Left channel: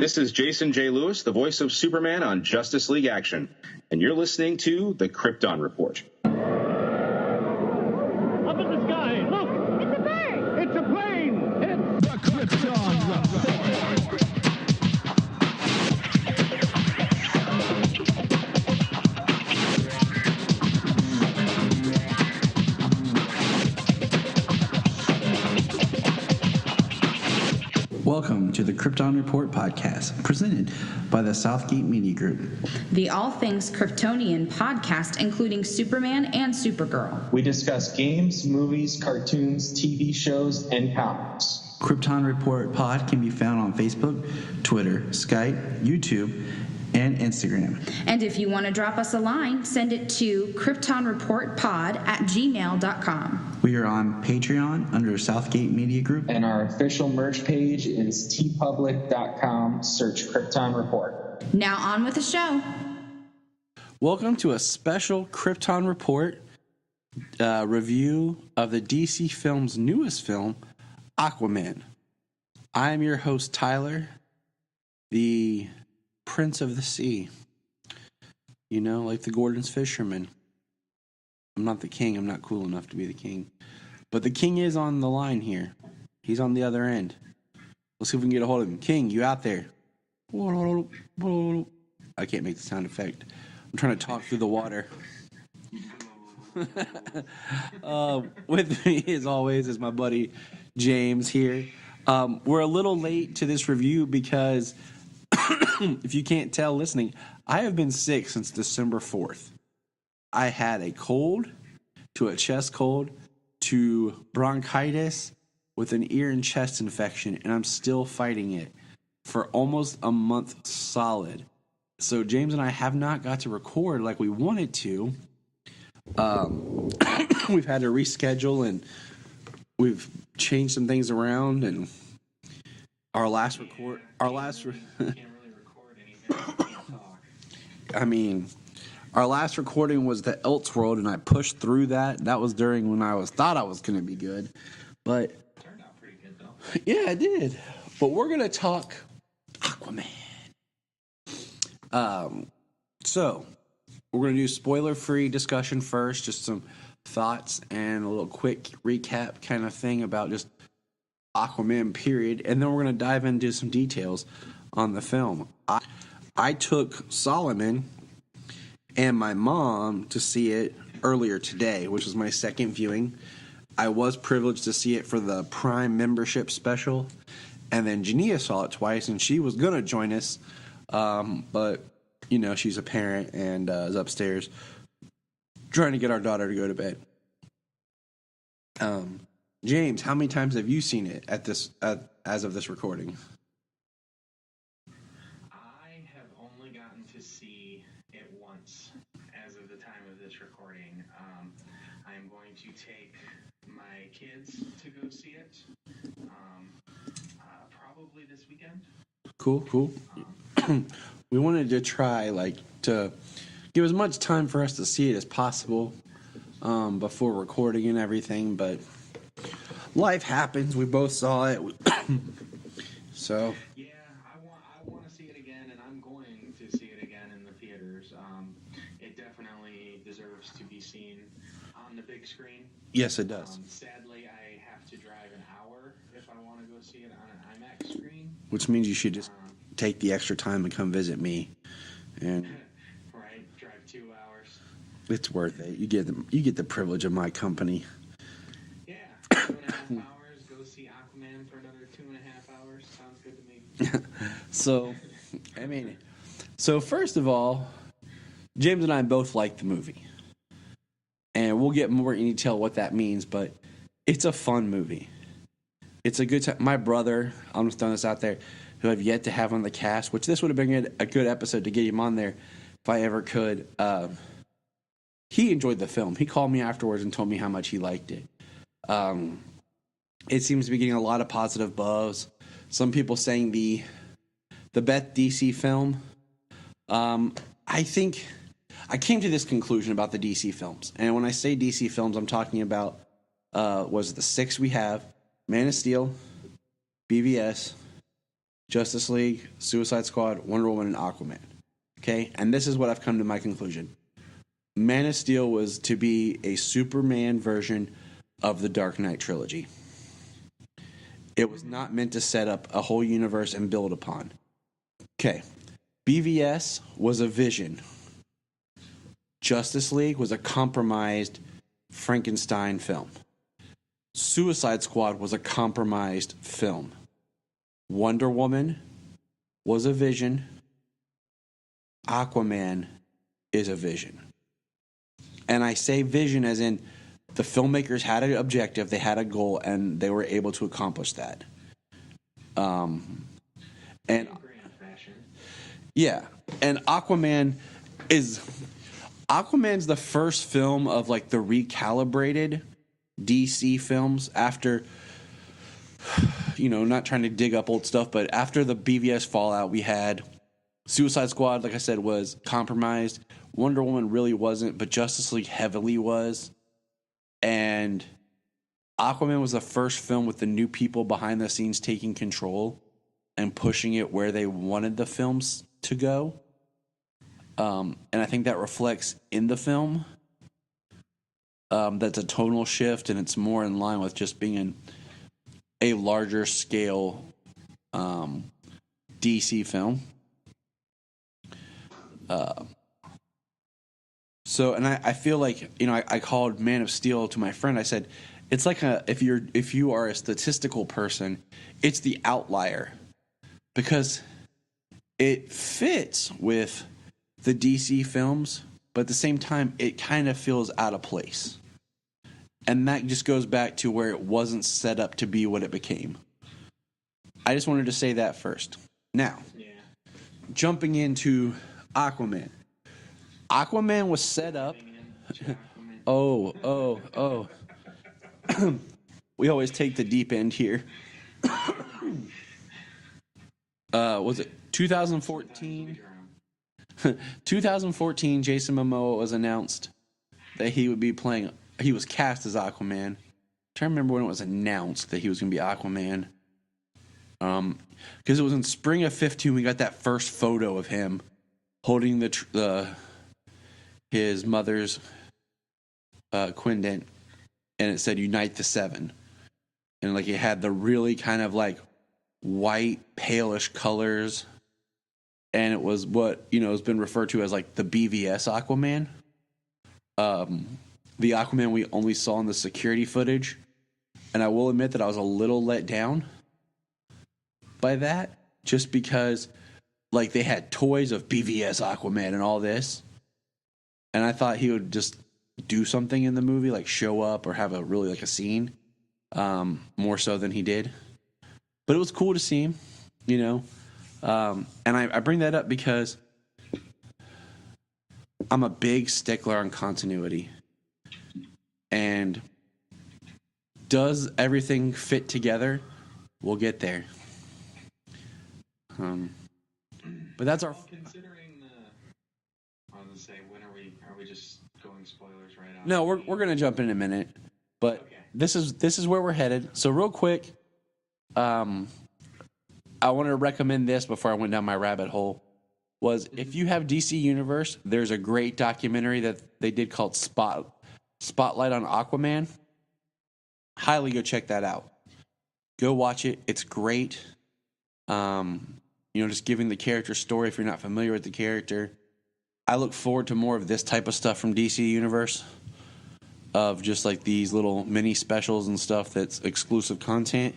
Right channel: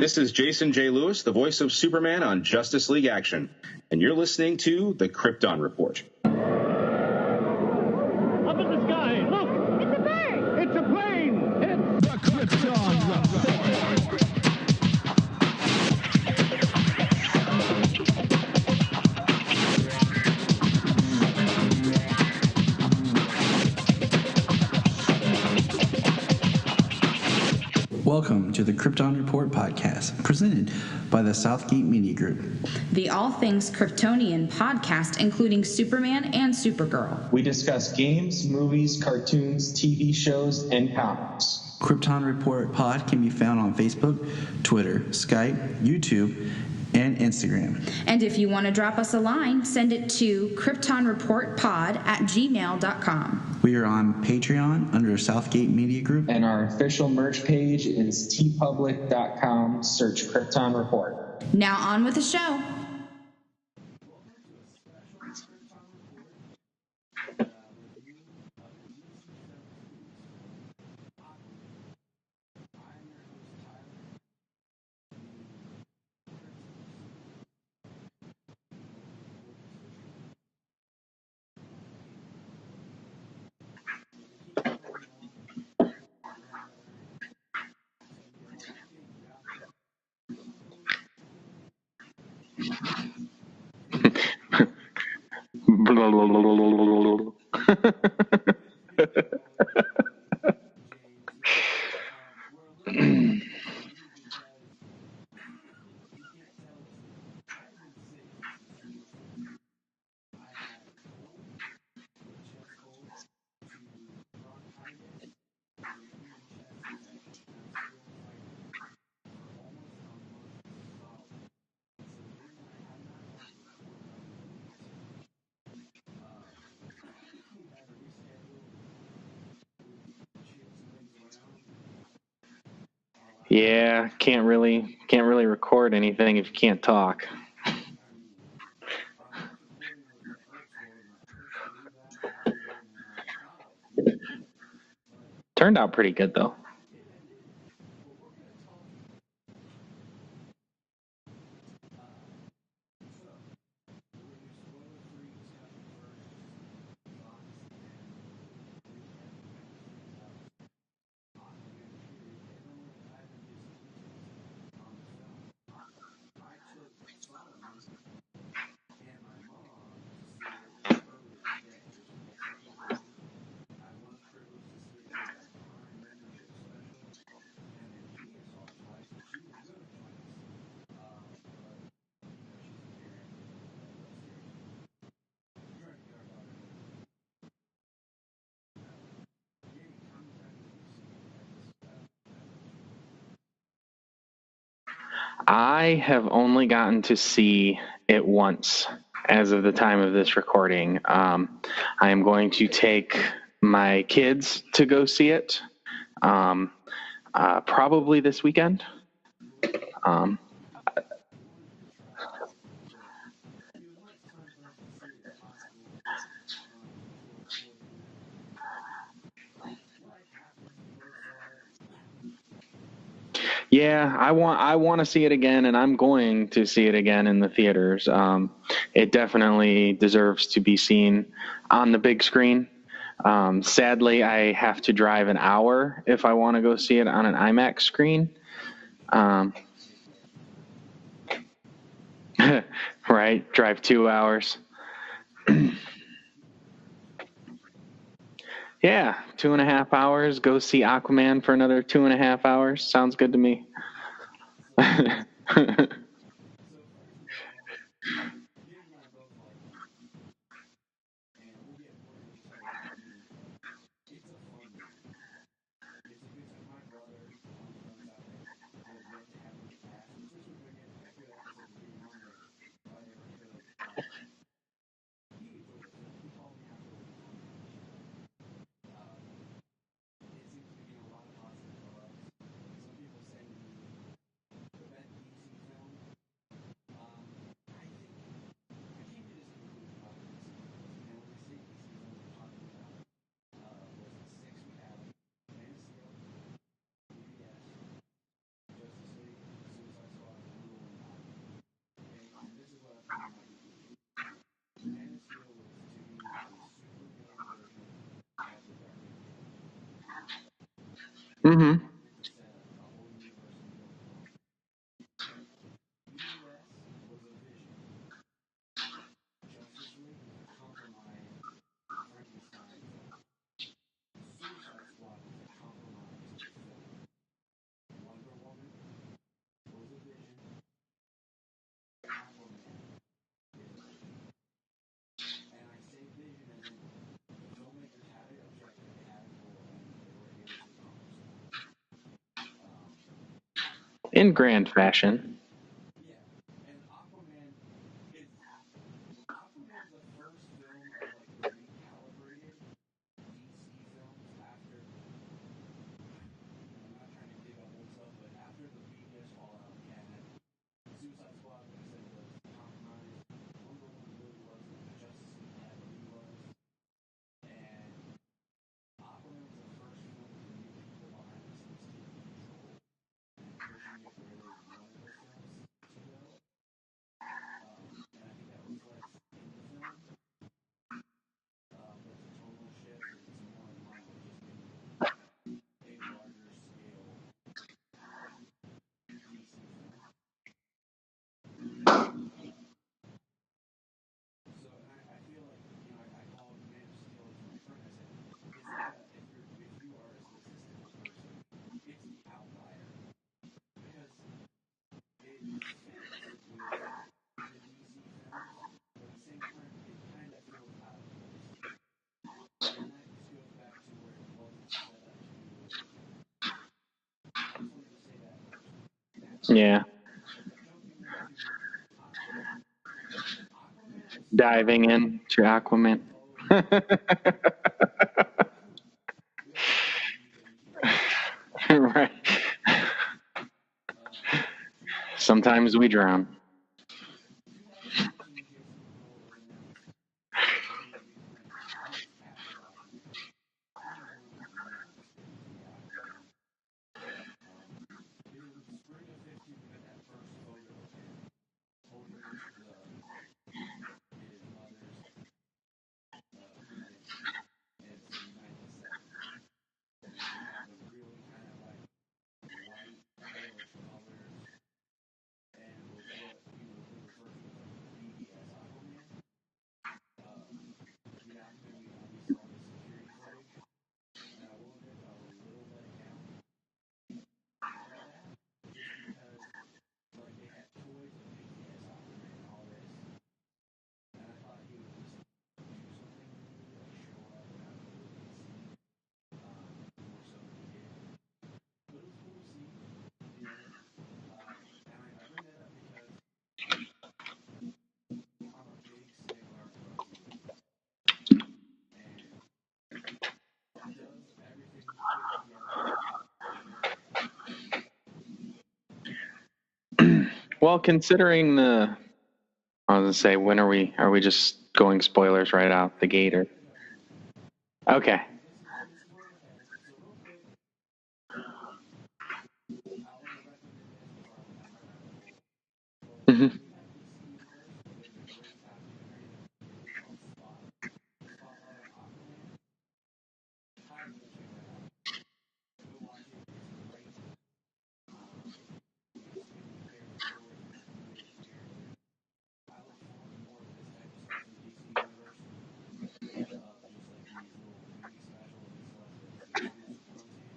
This is Jason J. Lewis, the voice of Superman on Justice League Action, and you're listening to the Krypton Report. Up in the sky, look! It's a bird! It's a plane! It's the Krypton Report! Welcome to the Krypton Report podcast, presented by the Southgate Media Group. The All Things Kryptonian podcast, including Superman and Supergirl. We discuss games, movies, cartoons, TV shows, and comics. Krypton Report pod can be found on Facebook, Twitter, Skype, YouTube, and Instagram. And if you want to drop us a line, send it to kryptonreportpod@gmail.com. We are on Patreon under Southgate Media Group. And our official merch page is tpublic.com. Search Krypton Report. Now on with the show. Welcome to a special Krypton Report review of the DC Films' newest film, Aquaman. I am your host, Tyler, the Prince of the Sea. You know, like the Gordon's fisherman. I'm not the king. I'm not cool enough to be the king. But the king is on the line here. He's on the other end. Let's see if we can get a hold of him. King, you out there? I can't make the sound effect. I'm trying to talk through the water. With me, as always, is my buddy James here. We're a little late to this review because, if you can't tell listening, I have been sick since December 4th. I had a cold, to a chest cold, to bronchitis, with an ear and chest infection, and I'm still fighting it for almost a month solid. So James and I have not got to record like we wanted to. We've had to reschedule, and we've changed some things around, and our last can't really record anything if you can't talk. I mean, our last recording was the Elseworld, and I pushed through that. That was during when I thought I was going to be good, but turned out pretty good though. Yeah, it did. But we're going to talk Aquaman. So we're going to do spoiler-free discussion first, just some thoughts and a little quick recap kind of thing about just Aquaman, period, and then we're going to dive into some details on the film. I took Solomon and my mom to see it earlier today, which was my second viewing. I was privileged to see it for the Prime membership special, and then Jania saw it twice, and she was going to join us, but, you know, she's a parent and is upstairs trying to get our daughter to go to bed. James, how many times have you seen it as of this recording? I have only gotten to see it once as of the time of this recording. I am going to take my kids to go see it probably this weekend. Cool. We wanted to try to give as much time for us to see it as possible before recording and everything, but life happens. We both saw it. So yeah, I want to see it again, and I'm going to see it again in the theaters. It definitely deserves to be seen on the big screen. Yes, it does. Sadly, I have to drive an hour if I want to go see it on an IMAX screen. Which means you should just take the extra time and come visit me. And right, drive 2 hours. It's worth it. You get the privilege of my company. Yeah, 2.5 hours. Go see Aquaman for another 2.5 hours. Sounds good to me. So first of all, James and I both like the movie. And we'll get more in detail what that means, but it's a fun movie. It's a good time. My brother, I'm just throwing this out there, who I've yet to have on the cast, which this would have been a good episode to get him on there if I ever could. He enjoyed the film. He called me afterwards and told me how much he liked it. It seems to be getting a lot of positive buzz. Some people saying the best DC film. I think I came to this conclusion about the DC films, and when I say DC films, I'm talking about was the 6 we have: Man of Steel, BVS, Justice League, Suicide Squad, Wonder Woman, and Aquaman. Okay? And this is what I've come to my conclusion. Man of Steel was to be a Superman version of the Dark Knight trilogy. It was not meant to set up a whole universe and build upon. Okay. BVS was a vision. Justice League was a compromised Frankenstein film. Suicide Squad was a compromised film. Wonder Woman was a vision. Aquaman is a vision. And I say vision as in the filmmakers had an objective, they had a goal, and they were able to accomplish that. In grand fashion. Yeah. And Aquaman's the first film of like the recalibrated DC films after, not trying to dig up old stuff, but after the BVS fallout, we had Suicide Squad, like I said, was compromised. Wonder Woman really wasn't, but Justice League heavily was. And Aquaman was the first film with the new people behind the scenes taking control and pushing it where they wanted the films to go. And I think that reflects in the film. That's a tonal shift, and it's more in line with just being a larger scale DC film. And I feel like, I called Man of Steel to my friend. I said, it's like if you are a statistical person, it's the outlier because it fits with the DC films, but at the same time, it kind of feels out of place. And that just goes back to where it wasn't set up to be what it became. I just wanted to say that first. Now, jumping into Aquaman. Aquaman was set diving in to Aquaman. Oh. We always take the deep end here. Right. Was it 2014? Sometimes we drown. 2014, Jason Momoa was announced that he would be playing. He was cast as Aquaman. I'm trying to remember when it was announced that he was going to be Aquaman. Because it was in spring of 2015, we got that first photo of him holding his mother's quindent, and it said "Unite the Seven," and like it had the really kind of like white, palish colors, and it was what has been referred to as like the BVS Aquaman. The Aquaman we only saw in the security footage, and I will admit that I was a little let down by that, just because like they had toys of BVS Aquaman and all this. And I thought he would just do something in the movie, like show up or have a scene, more so than he did. But it was cool to see him, And I bring that up because I'm a big stickler on continuity. And does everything fit together? We'll get there. But that's considering I was gonna say, when are we just going spoilers right out the gate? We're gonna jump in a minute. But okay. This is where we're headed. So real quick, I want to recommend this before I went down my rabbit hole. If you have DC Universe, there's a great documentary that they did called Spotlight on Aquaman. Highly go check that out. Go watch it. It's great. Just giving the character story if you're not familiar with the character. I look forward to more of this type of stuff from DC Universe, of just like these little mini specials and stuff that's exclusive content.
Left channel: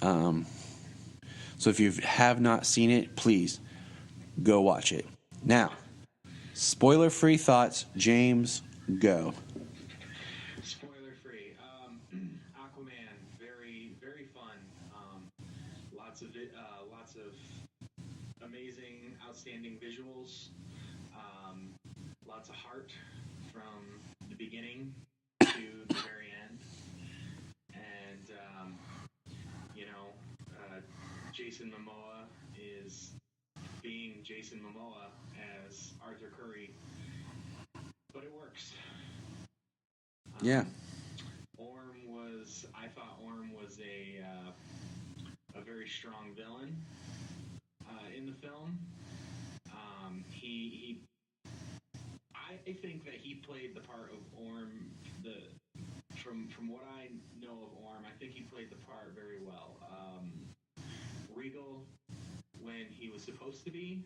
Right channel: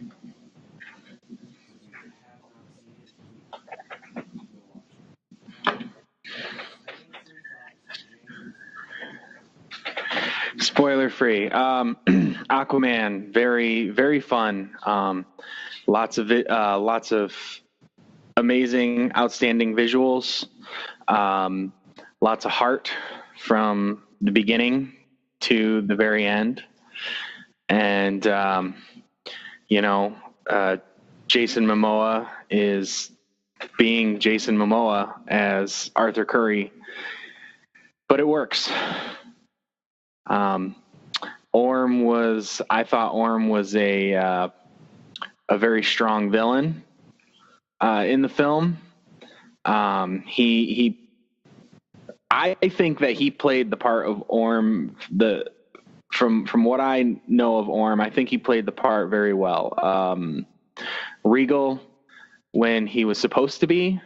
So if you have not seen it, please go watch it. Now, spoiler-free thoughts. James, go. Spoiler-free. Aquaman, very, very fun. Lots of amazing, outstanding visuals. Lots of heart from the beginning to the very end. And, Jason Momoa is being Jason Momoa as Arthur Curry, but it works. I thought Orm was a very strong villain. in the film. I think that he played the part of Orm. From what I know of Orm, I think he played the part very well. Regal when he was supposed to be,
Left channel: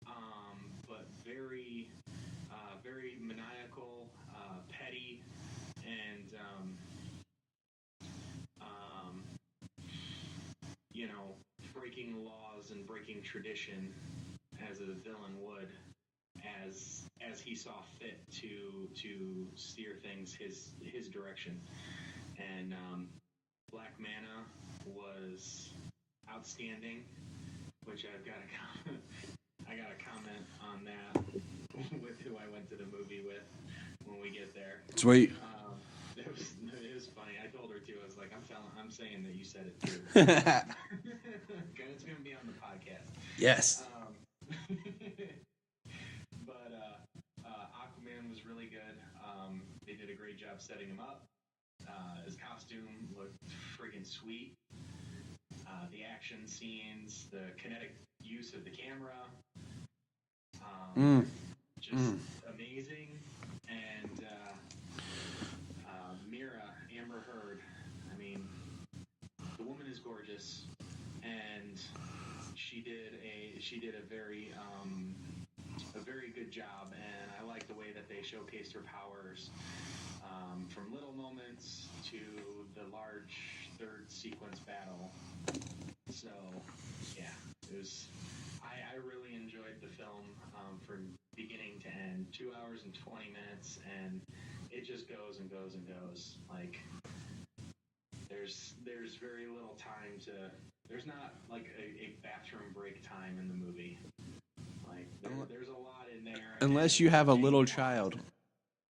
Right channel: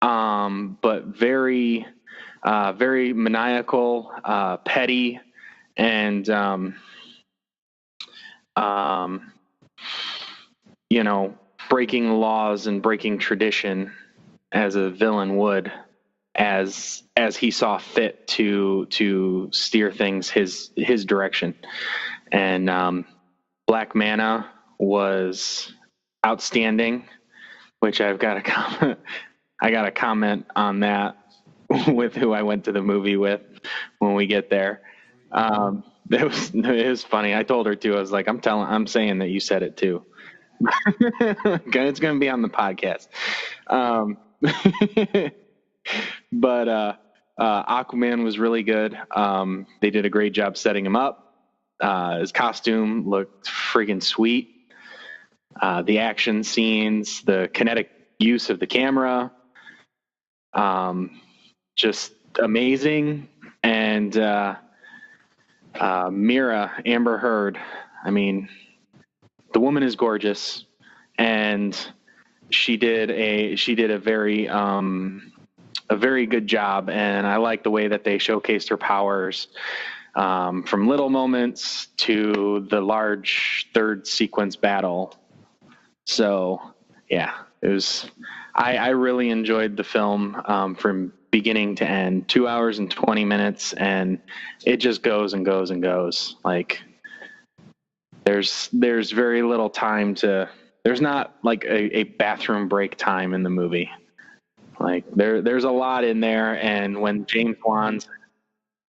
but very maniacal, petty, and breaking laws and breaking tradition as a villain would, as he saw fit to steer things his direction. And Black Manta was outstanding, which I got a comment on that with who I went to the movie with when we get there. Sweet. It was funny. I told her too. I was like, I'm saying that you said it too. It's going to be on the podcast. Yes. But Aquaman was really good. They did a great job setting him up. His costume looked friggin' sweet. The action scenes, the kinetic use of the camera, just amazing. And Mira, Amber Heard, I mean, the woman is gorgeous, and she did a very good job, and I like the way that they showcased her powers, from little moments to the large third sequence battle. So, yeah, it was. I really enjoyed the film from beginning to end. 2 hours and 20 minutes, and it just goes and goes and goes. Like, there's very little time to. There's not like a bathroom break time in the movie. Like there's a lot in there, Unless and you when have a James little Wan, child.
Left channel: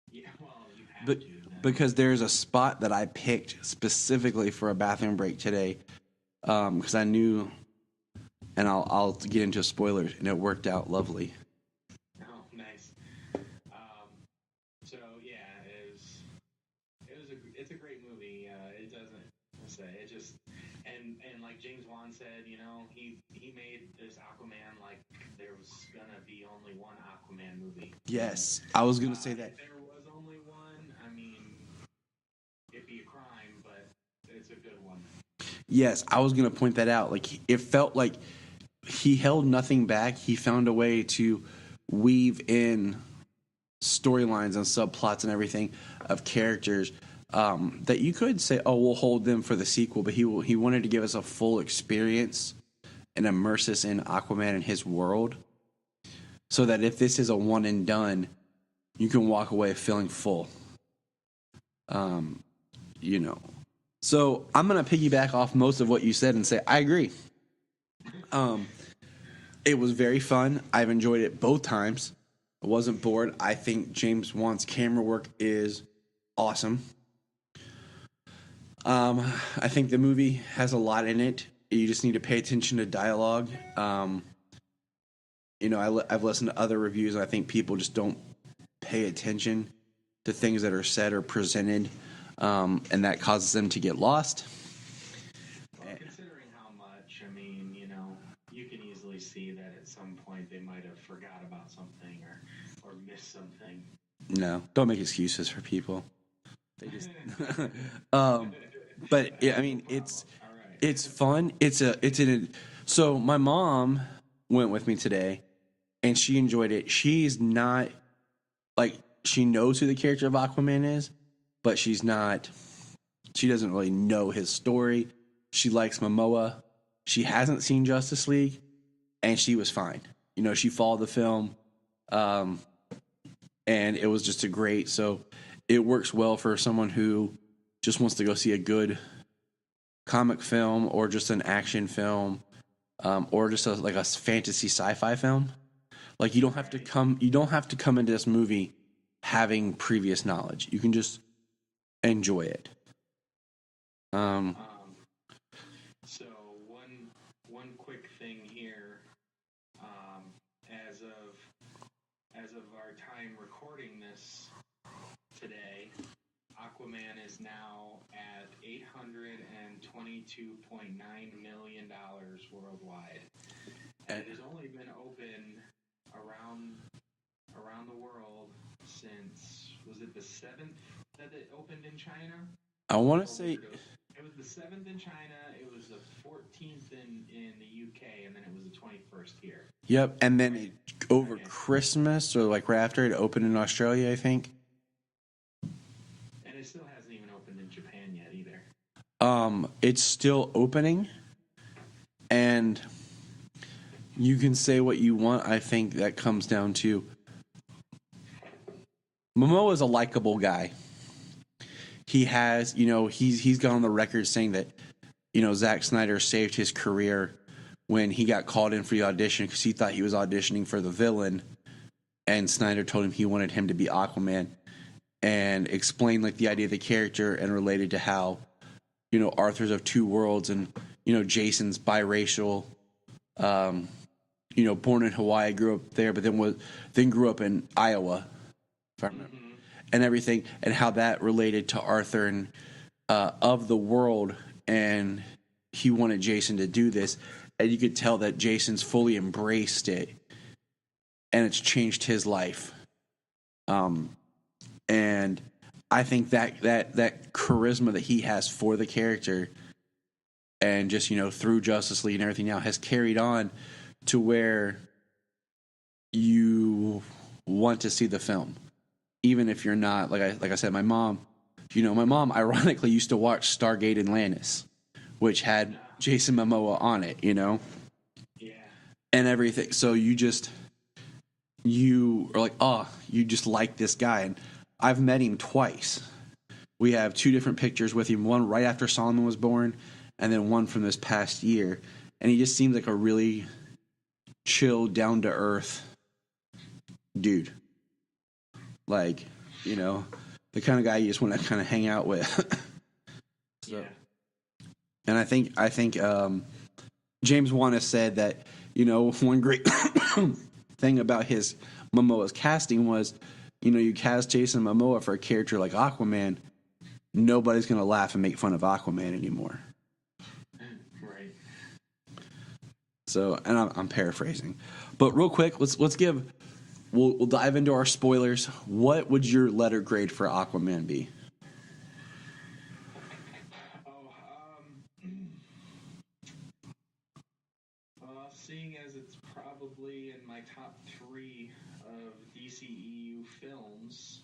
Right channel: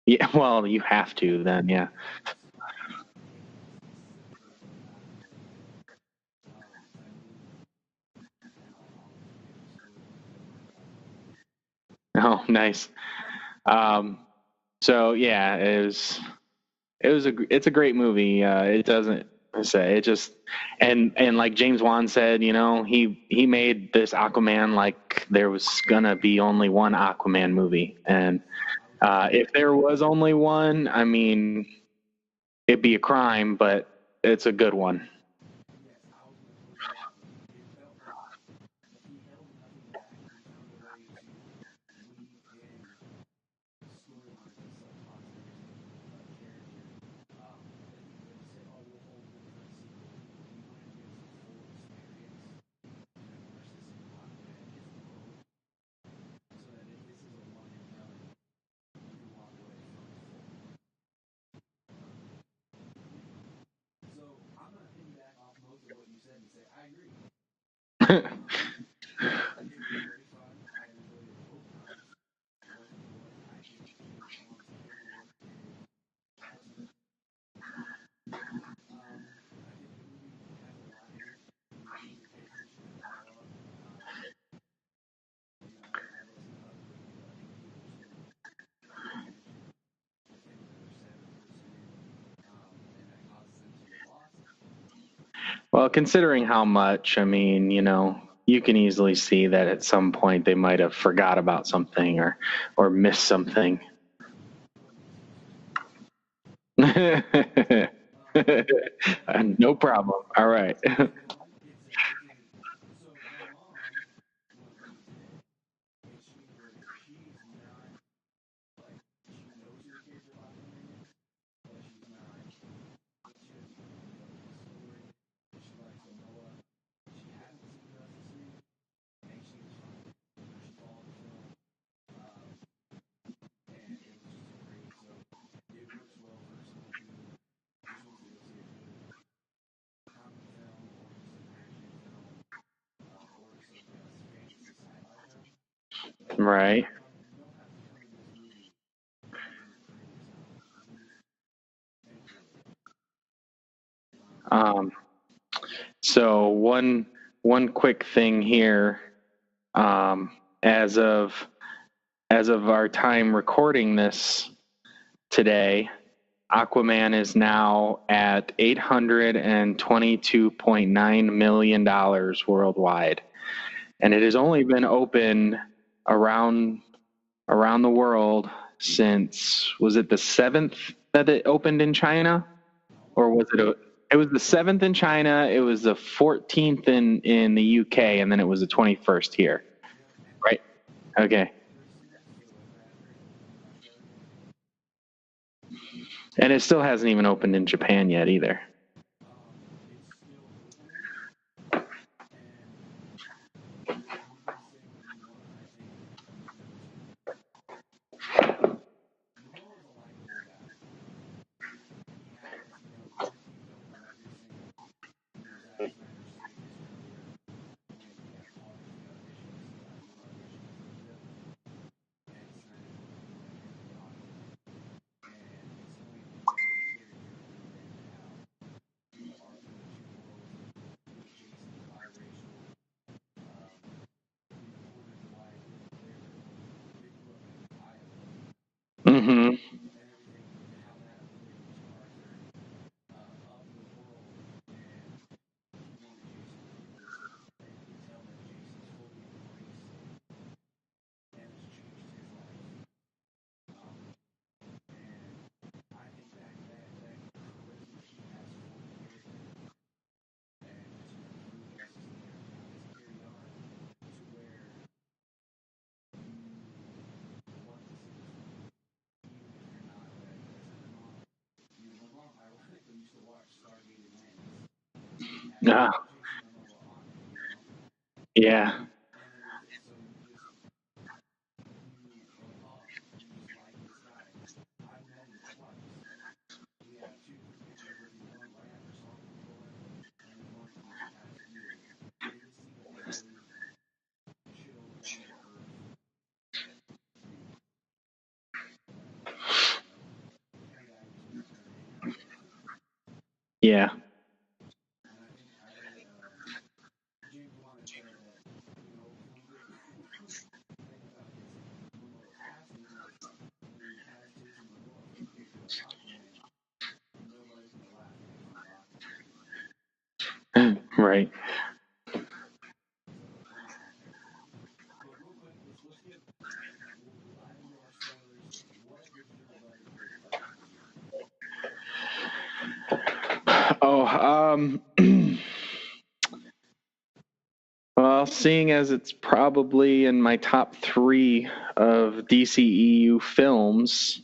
yeah, well, you have to then, because there's a spot that I picked specifically for a bathroom break today, because I knew, and I'll get into spoilers, and it worked out lovely. Oh, nice. So yeah, it's a great movie. It doesn't say it just and like James Wan said, he made this Aquaman like there was gonna be only one Aquaman movie, and Yes, I was gonna say if there was only one, I mean, it'd be a crime, but it's a good one. Yes, I was gonna point that out. Like, it felt like he held nothing back. He found a way to weave in storylines and subplots and everything of characters that you could say, "Oh, we'll hold them for the sequel," but he wanted to give us a full experience and immerse us in Aquaman and his world, so that if this is a one and done, you can walk away feeling full. So I'm gonna piggyback off most of what you said and say I agree. It was very fun. I've enjoyed it both times. I wasn't bored. I think James Wan's camera work is awesome. I think the movie has a lot in it. You just need to pay attention to dialogue. I've listened to other reviews, and I think people just don't pay attention to things that are said or presented, and that causes them to get lost. Well, considering how much, I mean, you can easily see that at some point they might have forgot about something or missed something. No, don't make excuses for people. But yeah, no problem. All right. It's fun. So my mom went with me today, and she enjoyed it. She's not like, she knows who the character of Aquaman is, but she doesn't really know his story. She likes Momoa. She hasn't seen Justice League, and she was fine. She followed the film, and it was just so it works well for someone who just wants to go see a good comic film, or just an action film, or just a fantasy sci-fi film. Like, you don't have to come into this movie having previous knowledge. You can just enjoy it. So one quick thing here, as of our time recording this today, Aquaman is now at $822.9 million worldwide. and it has only been open around the world since, was it the 7th that it opened in China? I want Or to was say it was the 7th in China, it was the 14th in the UK, and then it was the 21st here. Yep, and then Right. over Okay. Christmas or like right after it opened in Australia, I think. And it still hasn't even opened in Japan yet either. It's still opening, and you can say what you want. I think that comes down to Momoa is a likable guy. He has, he's gone on the record saying that, Zack Snyder saved his career when he got called in for the audition because he thought he was auditioning for the villain, and Snyder told him he wanted him to be Aquaman, and explained like the idea of the character and related to how, Arthur's of two worlds and, Jason's biracial, born in Hawaii, grew up there, but then grew up in Iowa, and everything, and how that related to Arthur and of the world, and he wanted Jason to do this, and you could tell that Jason's fully embraced it, and it's changed his life. And I think that charisma that he has for the character, and just through Justice League and everything now, has carried on to where you want to see the film, even if you're not like I said. My mom ironically used to watch Stargate Atlantis, which had Jason Momoa on it, Yeah. and everything. So you are like, oh, you just like this guy. And I've met him twice. We have 2 different pictures with him, one right after Solomon was born, and then one from this past year. And he just seems like a really chill, down-to-earth dude. Like, the kind of guy you just want to kind of hang out with. Yeah. And I think James Wan has said that, one great thing about his Momoa's casting was, you cast Jason Momoa for a character like Aquaman, nobody's going to laugh and make fun of Aquaman anymore. Right. So, and I'm paraphrasing, but real quick, let's give. We'll dive into our spoilers. What would your letter grade for Aquaman be? Well, seeing as it's probably in my top 3 of DCEU films,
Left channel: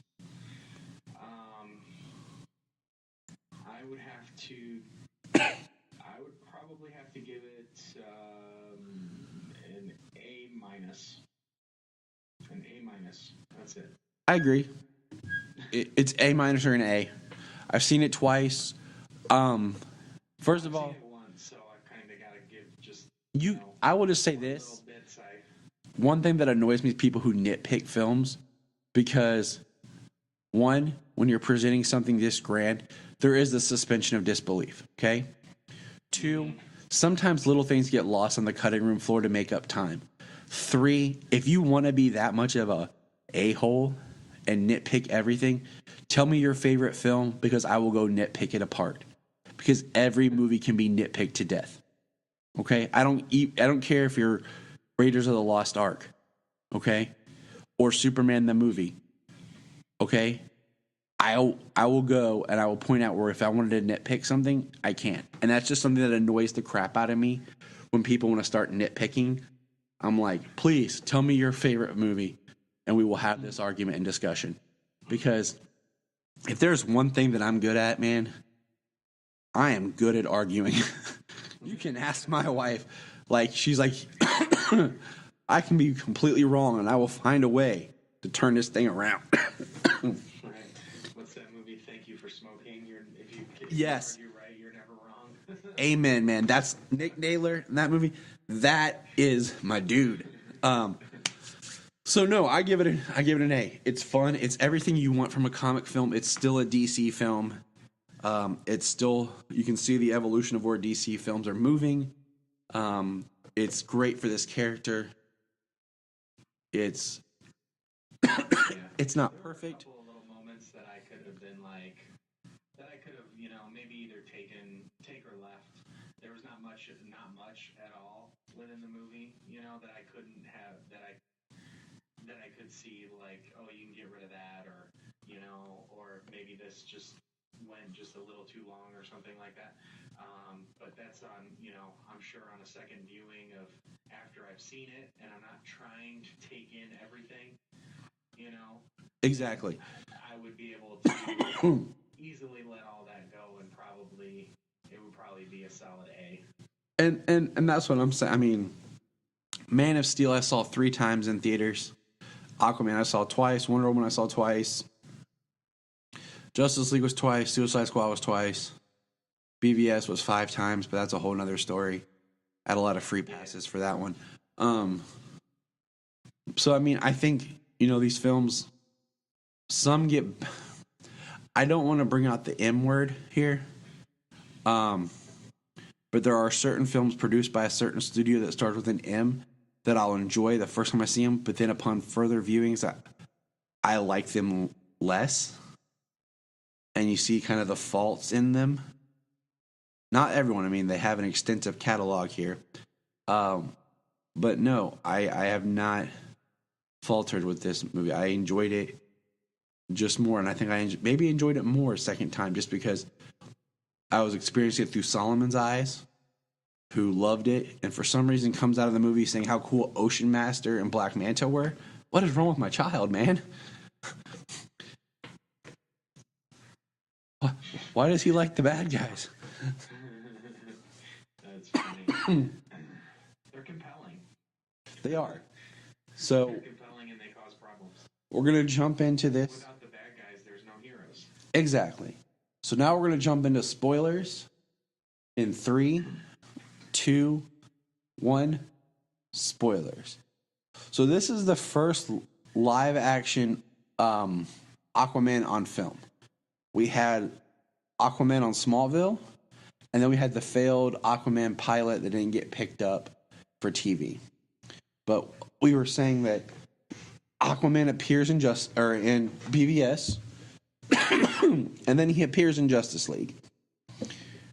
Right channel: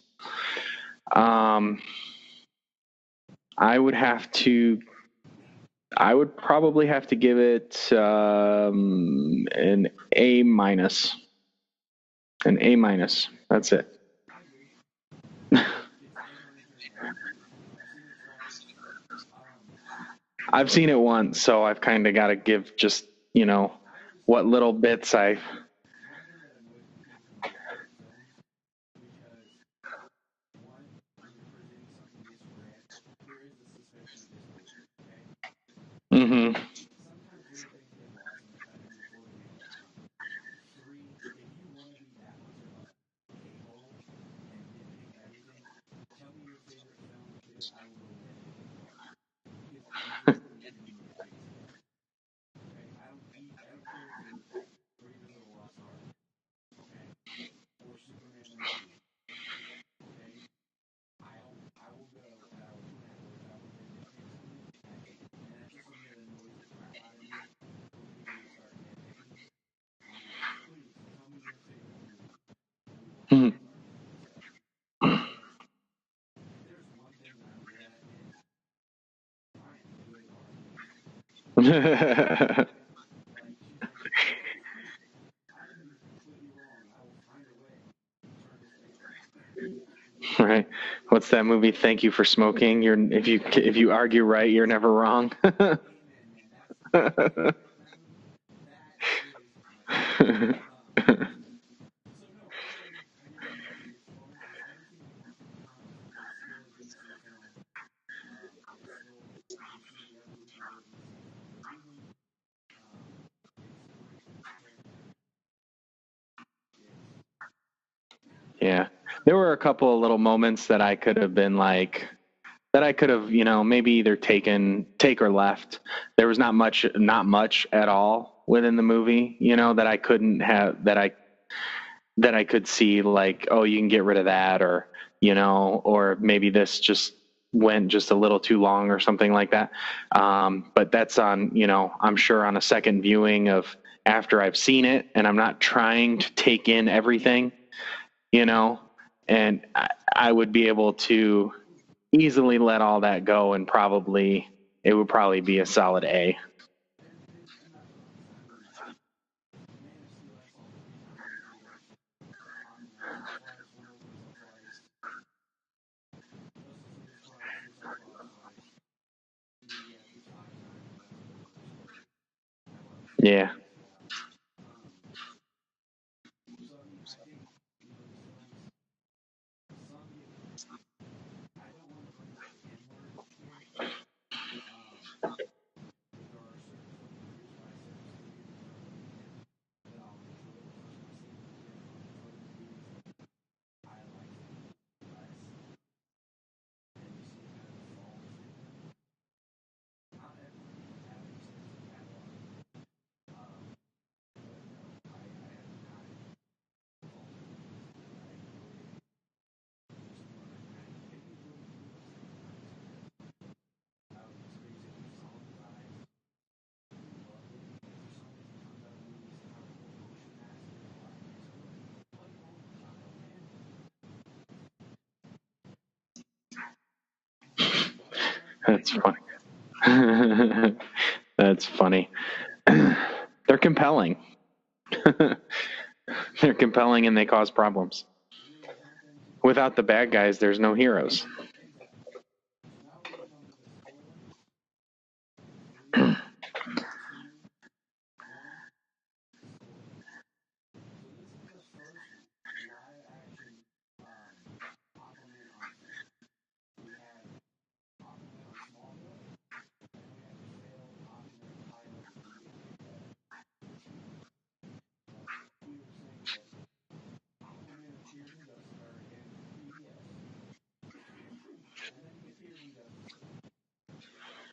I would probably have to give it an A minus. An A minus. That's it. I agree. It's A minus or an A. I've seen it twice. I've seen it once, so I've kind of got to give just I will just say what little bits I. One thing that annoys me is people who nitpick films, because one, when you're presenting something this grand, there is the suspension of disbelief. Okay. 2, sometimes little things get lost on the cutting room floor to make up time. 3, if you want to be that much of a a-hole and nitpick everything, tell me your favorite film, because I will go nitpick it apart. Because every movie can be nitpicked to death. Okay? I don't care if you're Raiders of the Lost Ark, okay? Or Superman the movie. Okay? I will go and I will point out where if I wanted to nitpick something, I can't. And that's just something that annoys the crap out of me when people want to start nitpicking. I'm like, please tell me your favorite movie, and we will have this argument and discussion. Because if there's one thing that I'm good at, man, I am good at arguing. That's my wife. Like, she's like, I can be completely wrong, and I will find a way to turn this thing around. Right. What's that movie? Thank You for Smoking. If you argue right, you're never wrong. Amen, man. That's Nick Taylor in that movie. That is my dude. So no, I give it an A. It's fun. It's everything you want from a comic film. It's still a DC film. It's still, you can see the evolution of where DC films are moving. It's great for this character. It's Yeah. It's not. There were a couple of little moments that I could have been like, that I could have, maybe either take or left. There was not much at all within the movie, that I couldn't have, that I could see, like, oh, you can get rid of that, or, or maybe this just went just a little too long or something like that. But that's on, I'm sure on a second viewing of after I've seen it, and I'm not trying to take in everything, Exactly. and I would be able to easily let all that go, and it would probably be a solid A. And that's what I'm saying. I mean, Man of Steel I saw 3 times in theaters. Aquaman I saw twice. Wonder Woman I saw twice. Justice League was twice. Suicide Squad was twice. BVS was 5 times, but that's a whole nother story. I had a lot of free passes for that one. So I mean, I think these films, some get. I don't want to bring out the M word here, but there are certain films produced by a certain studio that starts with an M that I'll enjoy the first time I see them, but then upon further viewings, I like them less, and you see kind of the faults in them. Not everyone. I mean, they have an extensive catalog here, but no, I have not faltered with this movie. I enjoyed it just more, and I think I maybe enjoyed it more second time just because I was experiencing it through Solomon's eyes, who loved it, and for some reason comes out of the movie saying how cool Ocean Master and Black Manta were. What is wrong with my child, man? Why does he like the bad guys? That's funny. They're compelling. Yeah. So they're compelling and they cause problems. We're going to jump into this. Without the bad guys, there's no heroes. Exactly. So now we're going to jump into spoilers in 3, 2, 1. Spoilers. So this is the first live action Aquaman on film. We had Aquaman on Smallville, and then we had the failed Aquaman pilot that didn't get picked up for TV. But we were saying that Aquaman appears in in BVS, and then he appears in Justice League.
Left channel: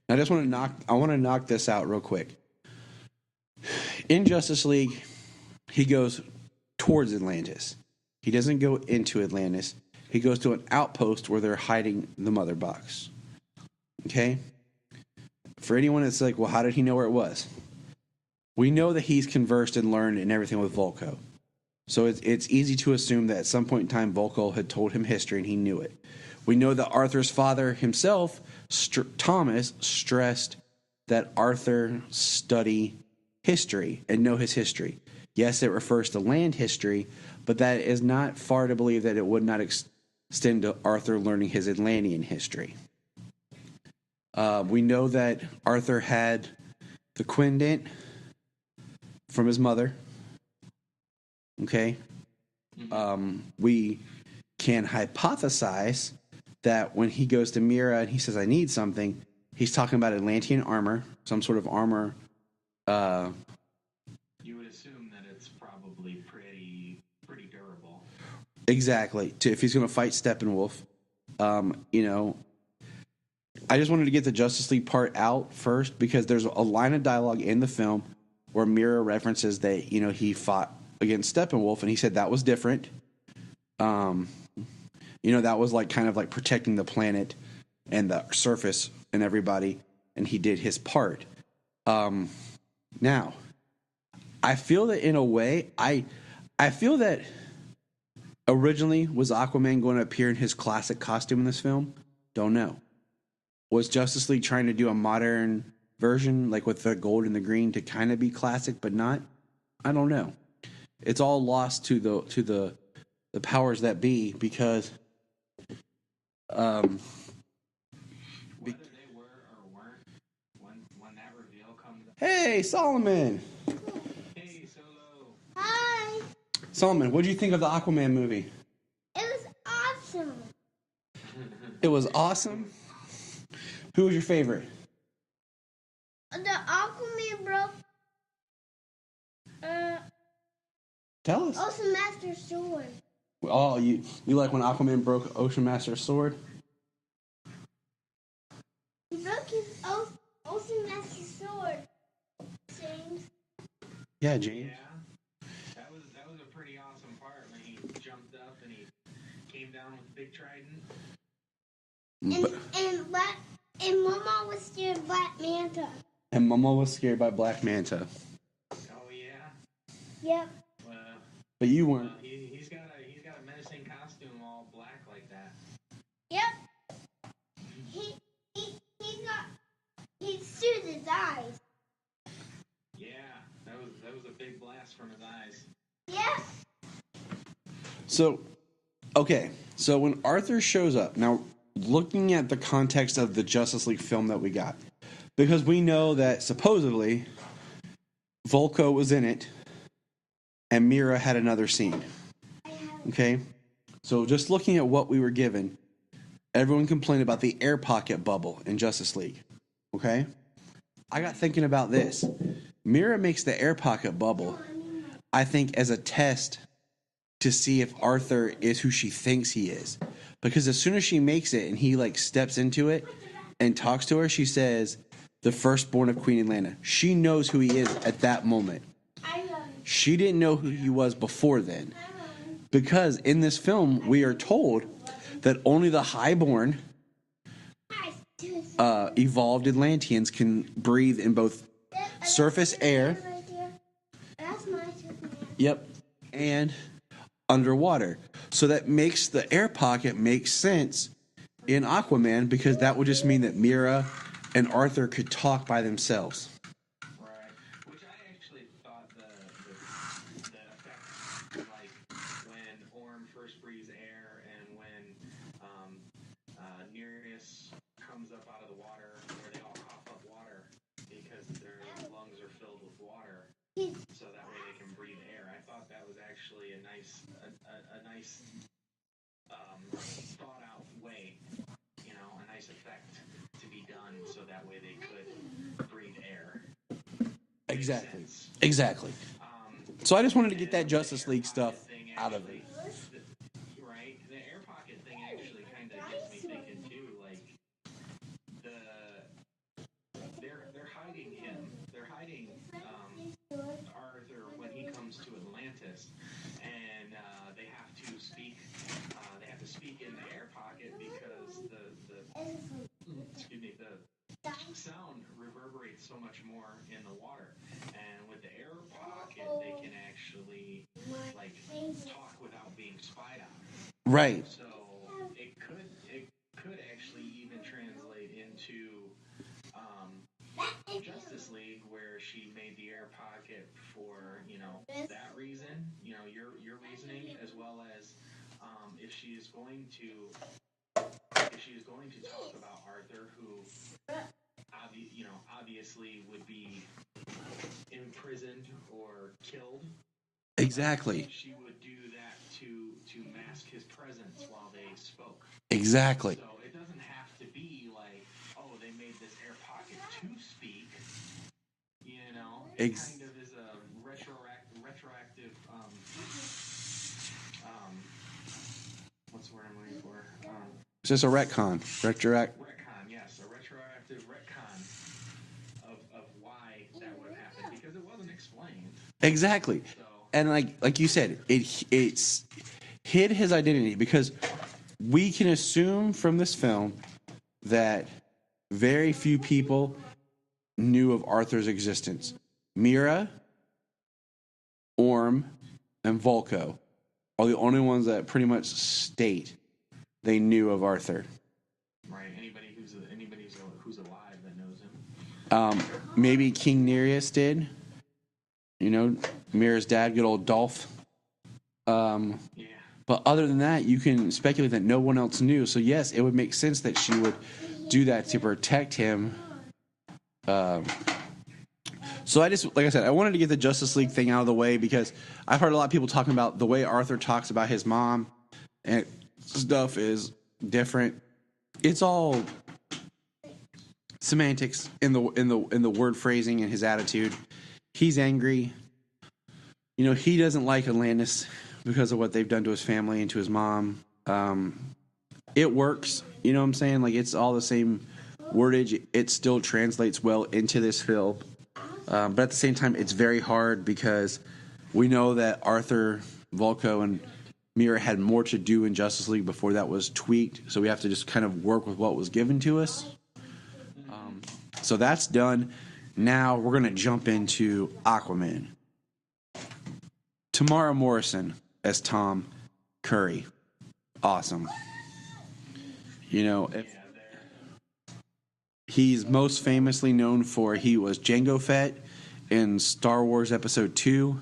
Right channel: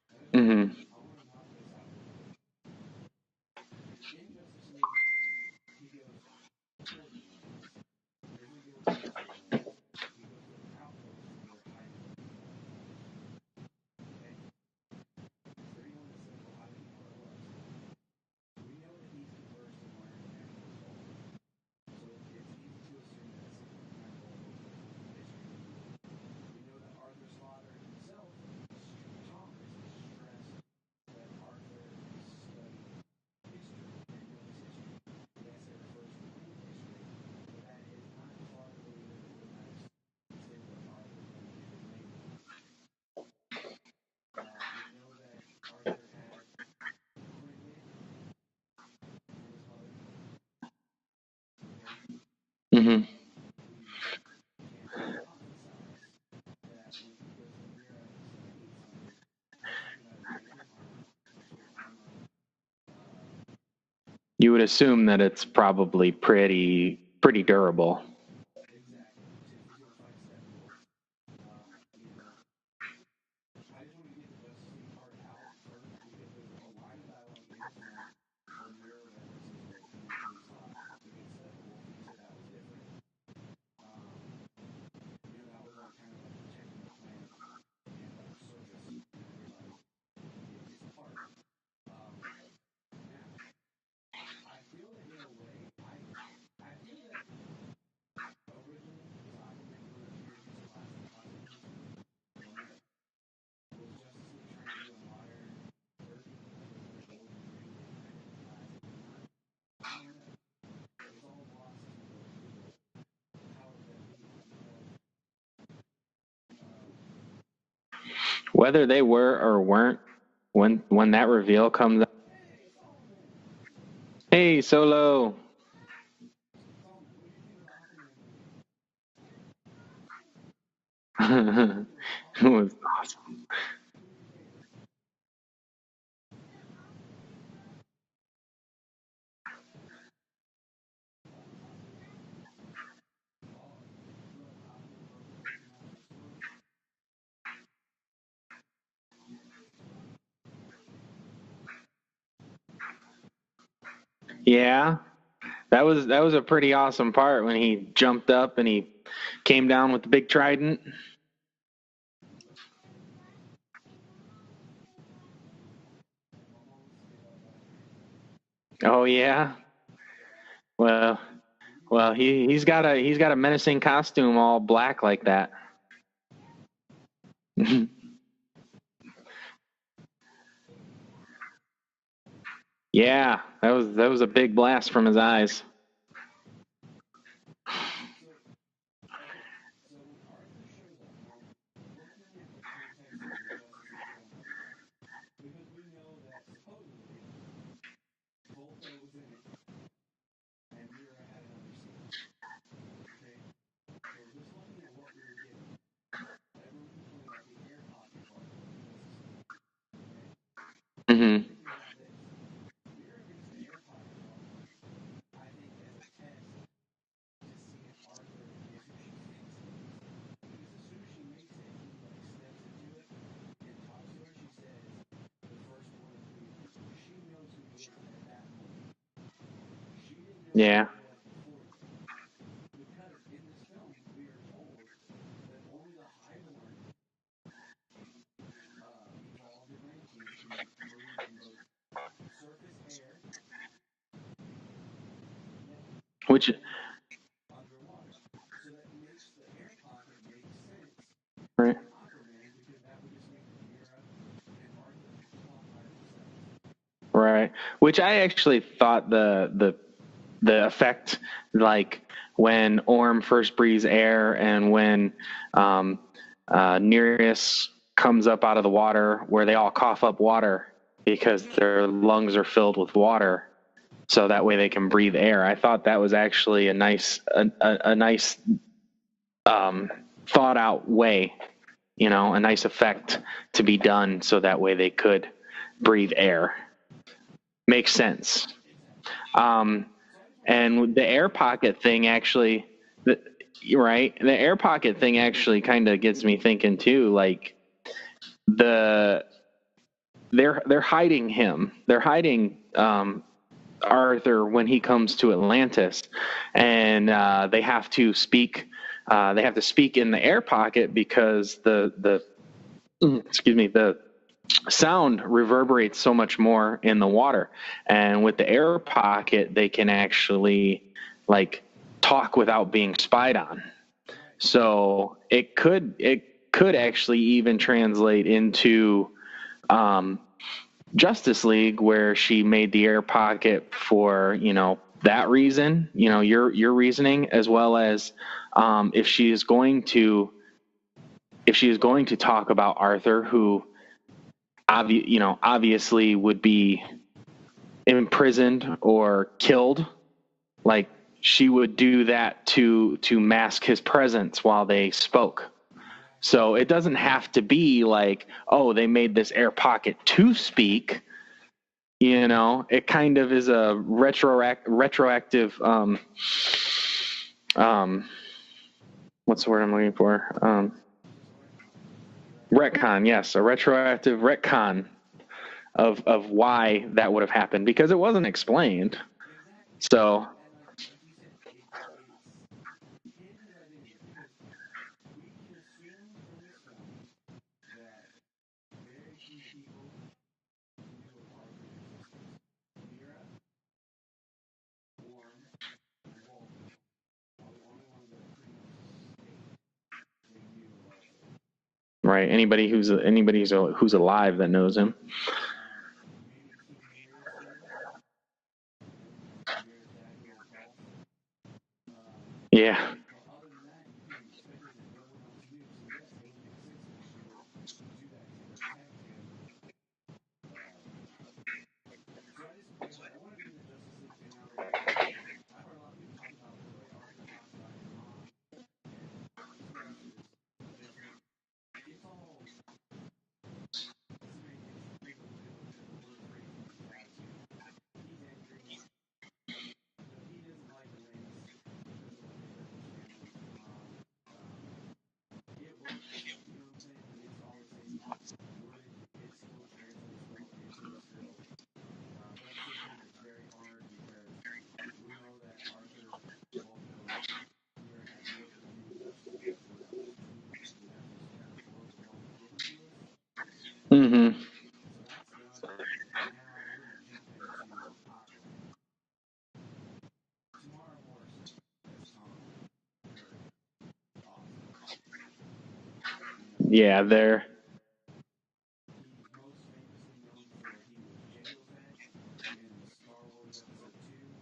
I just want to knock this out real quick. In Justice League, he goes towards Atlantis. He doesn't go into Atlantis. He goes to an outpost where they're hiding the mother box. Okay? For anyone that's like, well, how did he know where it was? We know that he's conversed and learned and everything with Volko. So it's easy to assume that at some point in time, Volko had told him history and he knew it. We know that Arthur's father himself, Thomas, stressed that Arthur study history and know his history. Yes, it refers to land history, but that is not far to believe that it would not extend to Arthur learning his Atlantean history. We know that Arthur had the Quindent from his mother. Okay? We can hypothesize that when he goes to Mira and he says, I need something, he's talking about Atlantean armor, some sort of armor. You would assume that it's probably pretty durable. Exactly. If he's going to fight Steppenwolf. I just wanted to get the Justice League part out first because there's a line of dialogue in the film where Mira references that, he fought against Steppenwolf, and he said that was different. That was like kind of like protecting the planet and the surface and everybody, and he did his part. Now, I feel that in a way, I feel that originally was Aquaman going to appear in his classic costume in this film? Don't know. Was Justice League trying to do a modern version, like with the gold and the green, to kind of be classic but not? I don't know. It's all lost to the powers that be because whether they were or weren't, when that reveal comes up. Hey, Solomon. Hey, Solo. Hi. Solomon, what did you think of the Aquaman movie? It was awesome. It was awesome. It was awesome. Who was your favorite? The Aquaman broke Tell us. Ocean Master's sword. Oh, you like when Aquaman broke Ocean Master's sword? He broke his Ocean Master's sword. James. Yeah. Yeah, that was a pretty awesome part when he jumped up and he came down with the big trident. And Mama was scared of Black Manta. And Momo was scared by Black Manta. Oh yeah. Yep. Well, But you well, he's got a menacing costume all black like that. Yep. he sued his eyes. Yeah, that was a big blast from his eyes. Yep. So, okay. So when Arthur shows up, now looking at the context of the Justice League film that we got, because we know that supposedly Volko was in it and Mira had another scene. Okay? So just looking at what we were given, everyone complained about the air pocket bubble in Justice League. Okay? I got thinking about this. Mira makes the air pocket bubble, I think, as a test to see if Arthur is who she thinks he is. Because as soon as she makes it and he like steps into it and talks to her, she says, the firstborn of Queen Atlanta. She knows who he is at that moment. She didn't know who he was before then. Because in this film, we are told that only the highborn evolved Atlanteans can breathe in both surface air, and underwater. So that makes the air pocket make sense in Aquaman, because that would just mean that Mira and Arthur could talk by themselves. Right. Which I actually thought the effect, like when Orm first breathes air and when Nereus comes up out of the water, where they all cough up water because their lungs are filled with water, so that way they can breathe air. I thought that was actually a nice thought out way, a nice effect to be done, so that way they could breathe air. Makes sense. Exactly. So I just wanted to get that the air League pocket stuff thing actually, the air pocket thing actually kind of gets me thinking too. Like they're hiding him. They're hiding Arthur when he comes to Atlantis, and they have to speak. They have to speak in the air pocket because the sound reverberates so much more in the water, and with the air pocket they can actually like talk without being spied on. Right. So it could actually even translate into Justice League, where she made the air pocket for that reason, your reasoning, as well as if she is going to talk about Arthur, who obviously would be imprisoned or killed. Exactly. Like she would do that to mask his presence while they spoke. Exactly. So it doesn't have to be like, oh, they made this air pocket to speak. It kind of is a retroactive. What's the word I'm looking for? It's just a retcon. Retcon, yes, a retroactive retcon of why that would have happened, because it wasn't explained. Exactly. So, and like you said, it's hid his identity, because we can assume from this film that very few people knew of Arthur's existence. Mira, Orm, and Volko are the only ones that pretty much state they knew of Arthur. Right. Anybody who's alive that knows him. Maybe King Nereus did. Mira's dad, good old Dolph. Yeah. But other than that, you can speculate that no one else knew. So yes, it would make sense that she would do that to protect him. So I just, like I said, I wanted to get the Justice League thing out of the way, because I've heard a lot of people talking about the way Arthur talks about his mom and stuff is different. It's all semantics in the word phrasing and his attitude. He's angry. He doesn't like Atlantis because of what they've done to his family and to his mom. It works. You know what I'm saying? Like, it's all the same wordage. It still translates well into this film. But at the same time, it's very hard because we know that Arthur, Volko, and Mira had more to do in Justice League before that was tweaked. So we have to just kind of work with what was given to us. Mm-hmm. So that's done. Now we're going to jump into Aquaman. Tamara Morrison as Tom Curry. Awesome. You know, Yeah, there. he's most famously known for he was Jango Fett in Star Wars Episode 2,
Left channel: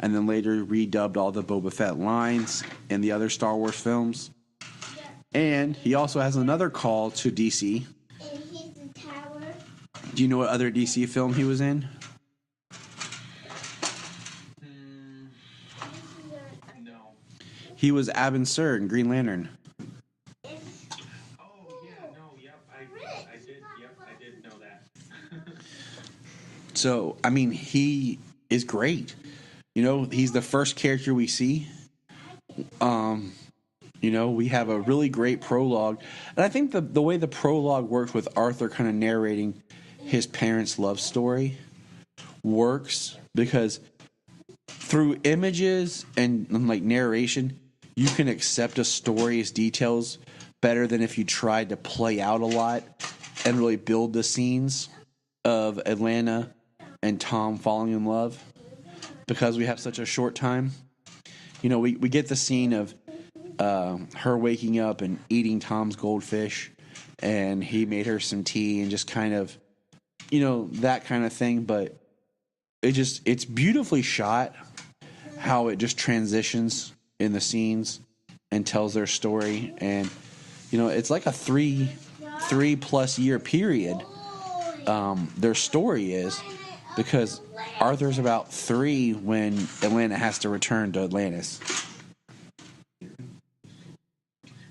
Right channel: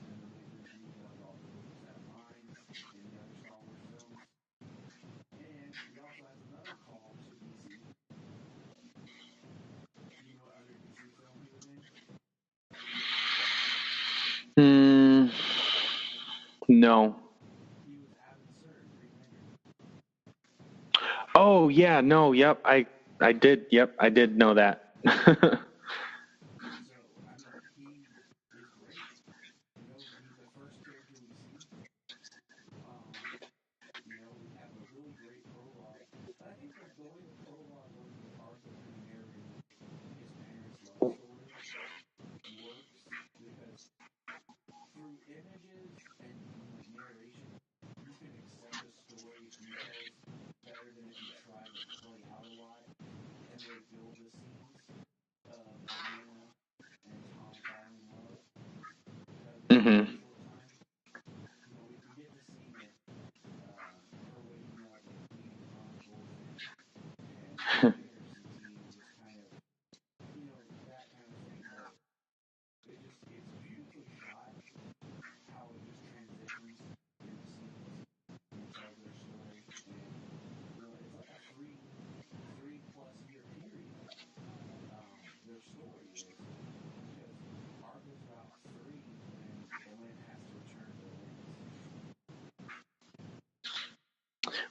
and then later redubbed all the Boba Fett lines in the other Star Wars films. And he also has another call to DC. And he's the tower. Do you know what other DC film he was in? No. He was Abin Sur in Green Lantern. Oh yeah, no, yep, I did know that. So, I mean, he is great. You know, he's the first character we see. You know, we have a really great prologue. And I think the way the prologue works with Arthur kind of narrating his parents' love story works because through images and like narration, you can accept a story's details better than if you tried to play out a lot and really build the scenes of Atlanta and Tom falling in love because we have such a short time. You know, we get the scene of her waking up and eating Tom's goldfish, and he made her some tea and just kind of, you know, that kind of thing. But it's beautifully shot how it just transitions in the scenes and tells their story. And, you know, it's like a three plus year period. Their story is because Arthur's about 3 when Atlanta has to return to Atlantis.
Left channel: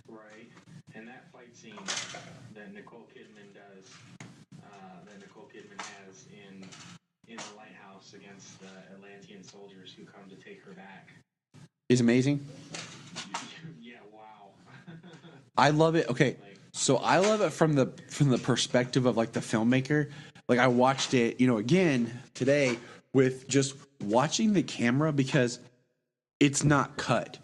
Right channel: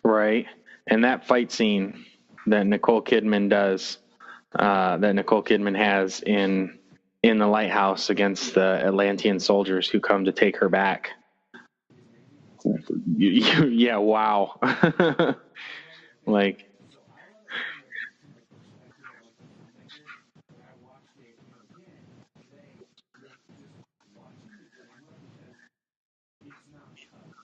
Right. And that fight scene that Nicole Kidman has in the Lighthouse against the Atlantean soldiers who come to take her back is amazing. Yeah, wow. I love it. Okay, so I love it from the perspective of like the filmmaker. Like I watched it, you know, again today with just watching the camera because it's not cut.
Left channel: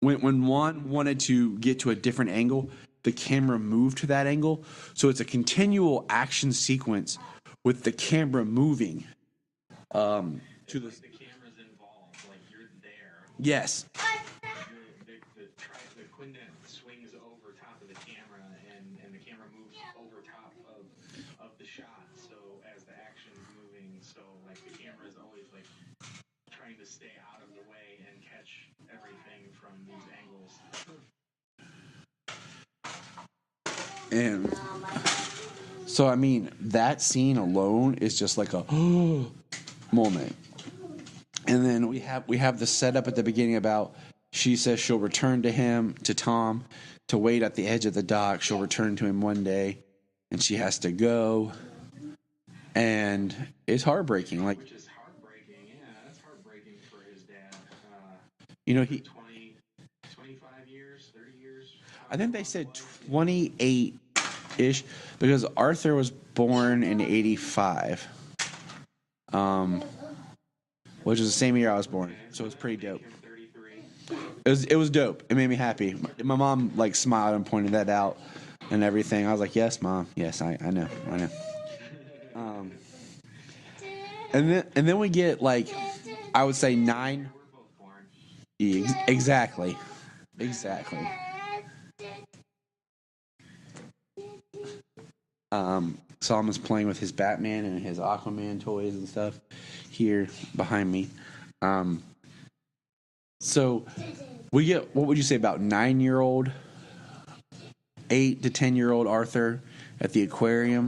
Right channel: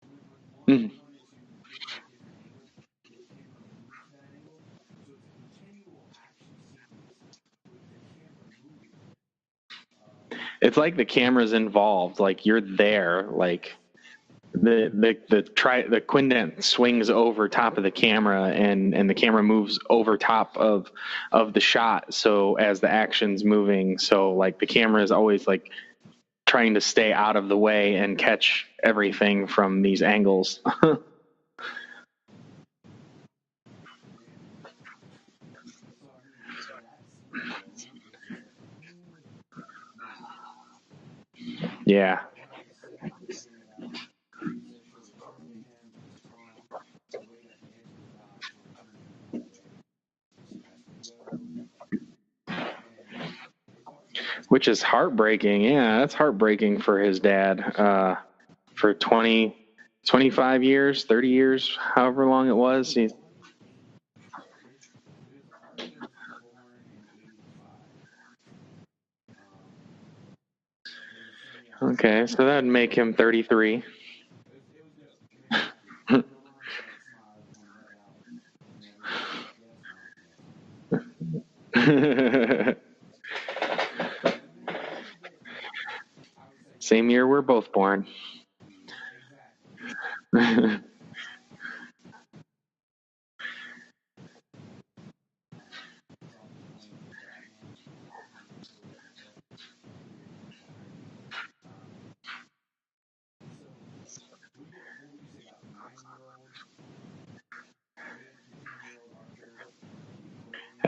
When Juan wanted to get to a different angle, the camera moved to that angle. So it's a continual action sequence with the camera moving. It's like the camera's involved, like you're there. Like yes. The Quindent swings over top of the camera and the camera moves over top of the shot. So as the action's moving, so like the camera is always like trying to stay out of the way and catch everything from these angles. And so, I mean, that scene alone is just like a moment. And then we have the setup at the beginning about she says she'll return to Tom, to wait at the edge of the dock. She'll return to him one day, and she has to go. And it's heartbreaking. Like, which is heartbreaking. Yeah, that's heartbreaking for his dad. You know, for 25 years, 30 years, however long it was. 28-ish, because Arthur was born in 85. Which is the same year I was born. Okay, so that'd make him 33. It was dope. It made me happy. My mom like smiled and pointed that out and everything. I was like, "Yes, Mom. Yes, I know. And then we get like, I would say 9. Same year we're both born. Exactly. Solomon is playing with his Batman and his Aquaman toys and stuff here behind me. So we get, what would you say, about 9-year-old, 8 to 10-year-old Arthur at the aquarium?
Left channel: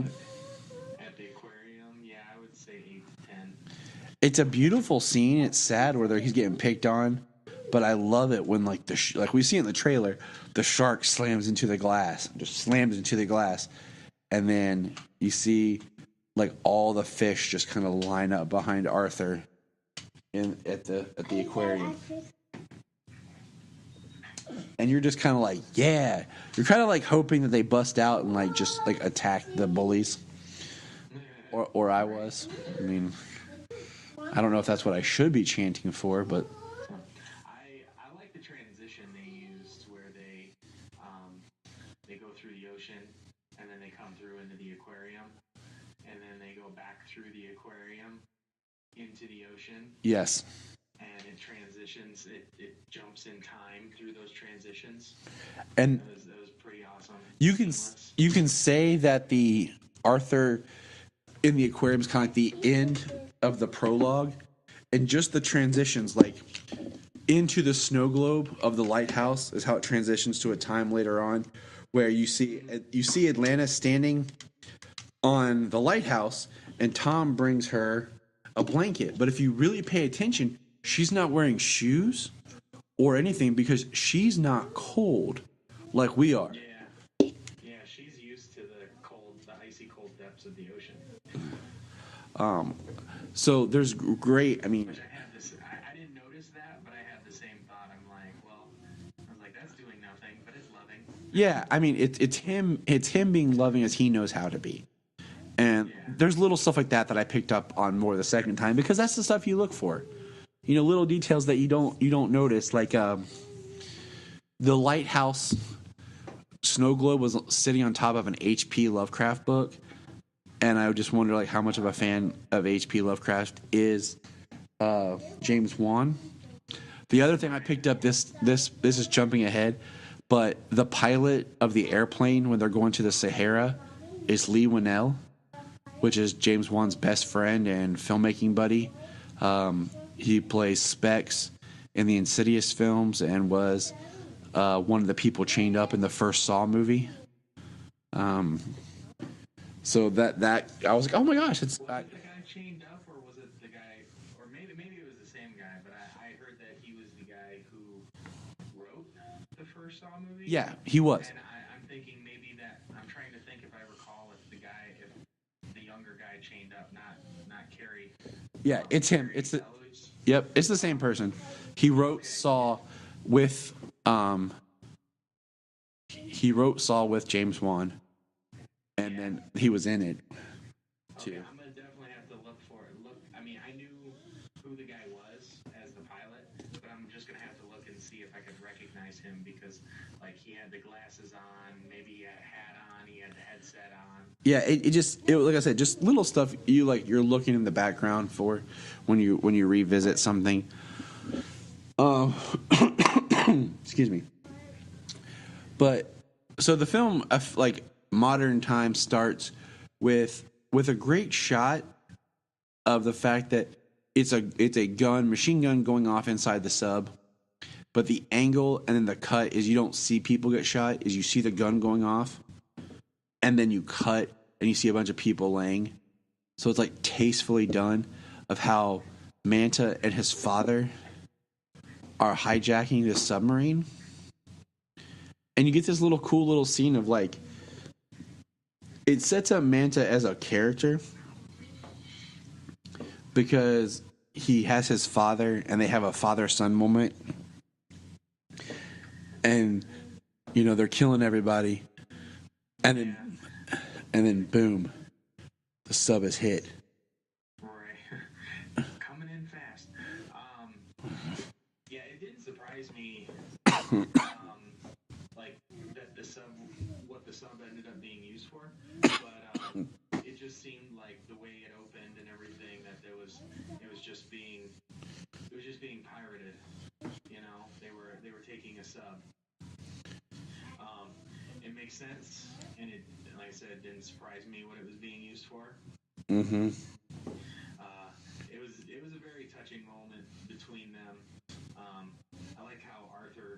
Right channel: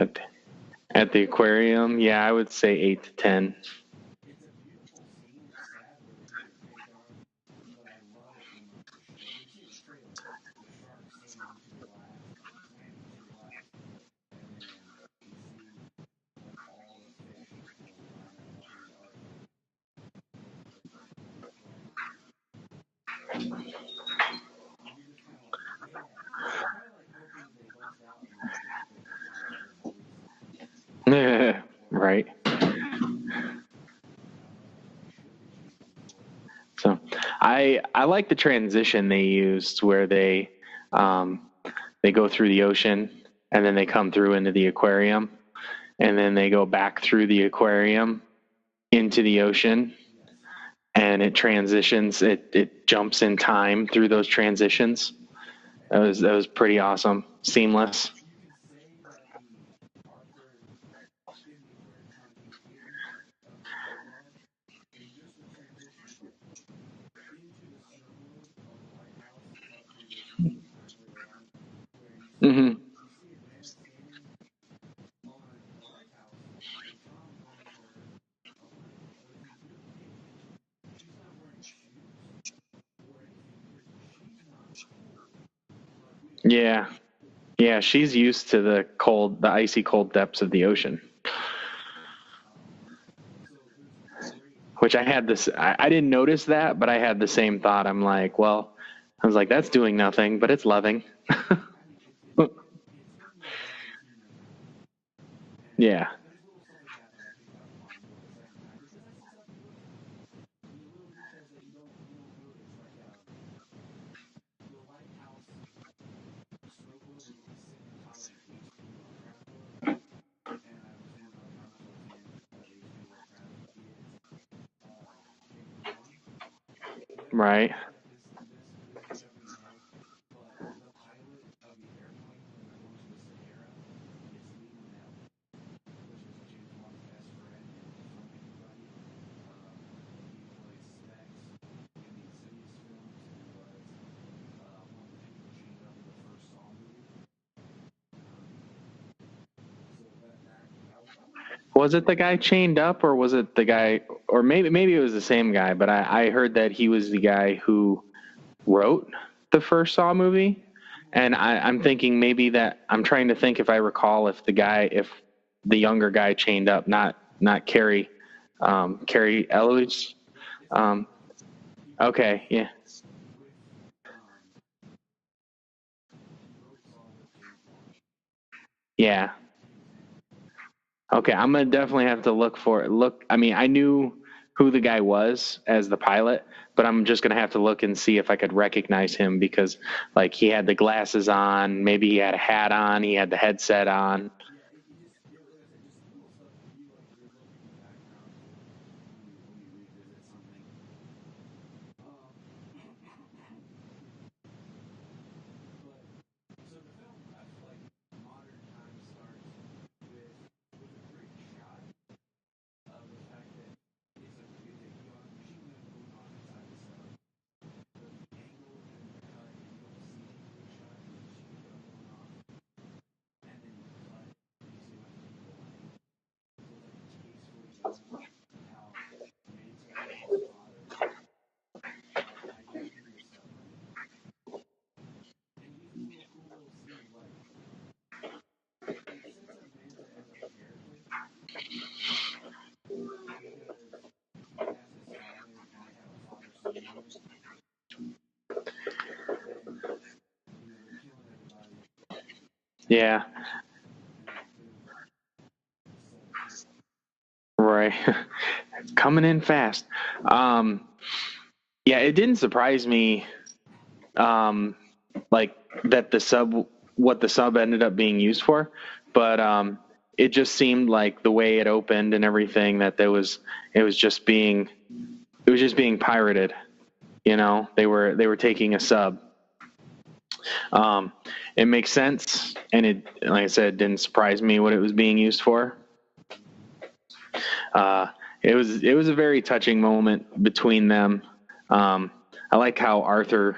At the aquarium, yeah, I would say 8 to 10. It's a beautiful scene. It's sad where he's getting picked on, but I love it when like like we see in the trailer, the shark slams into the glass, and then you see like all the fish just kind of line up behind Arthur at the aquarium. And you're just kind of like, yeah. You're kind of like hoping that they bust out and like just like attack the bullies. or I Right. was. I don't know if that's what I should be chanting for, but So I like the transition they used where they go through the ocean and then they come through into the aquarium and then they go back through the aquarium into the ocean yes. and it transitions. It jumps in time through those transitions. And That was pretty awesome. Seamless. You can say that the Arthur in the aquarium is kind of like the end of the prologue, and just the transitions, like into the snow globe of the lighthouse, is how it transitions to a time later on, where you see Atlantis standing on the lighthouse, and Tom brings her a blanket. But if you really pay attention, she's not wearing shoes or anything because she's not cold like we are. Yeah. Yeah, she's used to the icy cold depths of the ocean. So there's great. I mean, Which I had this. I didn't notice that, but I had the same thought. I'm like, well, I was like, that's doing nothing, but it's loving. yeah. I mean, it's him. It's him being loving as he knows how to be. And Yeah. there's little stuff like that I picked up on more the second time because that's the stuff you look for. You know, little details that you don't notice, like the lighthouse snow globe was sitting on top of an H.P. Lovecraft book. And I just wonder, like, how much of a fan of H.P. Lovecraft is James Wan. The other thing I picked up, this is jumping ahead, but the pilot of the airplane when they're going to the Sahara is Lee Winnell, which is James Wan's best friend and filmmaking buddy. He plays Specs in the Insidious films and was one of the people chained up in the first Saw movie. So that I was like, oh my gosh! Was it the guy chained up, or was it the guy, or maybe it was the same guy? But I heard that he was the guy who wrote the first Saw movie. Yeah, he was. And I'm thinking maybe that I'm trying to think if I recall if the younger guy chained up, not Carrie, it's Carrie him. Eloise. Yep, it's the same person. He wrote Saw yeah. with he wrote Saw with James Wan. Yeah. He was in it. Okay, I'm gonna definitely have to look for it. I mean, I knew who the guy was as the pilot, but I'm just gonna have to look and see if I could recognize him because, like, he had the glasses on, maybe he had a hat on, he had the headset on. Yeah, it like I said, just little stuff you're looking in the background for when you revisit something. Excuse me. But so the film, like modern time, starts with a great shot of the fact that it's a machine gun going off inside the sub, but the angle and then the cut is you don't see people get shot, is you see the gun going off, and then you cut and you see a bunch of people laying. So it's like tastefully done of how Manta and his father are hijacking this submarine. And you get this cool little scene of, like, it sets up Manta as a character because he has his father and they have a father-son moment. And, you know, they're killing everybody. And Yeah. And then, boom, the sub is hit. Right. Coming in fast. Yeah, it didn't surprise me, like, that what the sub ended up being used for, but it just seemed like the way it opened and everything that it was just being pirated. You know, they were taking a sub. It makes sense, and it, like I said, didn't surprise me what it was being used for. Mm-hmm. It was a very touching moment between them. I like how Arthur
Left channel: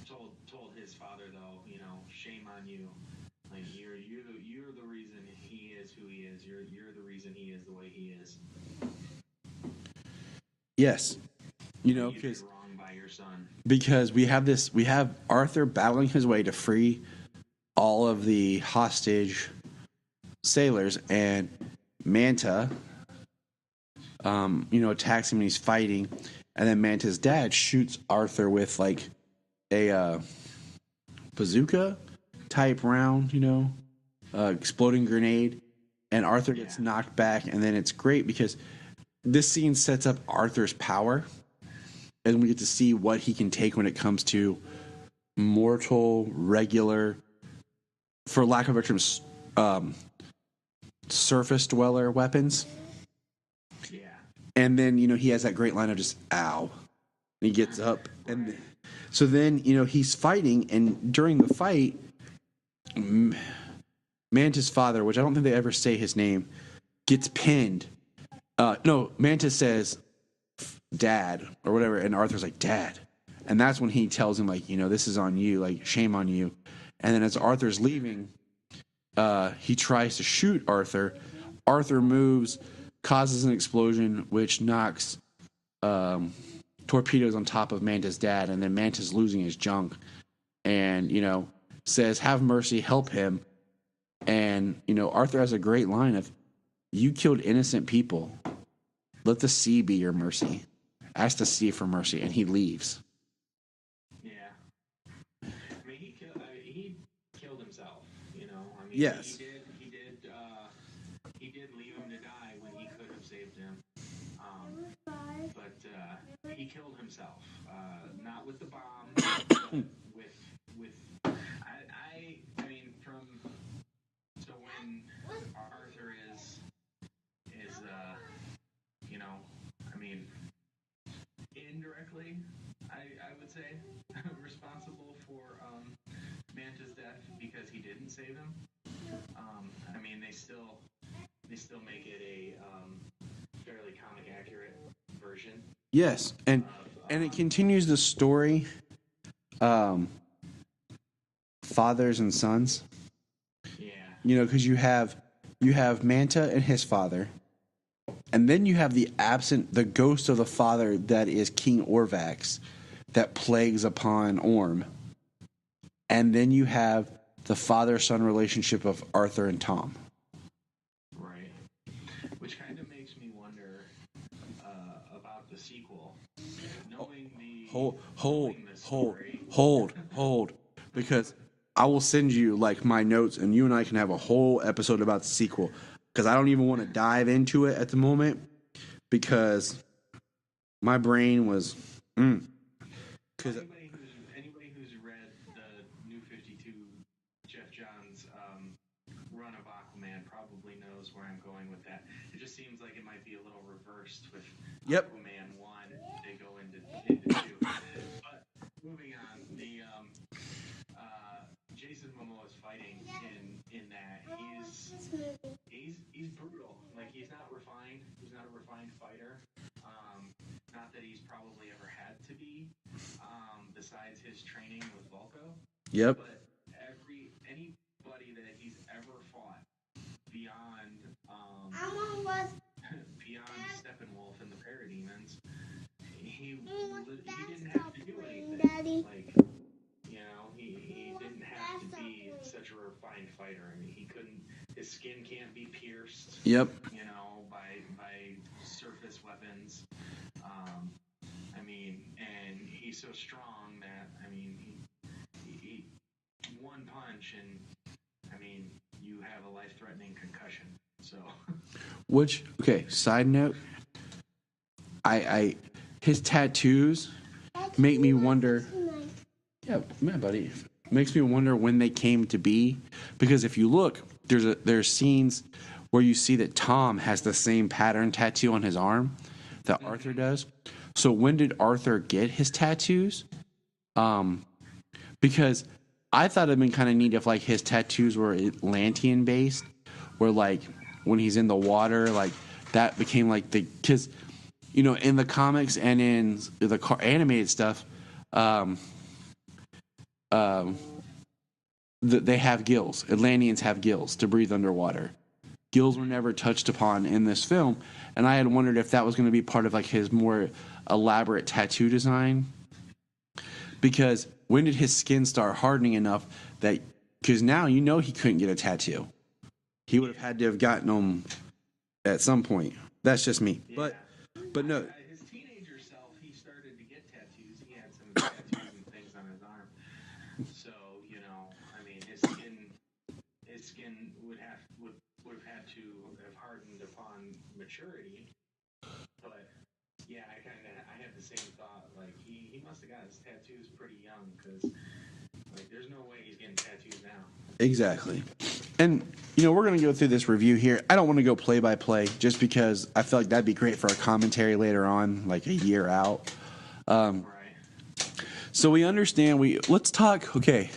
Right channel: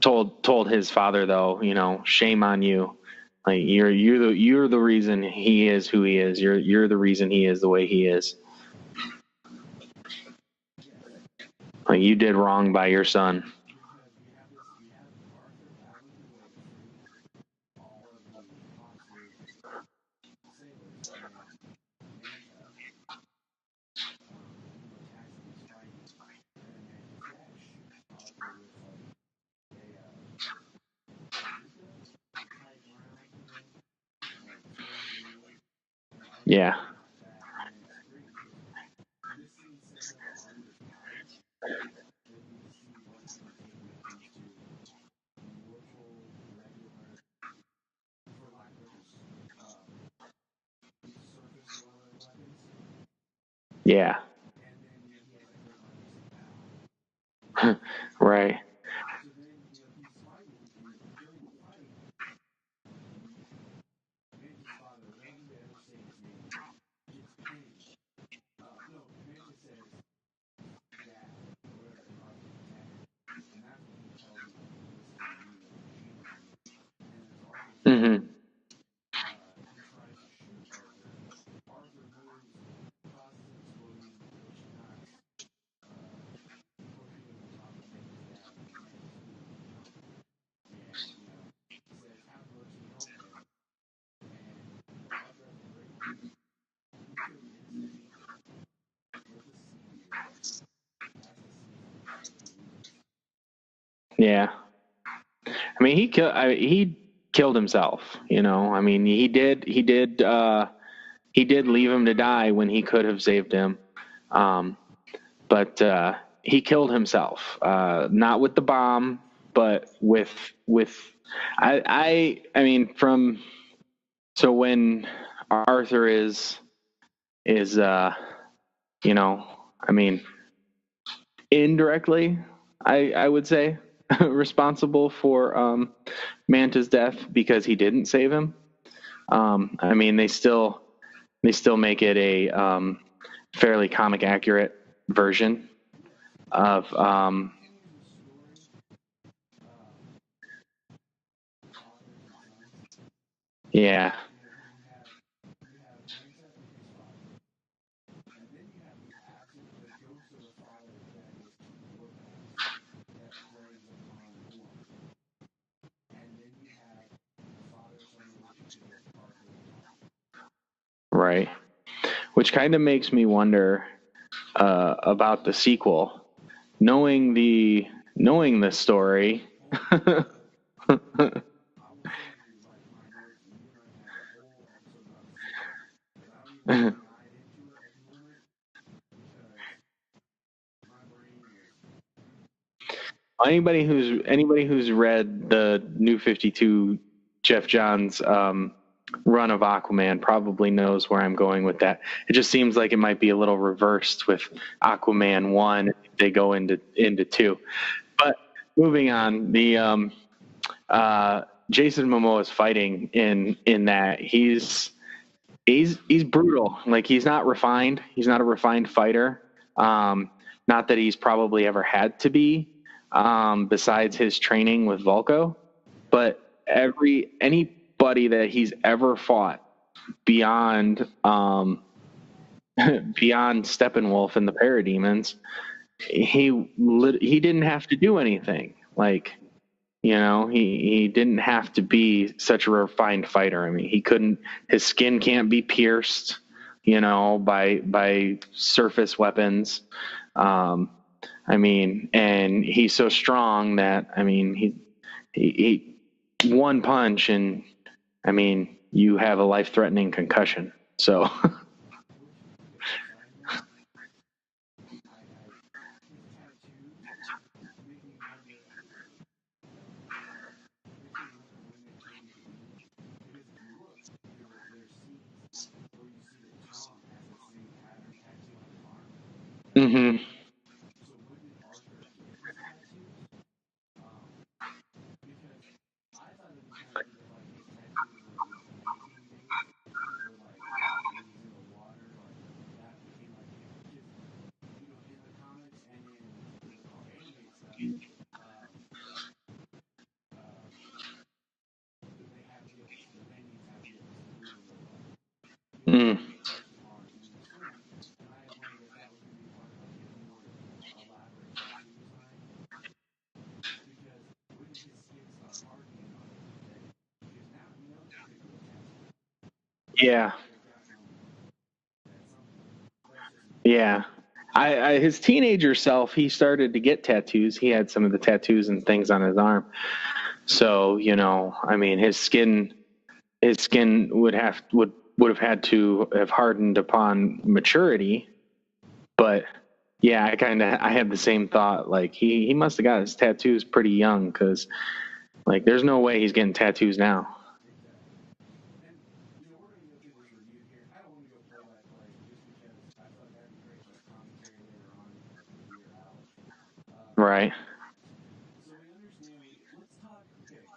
told his father, though, you know, shame on you. Like, you're the reason he is who he is. You're the reason he is the way he is. Yes. Like, you did wrong by your son. Because we have Arthur battling his way to free all of the hostage sailors, and Manta, attacks him and he's fighting, and then Manta's dad shoots Arthur with, like, a bazooka type round, you know, exploding grenade, and Arthur gets knocked back. And then it's great because this scene sets up Arthur's power, and we get to see what he can take when it comes to mortal, regular, for lack of a term, surface dweller weapons. Yeah. And then, he has that great line of just, ow. And he gets up. Right. So then, he's fighting, and during the fight, Manta's father, which I don't think they ever say his name, gets pinned. No, Manta says, Dad, or whatever, and Arthur's like, Dad. And that's when he tells him, like, this is on you, like, shame on you. And then as Arthur's leaving, he tries to shoot Arthur. Arthur moves, causes an explosion, which knocks torpedoes on top of Manta's dad, and then Manta's losing his junk. And, says, have mercy, help him. And, Arthur has a great line of, you killed innocent people. Let the sea be your mercy. Ask the sea for mercy. And he leaves. Yeah. I mean, he killed himself, I mean, Yes. he did leave him to die when he could have saved him. But he killed himself, not with the bomb, but with, I mean, so when Arthur is, I mean, indirectly, I would say, responsible for Manta's death because he didn't save him. I mean, they still make it a fairly comic accurate version. Yes, and it continues the story, fathers and sons. Yeah, because you have Manta and his father, and then you have the ghost of the father that is King Orvax, that plagues upon Orm, and then you have the father-son relationship of Arthur and Tom. Right, which kind of makes me wonder about the sequel, knowing the story. Hold, because I will send you like my notes, and you and I can have a whole episode about the sequel, because I don't even want to dive into it at the moment because my brain was. Anybody who's read the New 52 Jeff Johns run of Aquaman probably knows where I'm going with that. It just seems like it might be a little reversed with Aquaman 1 if they go into 2. But moving on, the Jason Momoa's fighting in that he's brutal. Like, he's not refined. He's not a refined fighter. Not that he's probably ever had to be, besides his training with Vulko. Yep. But anybody that he's ever fought beyond Steppenwolf and the Parademons, he didn't have to do anything. Like, he didn't have to be such a refined fighter. I mean, his skin can't be pierced. Yep. By surface weapons. I mean, and he's so strong that, I mean, he one punch and, I mean, you have a life-threatening concussion. So, side note, his tattoos make me wonder. Yeah, buddy. Makes me wonder when they came to be, because if you look, there's scenes where you see that Tom has the same pattern tattoo on his arm that Arthur does. So when did Arthur get his tattoos? Because I thought it'd been kind of neat if like his tattoos were Atlantean based, where like when he's in the water, like that became like because in the comics and in the animated stuff, they have gills. Atlanteans have gills to breathe underwater. Gills were never touched upon in this film, and I had wondered if that was going to be part of like his more elaborate tattoo design. Because when did his skin start hardening enough that? Because now he couldn't get a tattoo. He had to have gotten them at some point. That's just me. Yeah. But his teenager self, he started to get tattoos. He had some of the tattoos and things on his arm. So, I mean, his skin his skin would have had to have hardened upon maturity. But yeah, I had the same thought. Like he must have got his tattoos pretty young, because like there's no way he's getting tattoos now. Exactly. And we're going to go through this review here. I don't want to go play by play just because I feel like that'd be great for a commentary later on, like a year out. Right. So we understand. Let's talk. Okay.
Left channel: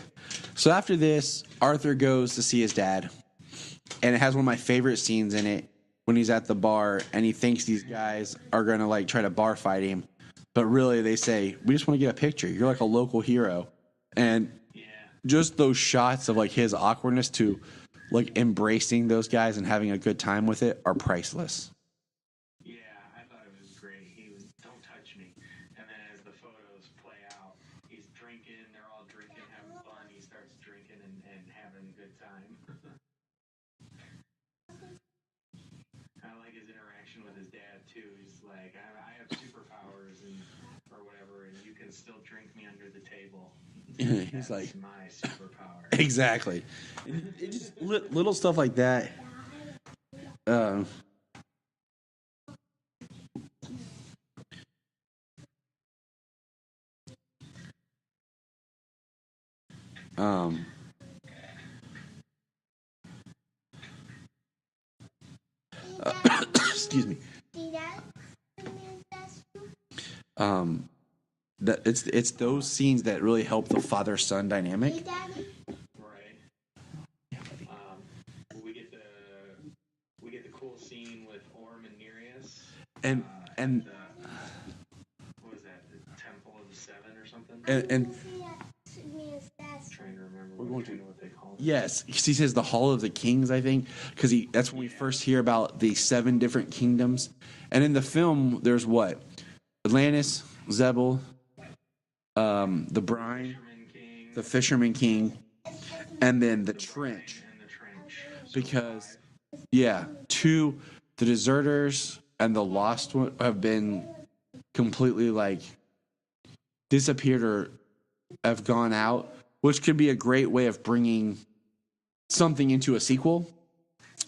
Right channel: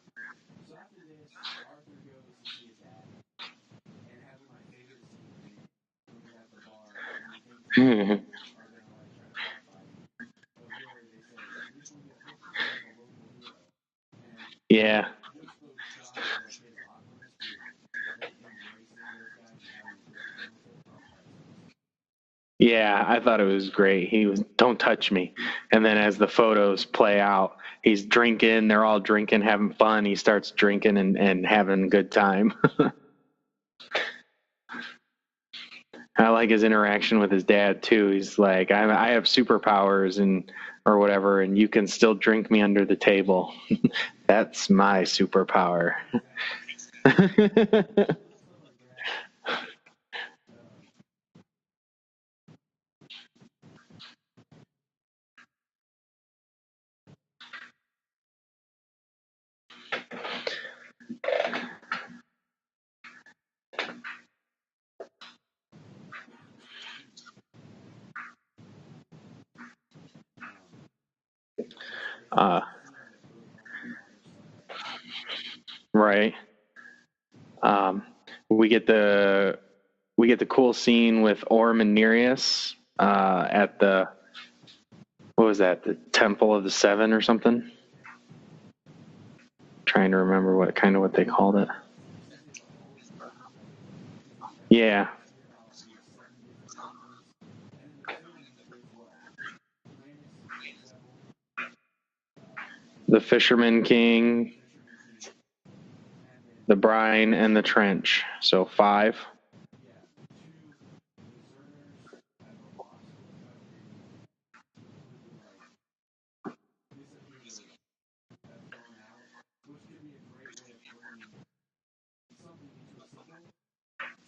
So after this, Arthur goes to see his dad, and it has one of my favorite scenes in it when he's at the bar and he thinks these guys are going to like try to bar fight him, but really they say, "We just want to get a picture. You're like a local hero." And yeah, just those shots of like his awkwardness to like embracing those guys and having a good time with it are priceless. Yeah, I thought it was great. He was, "Don't touch me." And then as the photos play out, he's drinking, they're all drinking, having fun. He starts drinking and having a good time. I like his interaction with his dad too. He's like, I have superpowers or whatever, and you can still drink me under the table. That's like, my superpower. Exactly. Little stuff like that. Excuse me. It's those scenes that really help the father-son dynamic. Right. We get the cool scene with Orm and Nereus at the, what was that? The Temple of the Seven or something? And trying to remember what they called it. Yes, he says the Hall of the Kings, I think, because that's when we first hear about the 7 different kingdoms. And in the film, there's what? Atlantis, Zebul, the Fisherman King, and then the Brine and the Trench. So 5. Yeah, 2, the Deserters and the Lost one have been completely like disappeared or have gone out, which could be a great way of bringing something into a sequel.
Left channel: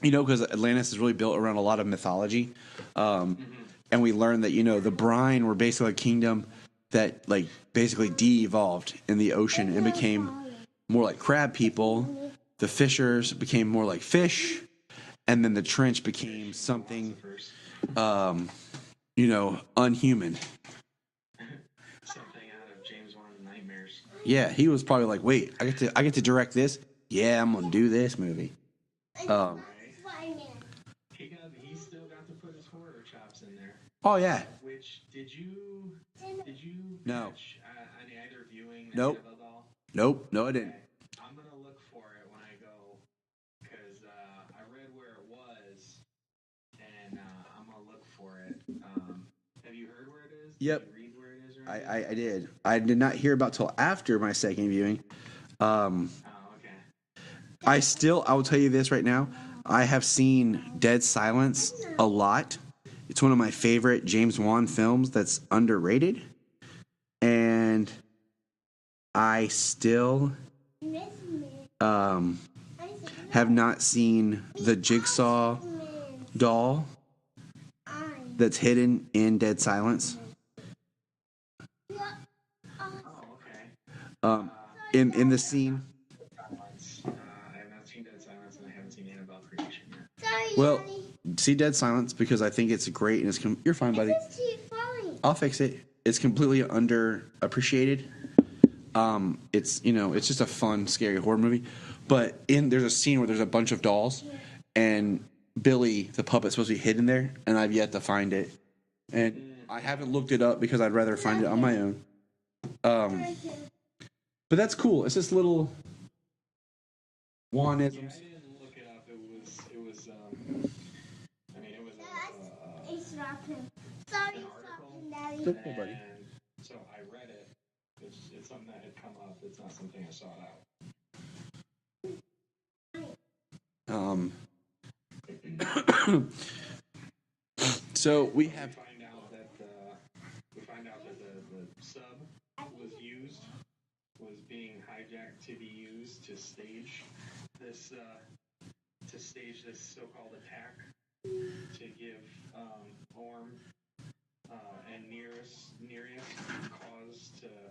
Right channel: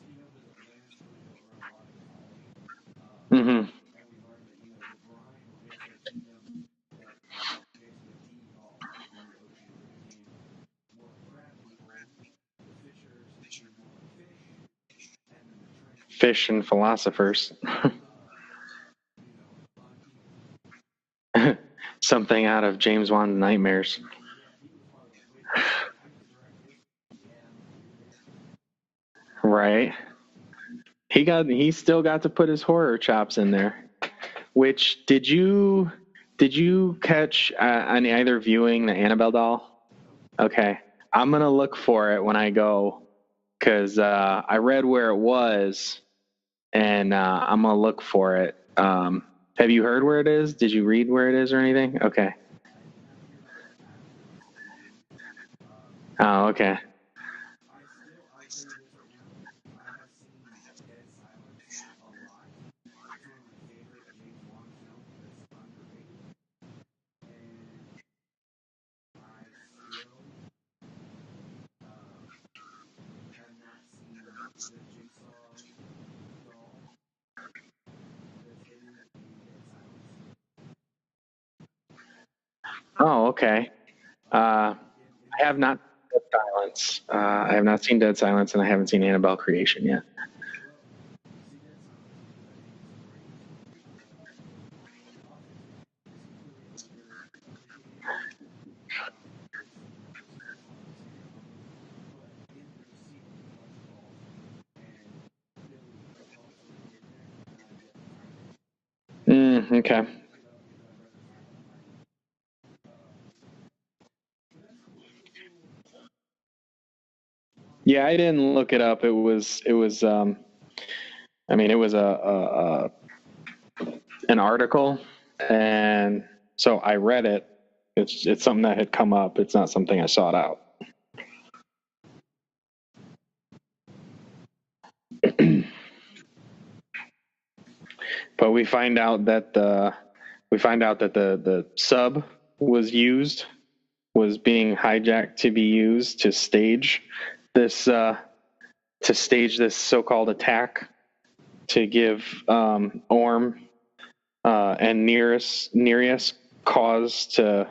Because Atlantis is really built around a lot of mythology. And we learned that, the Brine were basically a kingdom that, like, basically de-evolved in the ocean and became more like crab people. The Fishers became more like fish. And then the Trench became fish and philosophers. Unhuman. Something out of James Wan's nightmares. Yeah, he was probably like, wait, I get to direct this? Yeah, I'm going to do this movie. Right. He still got to put his horror chops in there. Oh yeah. Which did you catch on either viewing the Annabelle doll? Nope. Okay. I'm gonna look for it when I go, because I read where it was, and I'm gonna look for it. Have you heard where it is? Did you read where it is or anything? Okay. I did not hear about till after my second viewing. Okay. I will tell you this right now. I have seen Dead Silence a lot. It's one of my favorite James Wan films that's underrated. And I still have not seen the Jigsaw doll that's hidden in Dead Silence. Oh, okay. In the scene, not Dead Silence. I have not seen Dead Silence, and I haven't seen Annabelle Creation yet. Well, see Dead Silence because I think it's great, and you're fine, buddy. I'll fix it. It's completely underappreciated. It's just a fun, scary horror movie. But there's a scene where there's a bunch of dolls, and Billy, the puppet's supposed to be hidden there, and I've yet to find it. And I haven't looked it up because I'd rather find it on my own. But that's cool. It's this little one. Yeah, I didn't look it up. It was an article, and so I read it. It's something that had come up. It's not something I sought out. But we find out that the sub was being hijacked to be used to stage this to stage this so-called attack to give Orm and Nereus cause to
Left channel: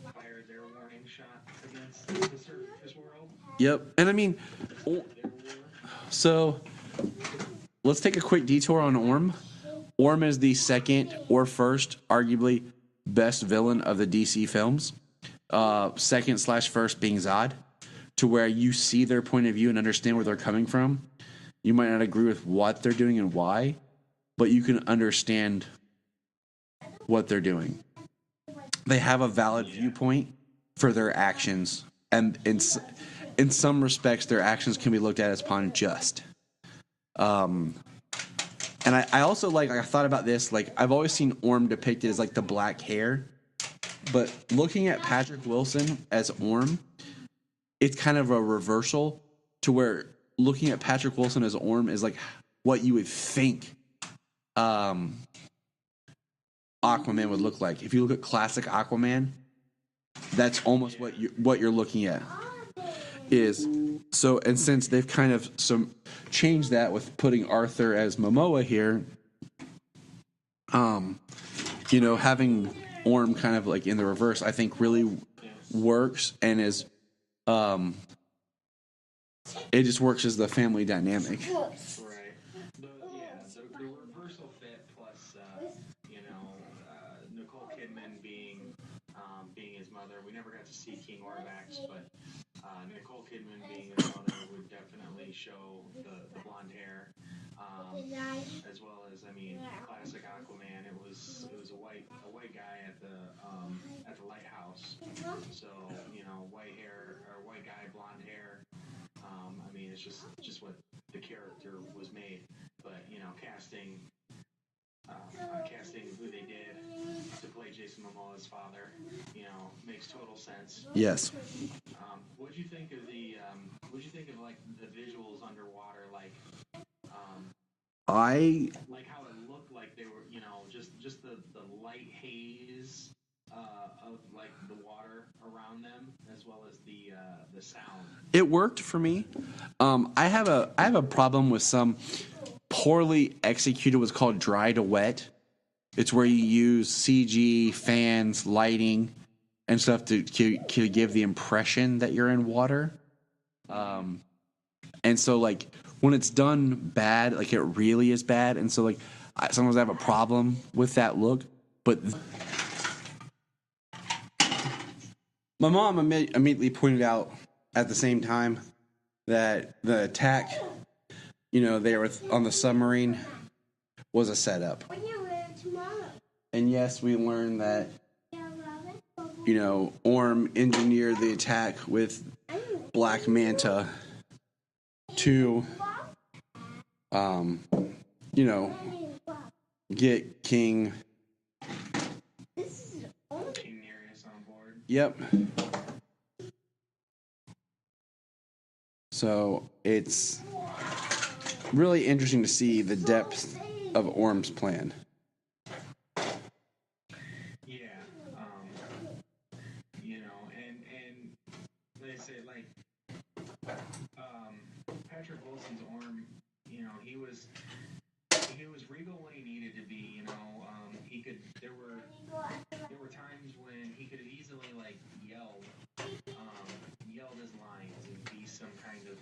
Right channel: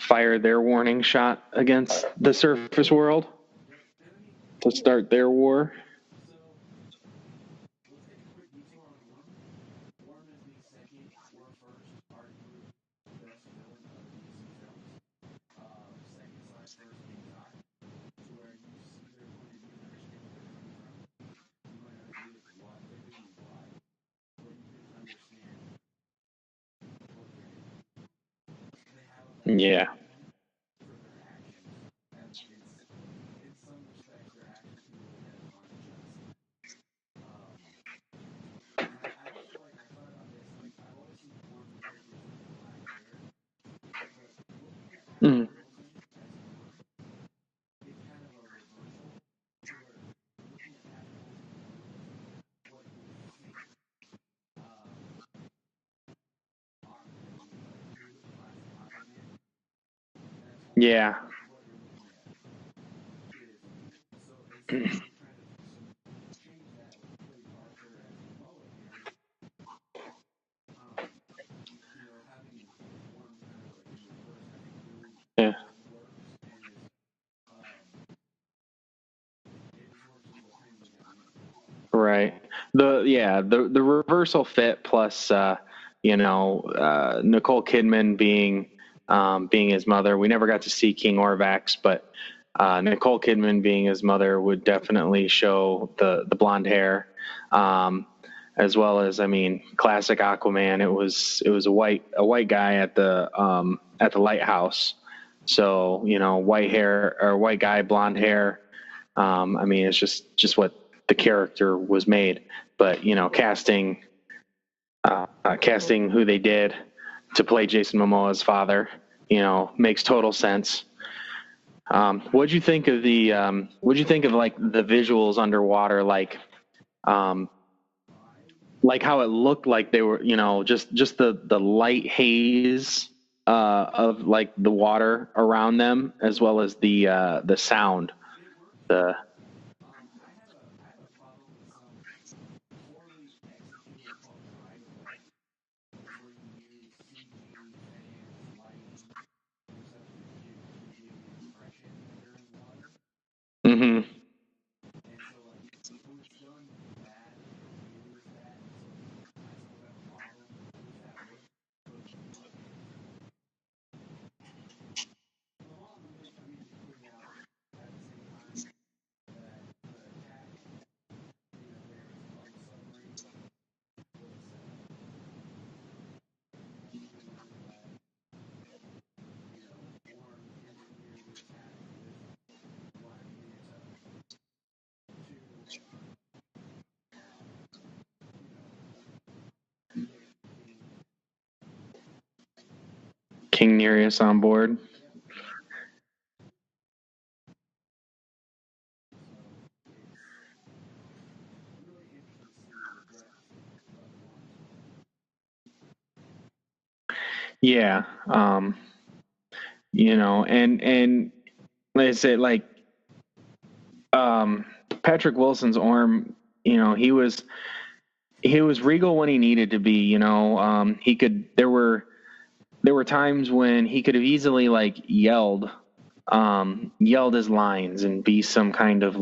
fire their warning shot against the surface world. Yep. And I mean, to start their war. So let's take a quick detour on Orm. Orm is the second or first, arguably, best villain of the DC films. Second/first being Zod, to where you see their point of view and understand where they're coming from. You might not agree with what they're doing and why, but you can understand what they're doing. They have a valid viewpoint for their actions, and in some respects, their actions can be looked at as unjust. And I also I thought about this. I've always seen Orm depicted as the black hair, but looking at Patrick Wilson as Orm, it's kind of a reversal to where looking at Patrick Wilson as Orm is what you would think Aquaman would look like. If you look at classic Aquaman, that's almost what you're looking at. And since they've kind of changed that with putting Arthur as Momoa here, having Orm kind of in the reverse, I think really works and is it just works as the family dynamic. Right. The reversal fit plus Nicole Kidman being his mother. We never got to see King Orvax, but Nicole Kidman being his mother would definitely show the blonde hair, as well as classic Aquaman. It was a white guy at the Lighthouse, so white hair or white guy, blonde hair. It's just what the character was made, but casting who they did to play Jason Momoa's father, makes total sense. Yes. What'd you think of the the visuals underwater? I like how it looked like they were, just the light haze of the water around them, as well as the sound. It worked for me. I have a problem with some poorly executed what's called dry to wet. It's where you use CG, fans, lighting, and stuff to give the impression that you're in water. Mm-hmm. And so when it's done bad, it really is bad. And so sometimes I have a problem with that look. But my mom immediately pointed out at the same time that the attack, they were on the submarine, was a setup. And yes, we learned that, Orm engineered the attack with Black Manta to, get King Nereus on board. Yep. So it's really interesting to see the depth of Orm's plan. Yeah. And like I said, Patrick Wilson's Orm, he was regal when he needed to be, there were times when he could have easily yelled his lines and be some kind of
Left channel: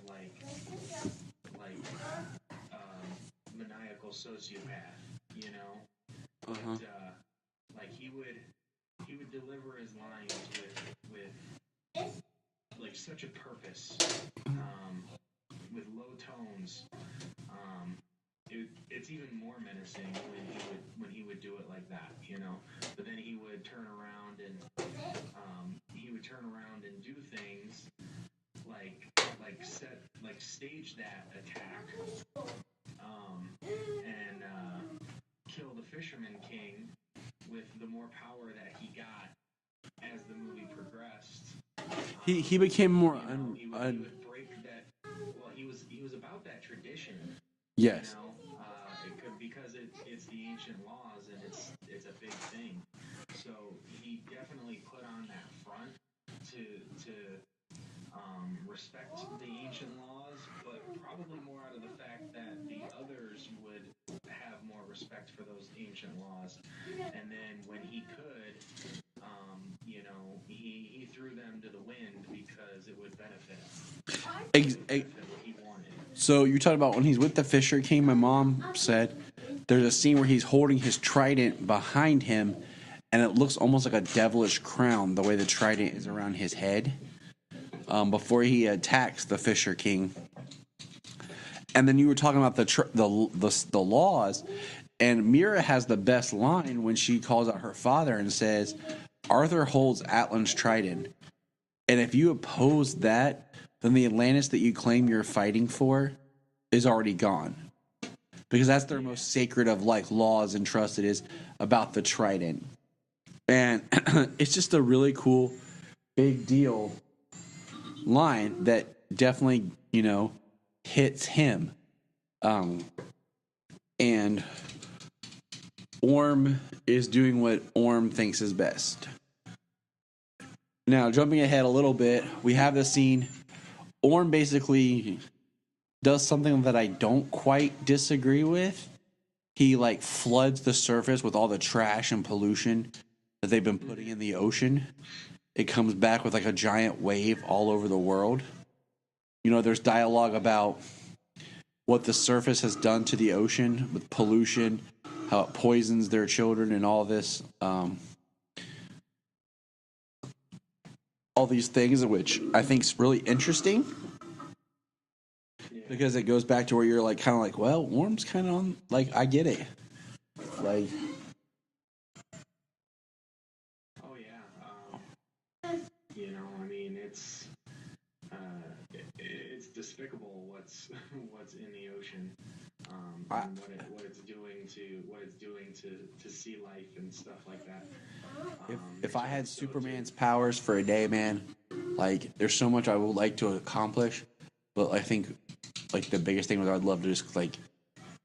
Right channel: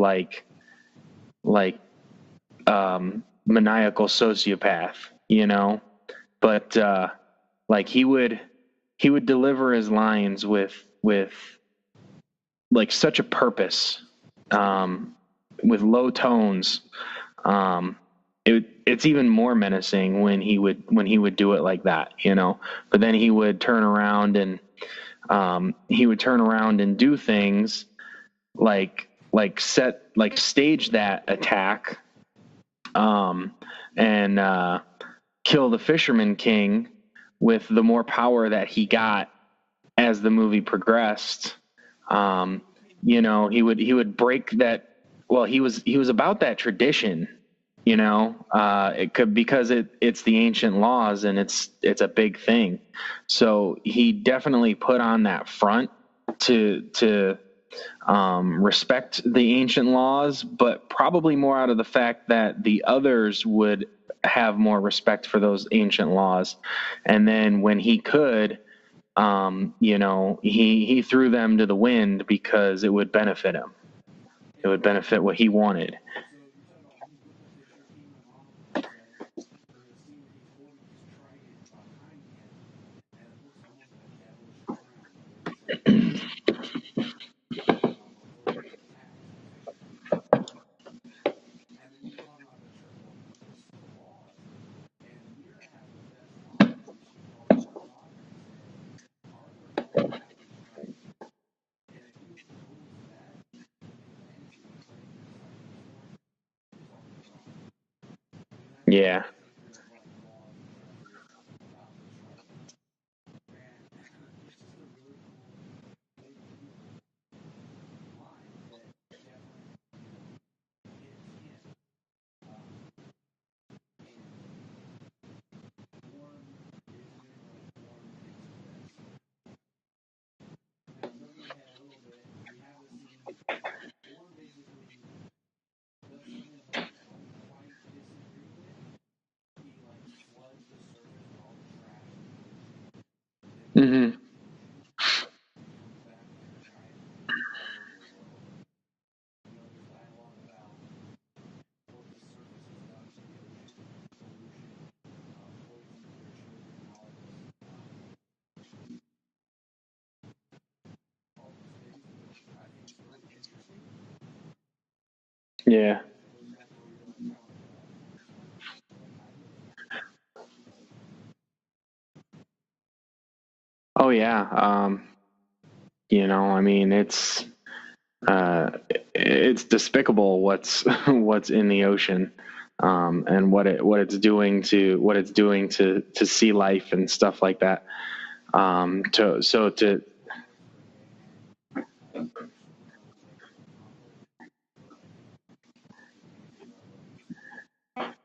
maniacal sociopath, but he would deliver his lines with such a purpose, with low tones. It's even more menacing when he would do it like that, but then he would turn around and do things stage that attack, and kill the Fisherman King with the more power that he got as the movie progressed. He became more. He would break that. Well, he was about that tradition. Yes. It could, because it's the ancient laws and it's a big thing. So he definitely put on that front to respect the ancient laws, but probably more out of the fact that the others would have more respect for those ancient laws. And then when he could, he threw them to the wind because it would benefit him. It would benefit what he wanted. So you're talking about when he's with the Fisher King, my mom said there's a scene where he's holding his trident behind him, and it looks almost like a devilish crown, the way the trident is around his head, before he attacks the Fisher King. And then you were talking about the laws, and Mira has the best line when she calls out her father and says, Arthur holds Atlan's trident, and if you oppose that, then the Atlantis that you claim you're fighting for is already gone. Because that's the most sacred of like laws and trust it is about the trident. And it's just a really cool, big deal line that definitely, hits him. And Orm is doing what Orm thinks is best. Now, jumping ahead a little bit, we have the scene. Orm basically does something that I don't quite disagree with. He floods the surface with all the trash and pollution that they've been putting in the ocean. It comes back with a giant wave all over the world. There's dialogue about what the surface has done to the ocean with pollution, how it poisons their children and all this. All these things, which I think is really interesting. Yeah. Because it goes back to where you're well, Worm's kind of on, I get it. Oh yeah. It's despicable what's in the ocean, and what it's doing to sea life and stuff like that. Superman's powers for a day, man. There's so much I would like to accomplish, but I think the biggest thing was I'd love to just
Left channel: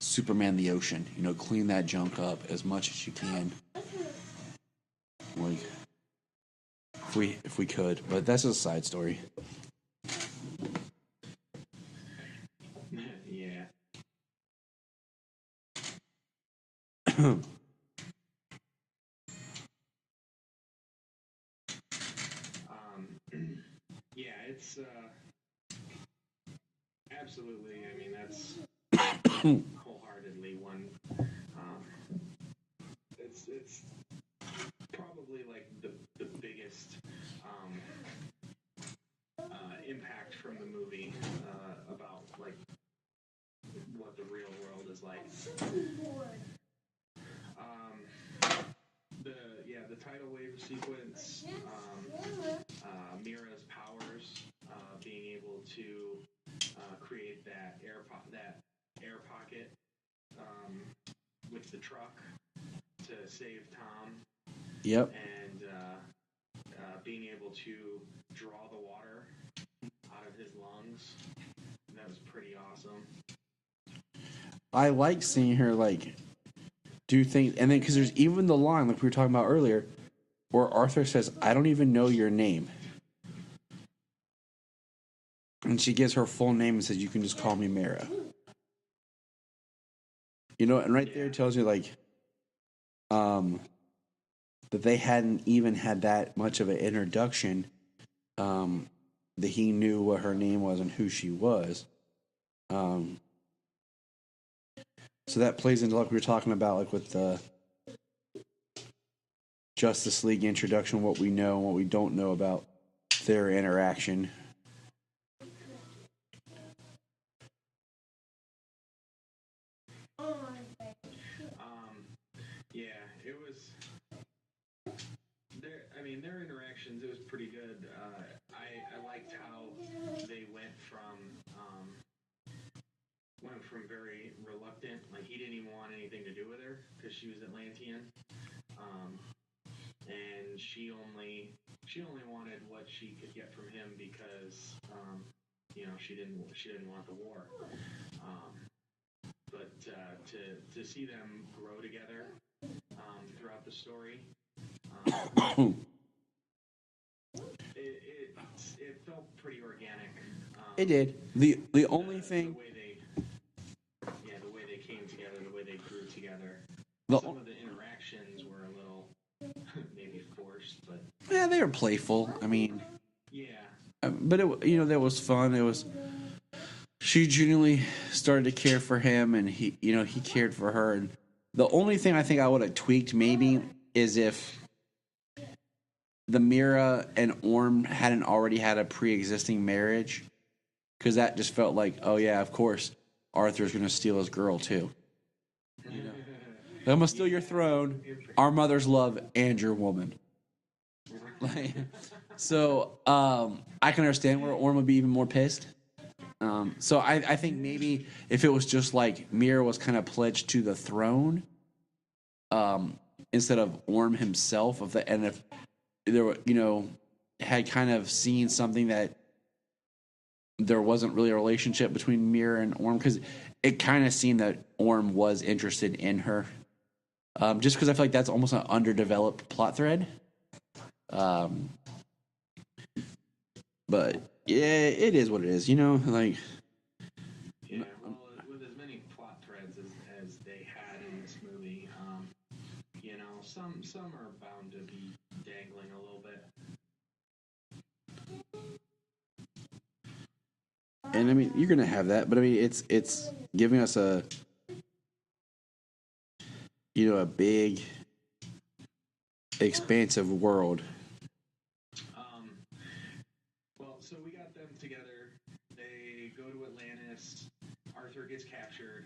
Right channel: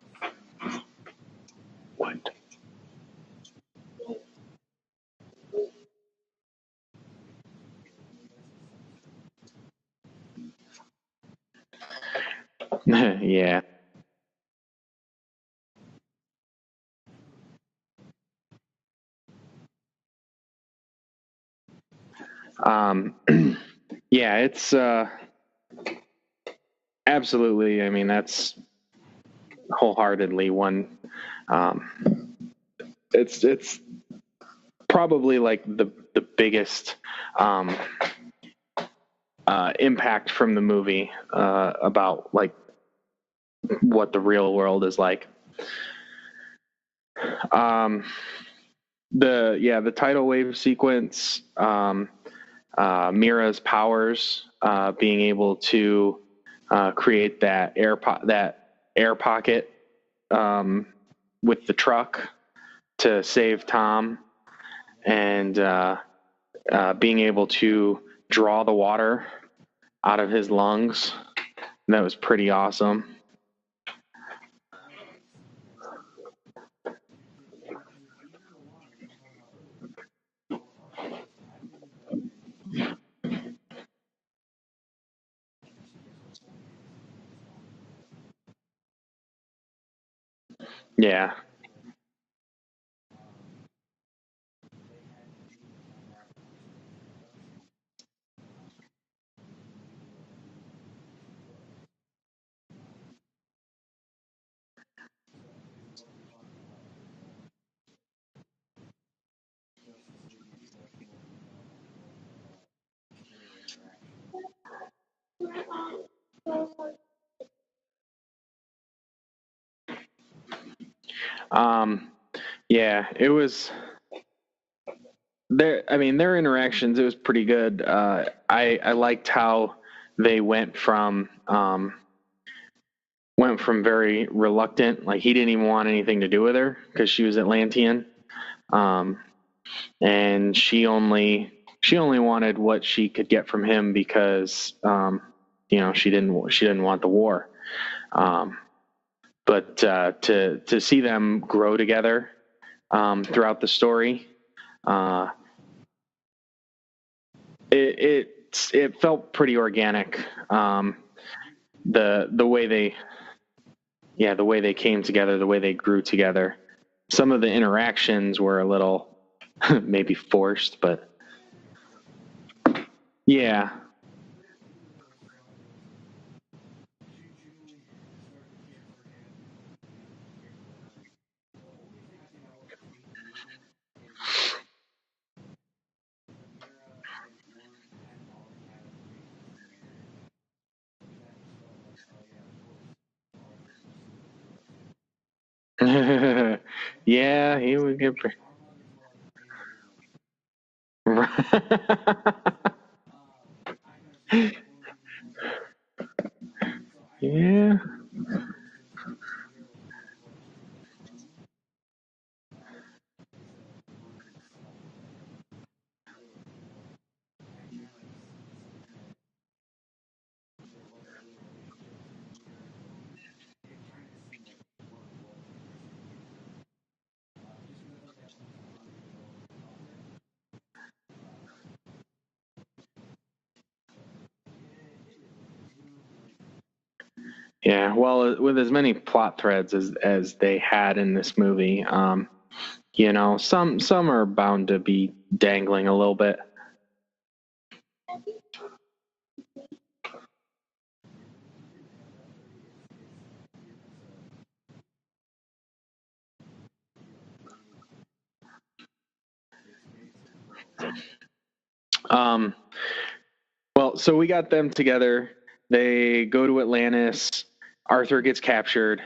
Superman the ocean. Clean that junk up as much as you can. If we could, but that's a side story. Yeah. Yeah, it's absolutely. I mean, that's wholeheartedly one. It's probably the biggest impact from the movie about what the real world is like. The tidal wave sequence, Mira's powers, being able to create that air pocket with the truck to save Tom. Yep. And being able to draw the water out of his lungs. That was pretty awesome. I like seeing her do things, and then because there's even the line we were talking about earlier, where Arthur says, "I don't even know your name," and she gives her full name and says, "You can just call me Mira." And right there it tells you that they hadn't even had that much of an introduction, that he knew what her name was and who she was. So that plays into we were talking about with the Justice League introduction, what we know and what we don't know about their interaction. Yeah, it was their interactions, it was pretty good. I liked how they went from very reluctant, he didn't even want anything to do with her because she was Atlantean, and she only wanted what she could get from him because she didn't want the war. But to see them grow together throughout the story, It felt pretty organic. It did. The way they came together, the way they grew together. Some of the interactions were a little maybe forced, but yeah, they were playful. I mean, yeah, but that was fun. She genuinely started to care for him, and he cared for her. And the only thing I think I would have tweaked maybe is if the Mira and Orm hadn't already had a pre-existing marriage, because that just felt like, oh yeah, of course, Arthur's going to steal his girl too. Yeah, our mothers love and your woman. So I can understand why Orm would be even more pissed. So I think maybe if it was just like Mira was kind of pledged to the throne, instead of Orm himself, and if there were, had kind of seen something that there wasn't really a relationship between Mira and Orm, because it kind of seemed that Orm was interested in her. Just because I feel like that's almost an underdeveloped plot thread. But yeah, it is what it is, like. Yeah, well, with as many plot threads as they had in this movie, some are bound to be dangling a little bit. And I mean, you're gonna have that, but I mean, it's giving us a big, expansive world. Well, so we got them together. They go to Atlantis. Arthur gets captured.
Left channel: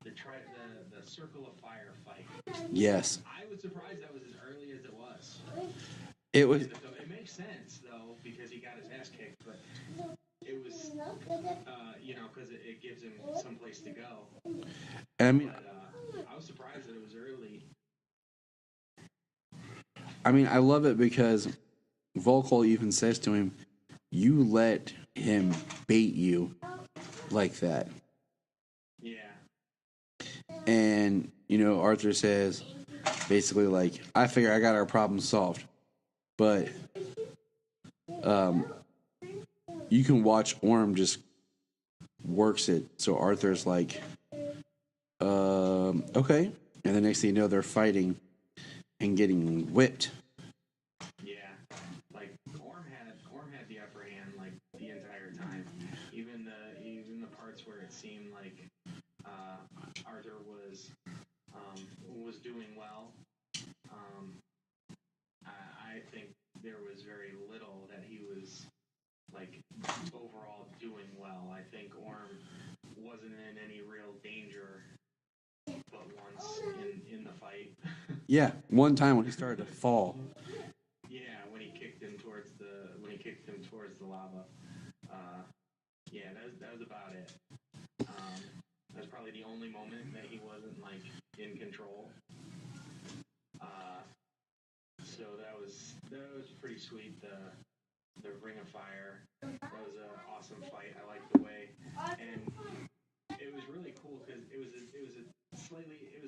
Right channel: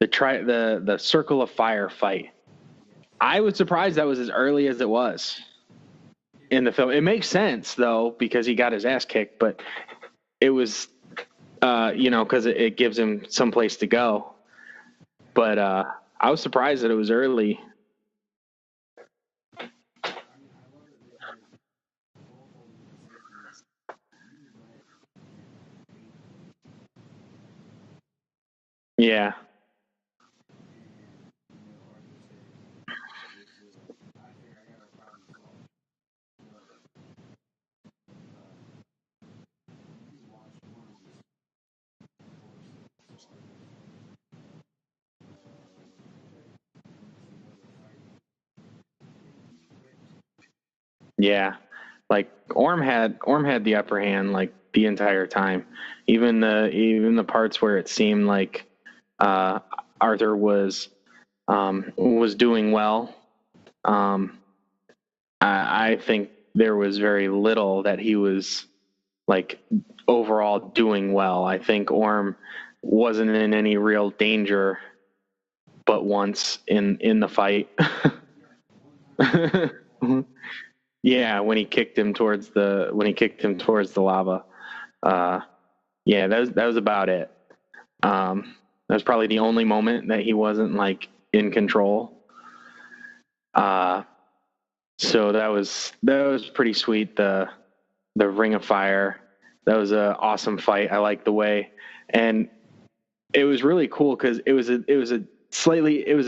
The Circle of Fire fight. Yes, I was surprised that was as early as it was in the film. It makes sense though, because he got his ass kicked, but it was, because it gives him some place to go. But I was surprised that it was early. I mean, I love it because Volkol even says to him, "You let him bait you like that." Yeah. And, Arthur says, basically, like, I figure I got our problem solved. But you can watch Orm just works it. So Arthur's like, okay. And the next thing you know, they're fighting and getting whipped. Yeah. Like Orm had the upper hand like the entire time. Even the parts where it seemed like Arthur was doing well. I think there was very little that he was like overall doing well. I think Orm wasn't in any real danger but once in the fight. Yeah, one time when he started to fall. Yeah, when he kicked him towards the lava. Yeah, that was about it. That was probably the only moment that he wasn't like in control. So that was pretty sweet. The Ring of Fire. That was an awesome fight. I liked the way, and it was really cool because it was a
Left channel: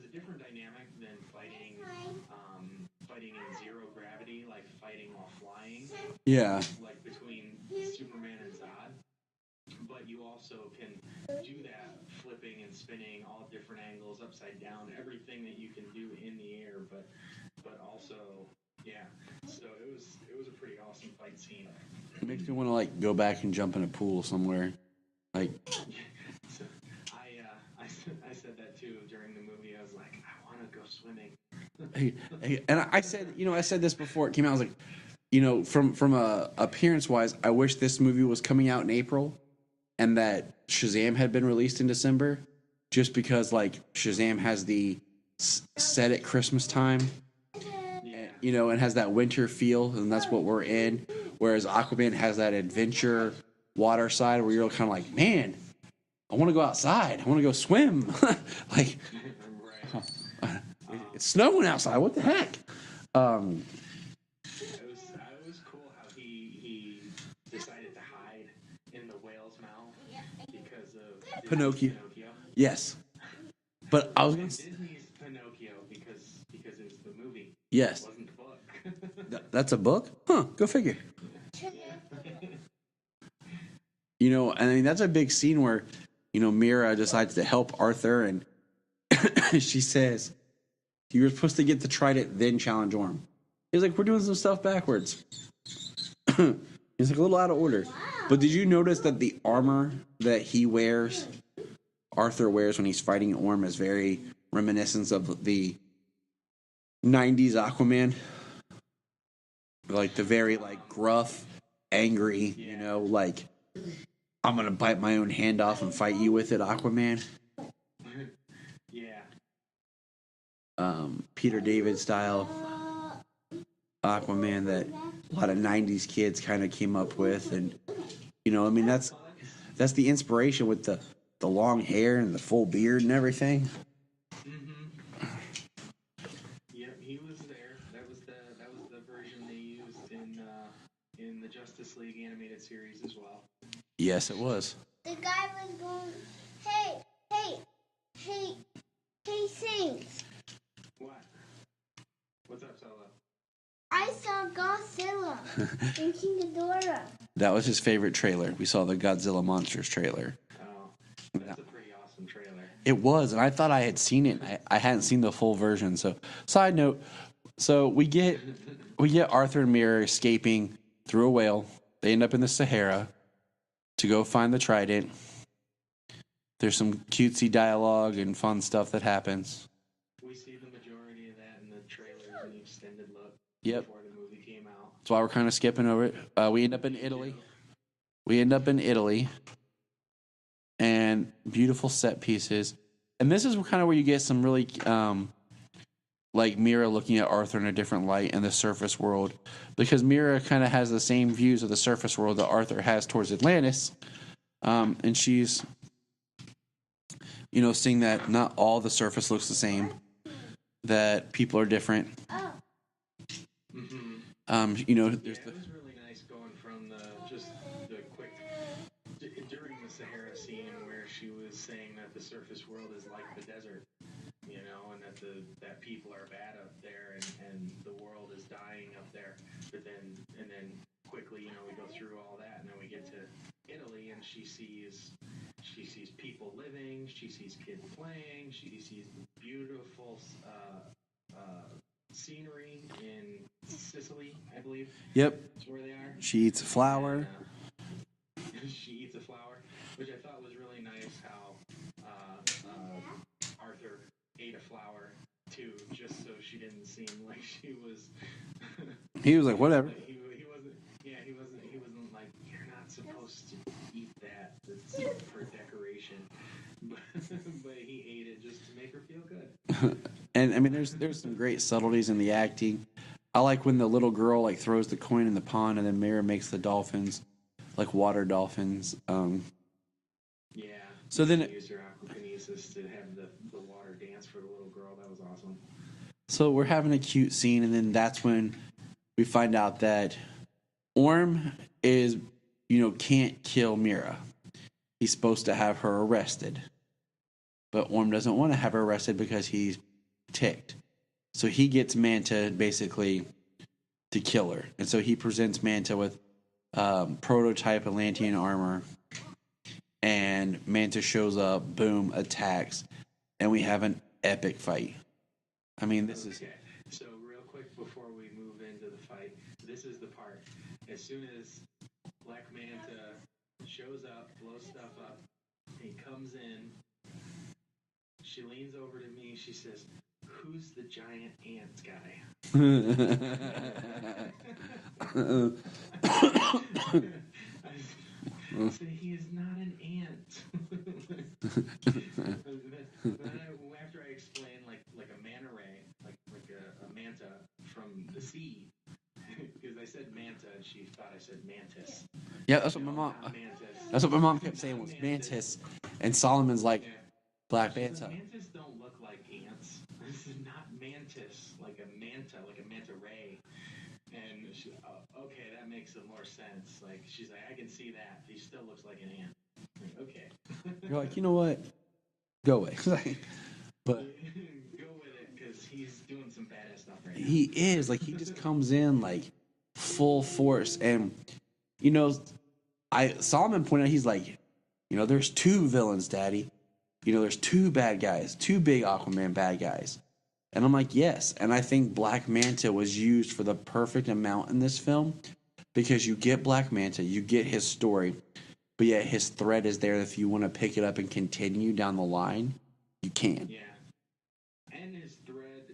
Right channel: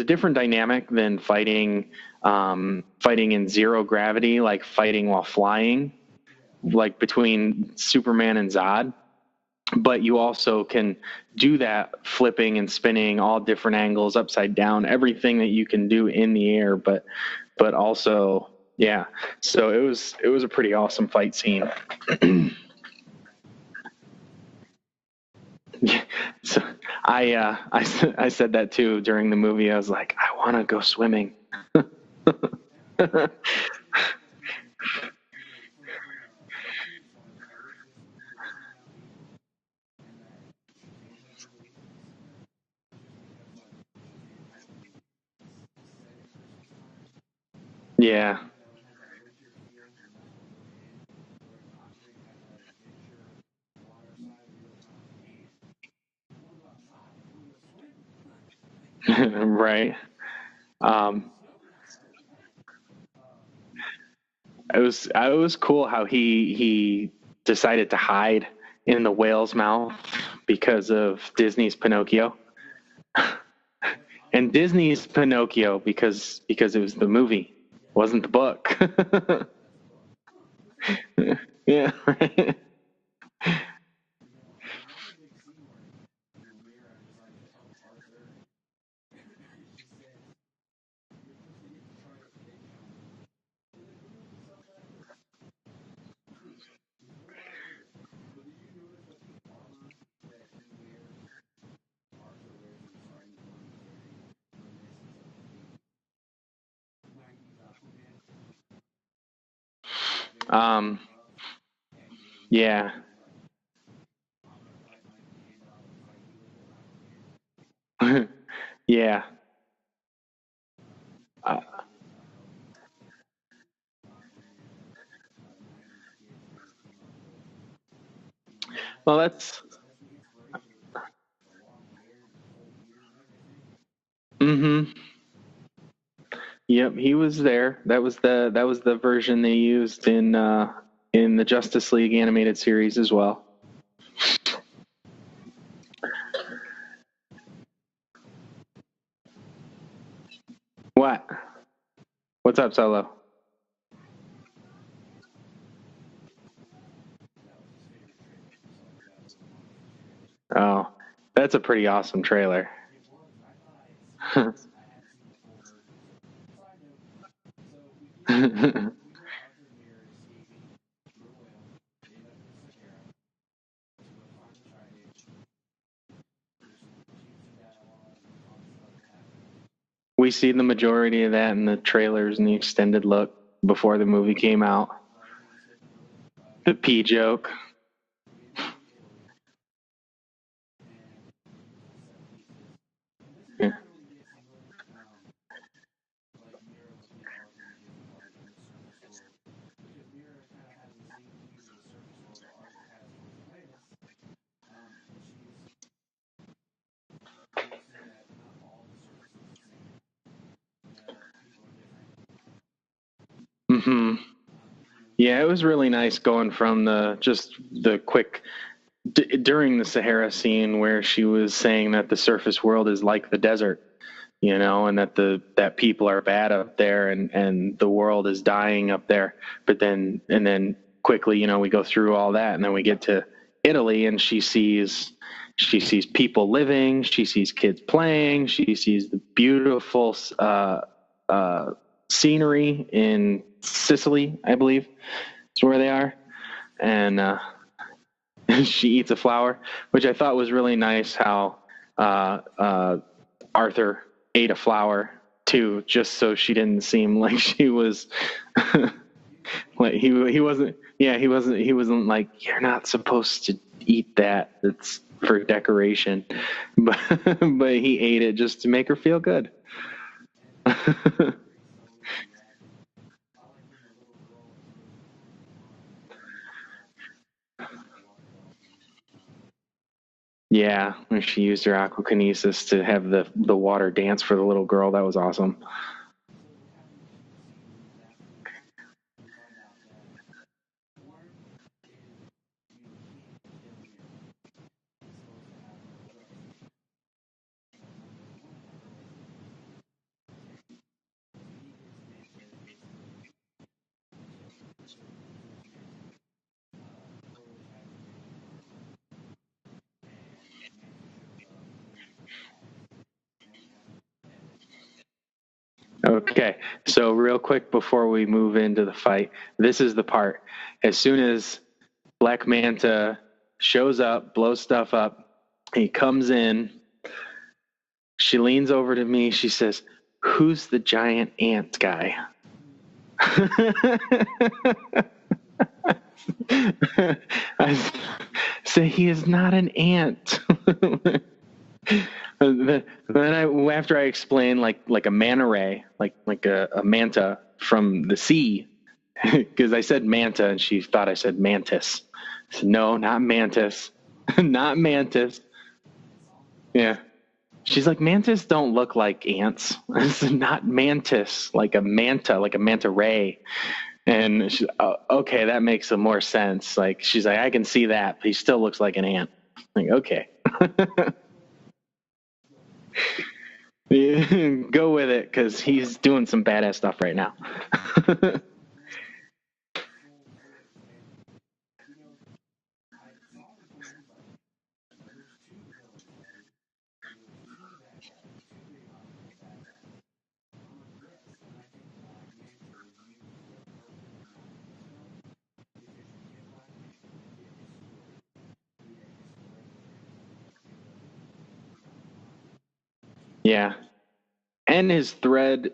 different dynamic than fighting in zero gravity, like fighting while flying. Yeah, like between Superman and Zod. But you also can do that flipping and spinning all different angles, upside down, everything that you can do in the air, but also, yeah. So it was a pretty awesome fight scene. You want to like go back and jump in a pool somewhere, like. Yeah. So I said that too during the movie. I was like, I want to go swimming. And I said, I said this before it came out. I was like, from appearance wise, I wish this movie was coming out in April, and that Shazam had been released in December, just because like Shazam has the set at Christmas time. Yeah. And has that winter feel, and that's what we're in. Whereas Aquaman has that adventure water side where you're kind of like, man, I want to go outside. I want to go swim. Like, right. It's snowing outside. What the heck? It was cool how he decided to hide in the whale's mouth because of Disney's Pinocchio. Yes. But Disney's Pinocchio because it was the movie. Yes. Wasn't the book. That's a book? Huh, go figure. Yeah. You know, I mean, that's a big scene where, you know, Mira decides to help Arthur, and she says, you were supposed to get the trident, then challenge Orm. He's like, we're doing some stuff backwards. He's like, a little out of order. But did you notice that the armor that he wears, Arthur wears when he's fighting Orm, is very reminiscent of the 90s Aquaman? Like the very rough, angry, Yeah. you know, like, I'm going to bite my own hand off and fight you with it, Aquaman. Yeah. Peter David style Aquaman that a lot of 90s kids kind of came up with. And, you know, I mean, that's the inspiration with the long hair and the full beard and everything. Mm-hmm. Yep, he was there. That was the version they used in the Justice League animated series as well. Yes, it was. The guy was going, hey, Saints. What? What's up, Solo? I saw Godzilla in King Ghidorah. That was his favorite trailer. We saw the Godzilla Monsters trailer. Oh, that's a pretty awesome trailer. It was, and I thought I had seen it. I hadn't seen the full version. So, side note, so we get Arthur and Mira escaping through a whale. They end up in the Sahara to go find the trident. There's some cutesy dialogue and fun stuff that happens. We see the majority of that in the trailers and the extended look before the movie came out. That's why we're kind of skipping over it. We end The up pee in joke. We end up in Italy, and beautiful set pieces. And this is kind of where you get some really, like Mira looking at Arthur in a different light in the surface world, because Mira kind of has the same views of the surface world that Arthur has towards Atlantis, and she's, you know, seeing that not all the surface looks the same, that people are different. Mm-hmm. You know. Yeah, it was really nice going from the quick during the Sahara scene where she was saying that the surface world is like the desert, you know, and that people are bad up there and the world is dying up there. But then quickly, you know, we go through all that and then we get to Italy and she sees people living, she sees kids playing, she sees the beautiful scenery in Sicily, I believe. Yep. That's where they are. She eats a flower. And she eats a flower, which I thought was really nice how Arthur ate a flower too, just so she didn't seem like she was he was like, whatever. like, he wasn't like, you're not supposed to eat that, it's for decoration. But he ate it just to make her feel good. And I mean, there's some great subtleties in the acting. I like when the little girl like throws the coin in the pond, and then Mira makes the dolphins like water dolphins. Yeah, So she then- used her aquakinesis to have the water dance for the little girl. That was awesome. So we're having a cute scene, and then that's when we find out that Orm is, you know, can't kill Mira. He's supposed to have her arrested, but Orm doesn't want to have her arrested because he's ticked. So he gets Manta basically to kill her, and so he presents Manta with prototype Atlantean armor, and Manta shows up, boom, attacks, and we have an epic fight. I mean, Okay, so real quick before we move into the fight, this is the part. As soon as Black Manta shows up, blows stuff up, he comes in, she leans over to me, she says, "Who's the giant ant guy?" I say, "He is not an ant." Then after I explain like a manta ray, like a manta from the sea, because I said manta and she thought I said mantis. Yeah, No, not mantis. That's what my mom said, Not mantis. And Solomon's like, Yeah. Black She's Manta. like, mantis don't look like ants. This is not mantis, like a manta ray. And she's, oh, okay, that makes some more sense. Like, she's like, I can see that, but he still looks like an ant. I'm like, okay. We're like, you know what? Go away. Go with it, because he's doing some badass stuff right now. He is. Like, he just comes in like full force. And, you know, Solomon pointed out, he's like, you know, there's 2 villains, Daddy. You know, there's 2 bad guys, 2 big Aquaman bad guys. And I'm like, yes. And I think Black Manta was used for the perfect amount in this film, because you get Black Manta, you get his story, but yet his thread is there. If you want to pick it up and continue down the line, you can. Yeah. And his thread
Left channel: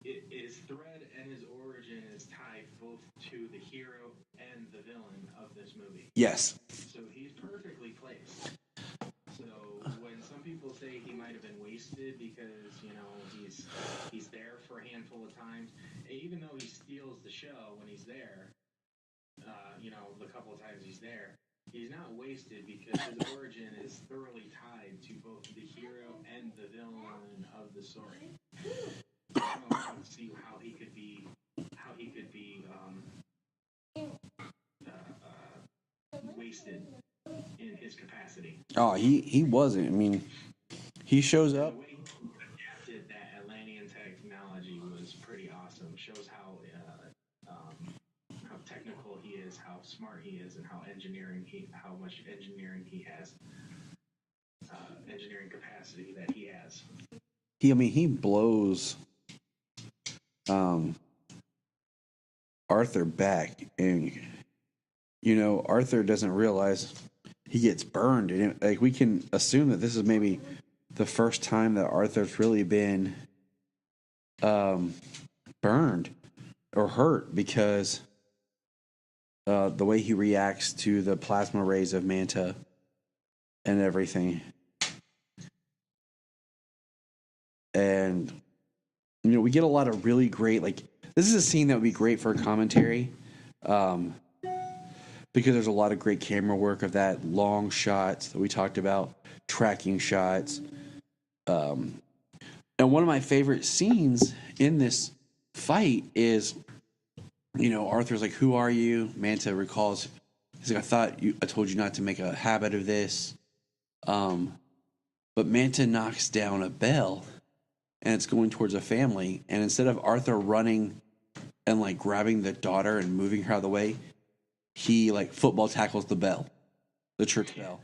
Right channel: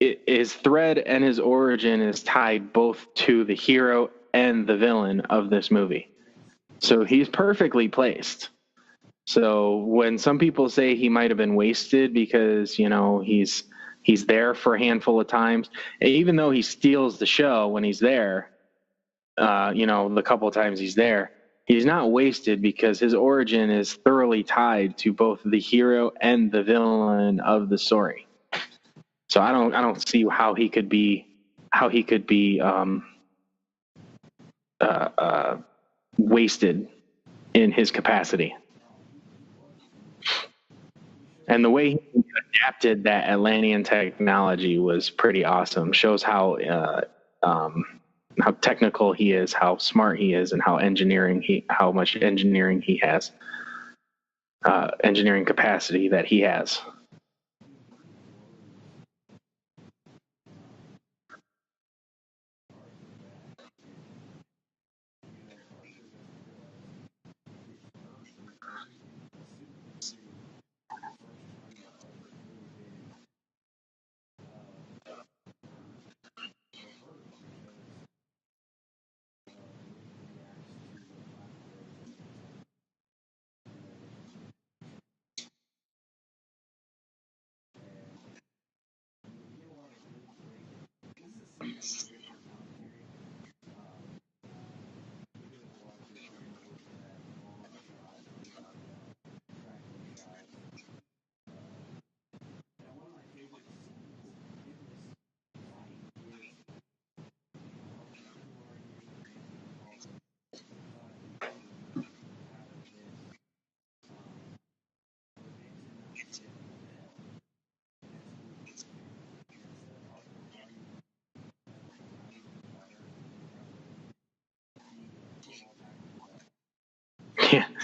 and his origin is tied both to the hero and the villain of this movie. Yes. So he's perfectly placed. So when some people say he might have been wasted because, you know, he's there for a handful of times, even though he steals the show when he's there, you know, the couple of times he's there, he's not wasted, because his origin is thoroughly tied to both the hero and the villain of the story. So I don't see how he could be wasted in his capacity. Oh, he wasn't. I mean, he shows. And the way he adapted that Atlantean technology was pretty awesome. Shows how technical he is, how smart he is, and how much engineering he has, engineering capacity that he has. He blows Arthur back, and you know, Arthur doesn't realize he gets burned, and like, we can assume that this is maybe the first time that Arthur's really been burned or hurt, because the way he reacts to the plasma rays of Manta and everything. And, you know, we get a lot of really great, like, this is a scene that would be great for a commentary, because there's a lot of great camera work of that, long shots that we talked about, tracking shots. And one of my favorite scenes in this fight is, you know, Arthur's like, "Who are you?" Manta recalls, he's like, I told you not to make a habit of this. But Manta knocks down a bell, and it's going towards a family. And instead of Arthur running and like grabbing the daughter and moving her out of the way, he like football tackles the bell, the trick bell.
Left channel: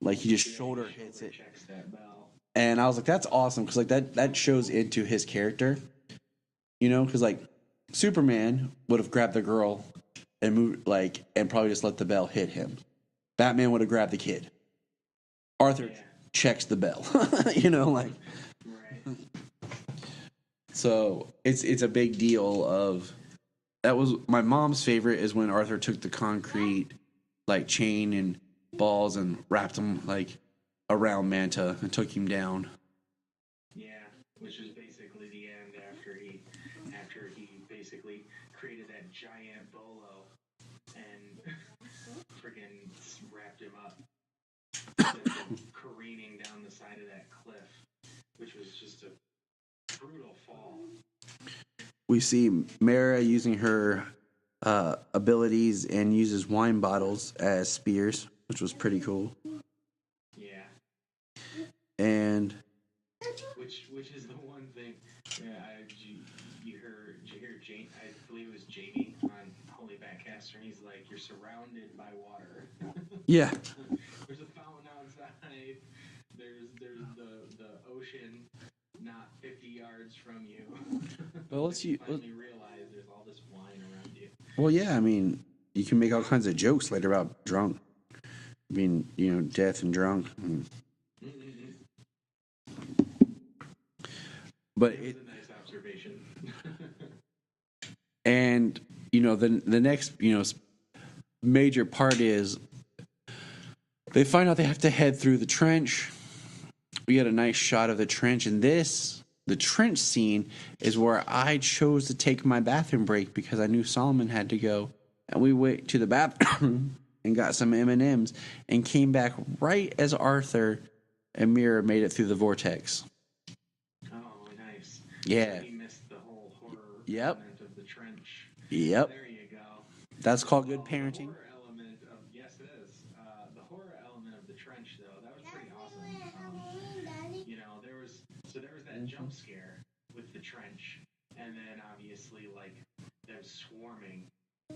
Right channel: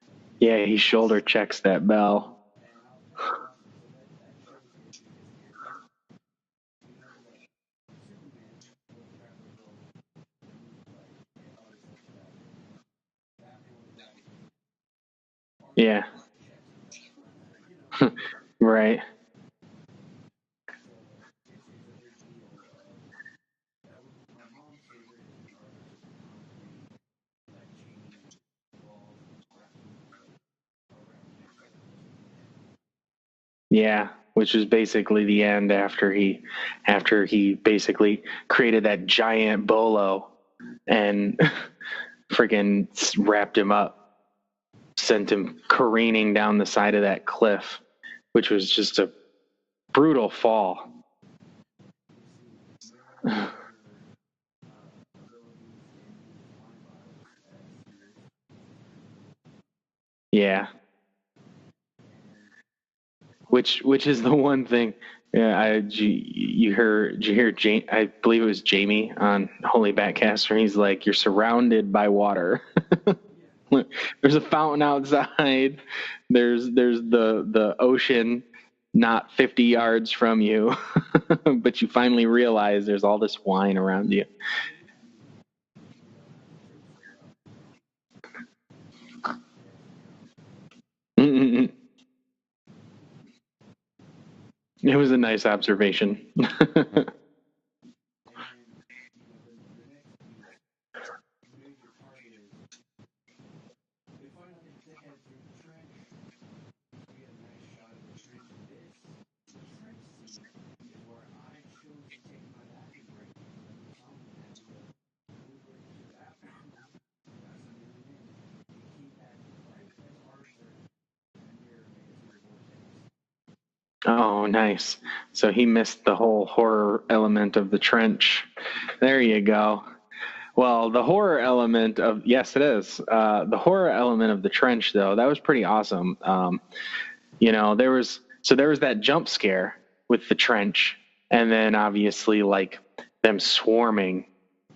Like he shoulder checks that bell. And I was like, that's awesome, because like that shows into his character, you know, because like Superman would have grabbed the girl and moved, like, and probably just let the bell hit him. Batman would have grabbed the kid. Arthur checks the bell, you know, like, right. So it's a big deal. Of that was my mom's favorite, is when Arthur took the concrete like chain and balls and wrapped them like around Manta and took him down. Yeah, which is basically the end after he basically created that giant bolo and freaking wrapped him up, sent him careening down the side of that cliff, which was just a brutal fall. We see Mira using her abilities and uses wine bottles as spears, which was pretty cool. Yeah. And which is the one thing. Yeah, did you hear Jamie? I believe it was Jamie on Holy Batcast, where he's like, "You're surrounded by water." Yeah. There's a fountain outside. There's the ocean not 50 yards from you, but you finally realize there's all this wine around you. Well, yeah, I mean, you can make all kinds of jokes later about drunk. I mean, you know, death and drunk. But it was a nice observation. And, you know, the next, you know, major part is they find out they have to head through the trench. We get a nice shot of the trench, and the trench scene is where I chose to take my bathroom break, because I knew Solomon had to go, and we went to the bathroom and got some M&Ms and came back right as Arthur and Mira made it through the vortex. Oh, nice. Yeah. So he missed the whole horror element of the trench. Yep. There you go. That's called the horror element of, yes, it is. The horror element of the trench, though, that was pretty awesome. You know, there was So there was that jump scare with the trench, and then obviously like them swarming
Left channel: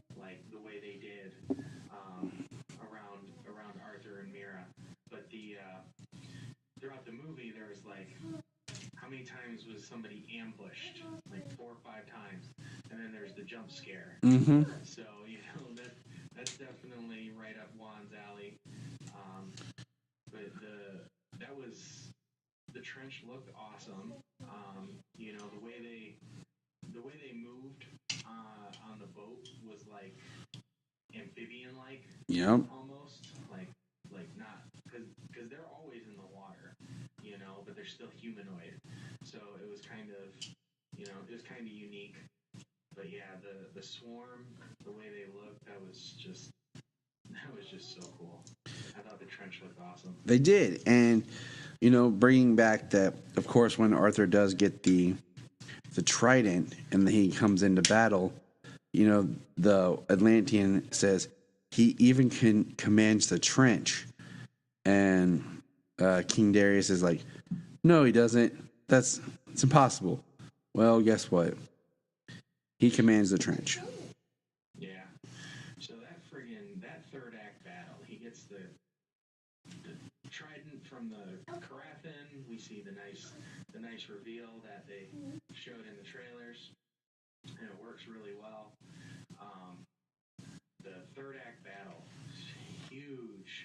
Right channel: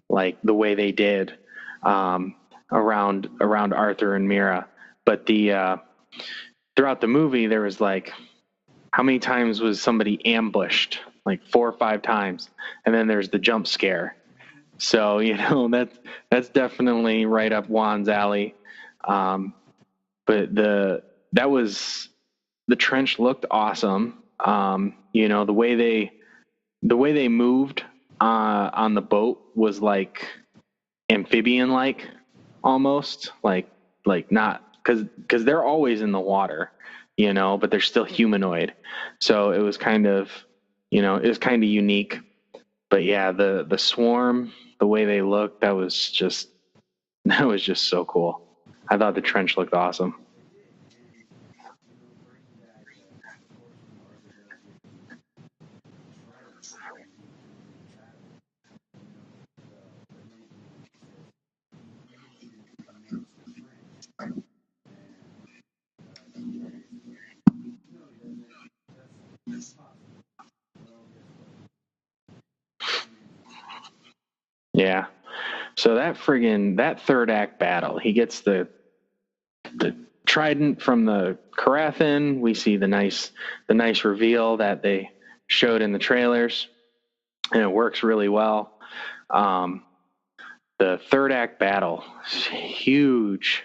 like the way they did around Arthur and Mira. But the throughout the movie there was like, how many times was somebody ambushed? Like 4 or 5 times, and then there's the jump scare. Mm-hmm. So that's definitely right up Juan's alley. But the trench looked awesome. The way they moved on the boat was like amphibian like, almost like not because they're always in the water, but they're still humanoid. So it was kind of unique. But yeah, the swarm, the way they looked, that was just so cool. I thought the trench looked awesome. They did, and bringing back that, of course, when Arthur does get the trident and he comes into battle, the Atlantean says he even commands the trench, and King Darius is like, no, he doesn't. It's impossible. Well, guess what? He commands the trench. Yeah. So that third act battle, he gets the trident from the Carathin. We see the nice reveal that they showed in the trailers, and it works really well. The third act battle is huge,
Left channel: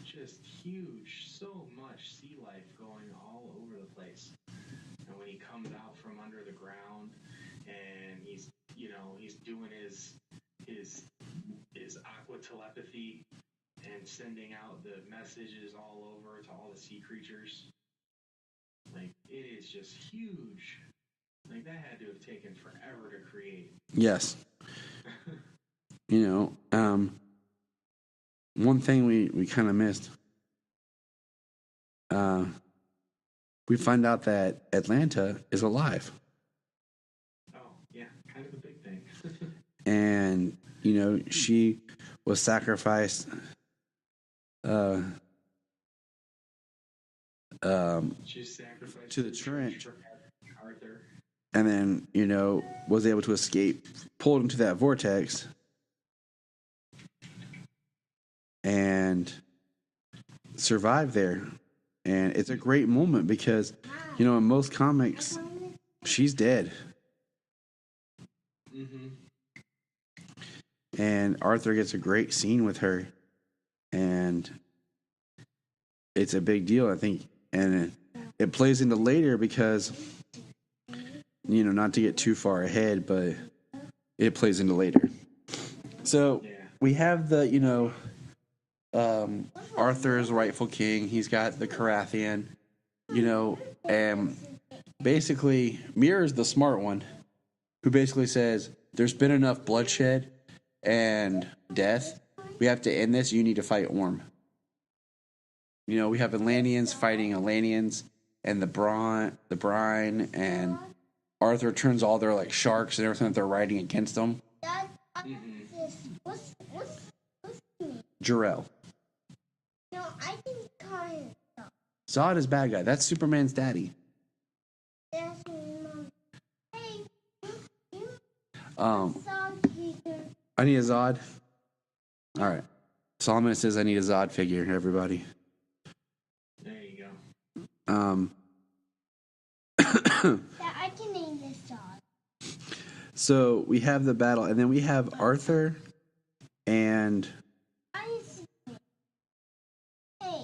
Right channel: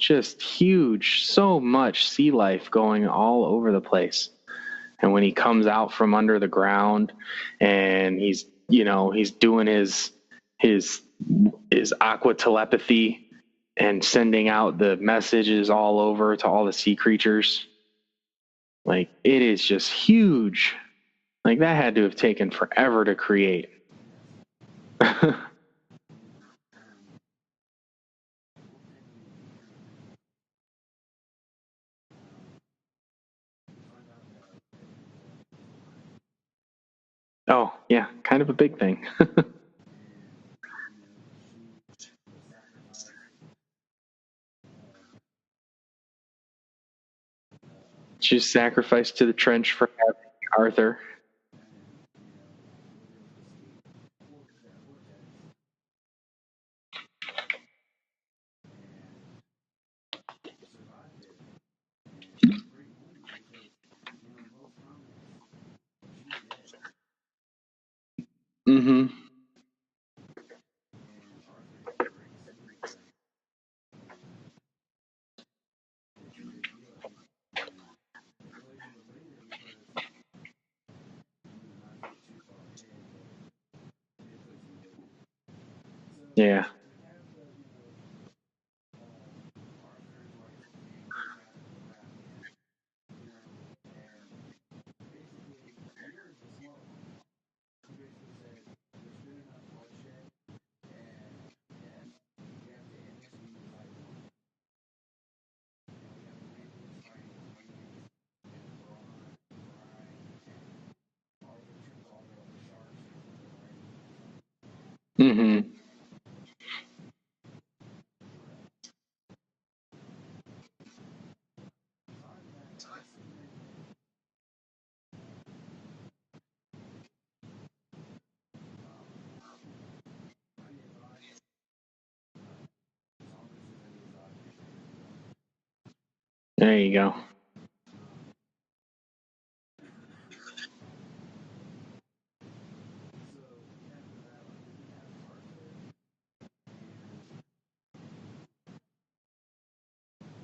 just huge. So much sea life going all over the place. And when he comes out from under the ground and he's doing his aqua telepathy and sending out the messages all over to all the sea creatures, like, it is just huge. Like, that had to have taken forever to create. Yes. One thing we kind of missed. We find out that Atlanta is alive. Oh, yeah, kind of a big thing. And, she was sacrificed. She's sacrificed to the trench for Arthur. And then, was able to escape, pulled into that vortex, and survived there. And it's a great moment because, in most comics, she's dead. Mm-hmm. And Arthur gets a great scene with her. And it's a big deal, I think. And it plays into later because, not to get too far ahead, but it plays into later. So yeah, we have the, Arthur's rightful king. He's got the Carathian, and basically Mira's the smart one who basically says there's been enough bloodshed and death. We have to end this. You need to fight Orm. We have Atlanteans fighting Atlanteans and the brine, and Arthur turns all their like sharks and everything that they're riding against them. Mm-hmm. Jor-El. No, I think Zod is bad guy. That's Superman's daddy. that's Mom. Hey, I need a Zod. All right. Solomon says I need a Zod figure, everybody. There you go. I can name this dog. So we have the battle, and then we have Arthur and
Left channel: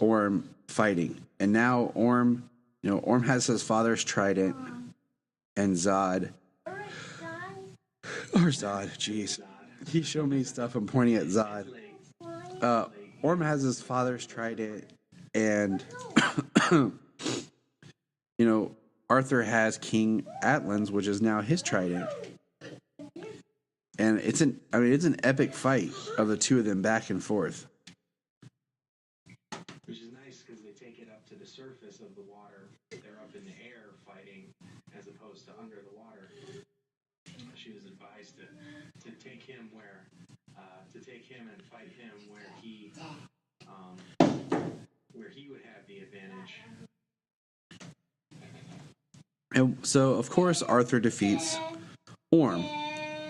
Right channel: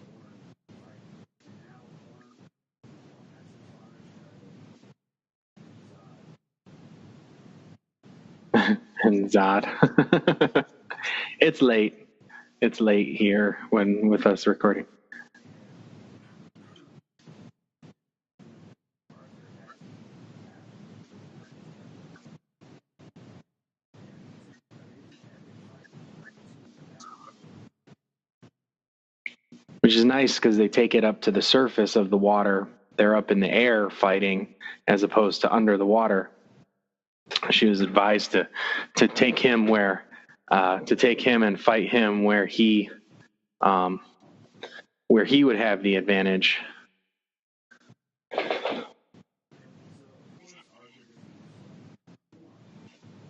Orm fighting. And now Orm has his father's trident, and Zod. Or Zod, jeez. Zod. He showed me stuff. I'm pointing at Zod. It's late. It's late here with us recording. And Arthur has King Atlan's, which is now his trident. And it's an epic fight of the two of them back and forth. Which is nice because they take it up to the surface of the water. They're up in the air fighting as opposed to under the water. She was advised to take him and fight him where he would have the advantage. And so, of course, Arthur defeats Orm.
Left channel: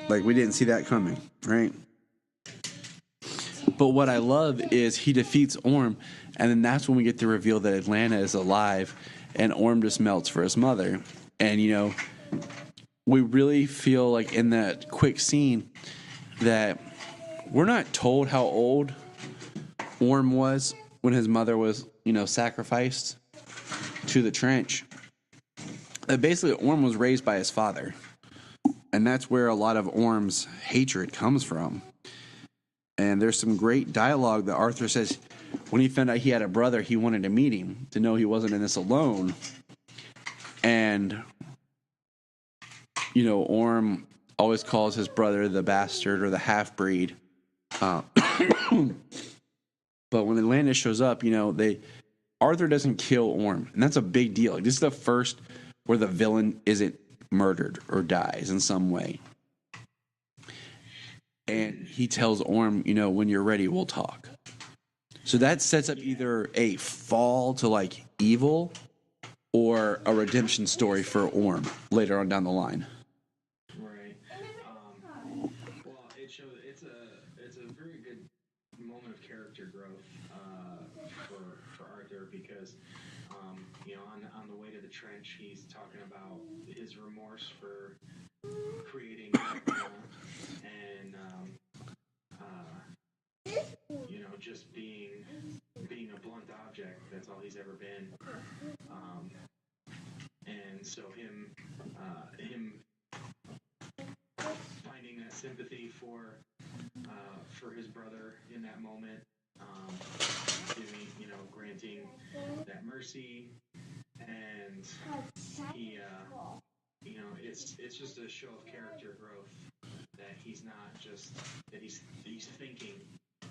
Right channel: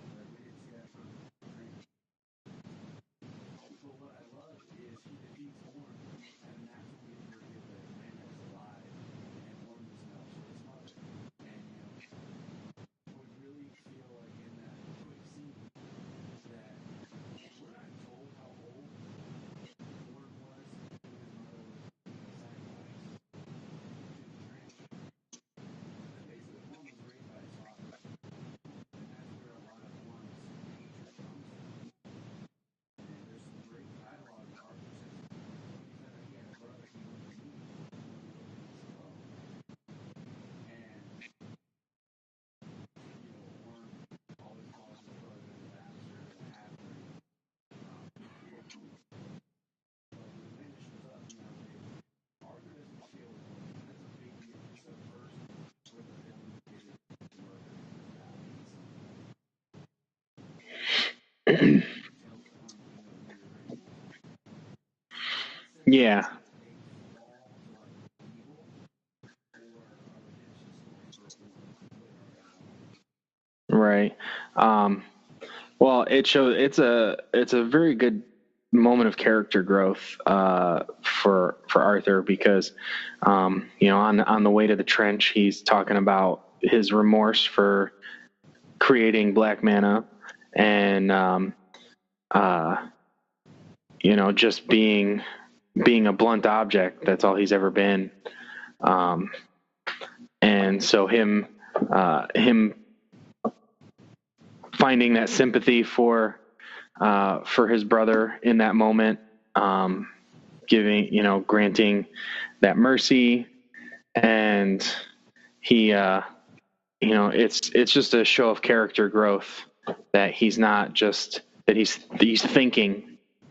Like, we didn't see that coming, right? But what I love is he defeats Orm, and then that's when we get to reveal that Atlanta is alive, and Orm just melts for his mother. And, you know, we really feel like in that quick scene that we're not told how old Orm was when his mother was, you know, sacrificed to the trench. Basically, Orm was raised by his father. And that's where a lot of Orm's hatred comes from. And there's some great dialogue that Arthur says when he found out he had a brother, he wanted to meet him to know he wasn't in this alone. And, you know, Orm always calls his brother the bastard or the half-breed. But when Atlantis shows up, you know, Arthur doesn't kill Orm. And that's a big deal. Like, this is the first where the villain isn't murdered or dies in some way. He tells Orm, you know, when you're ready, we'll talk. So that sets up either a fall to like evil or a redemption story for Orm later on down the line. Right. Well, it shows it's a very good moment of character growth for Arthur because you know, on the way to the trench, he's talking about his remorse for creating black mana and you know, just being a blunt object. That's all he's ever been. And so him finding that sympathy for his brother in that moment, granting that mercy, and he, you know, it's just a show of character growth that he's not just that he's thinking,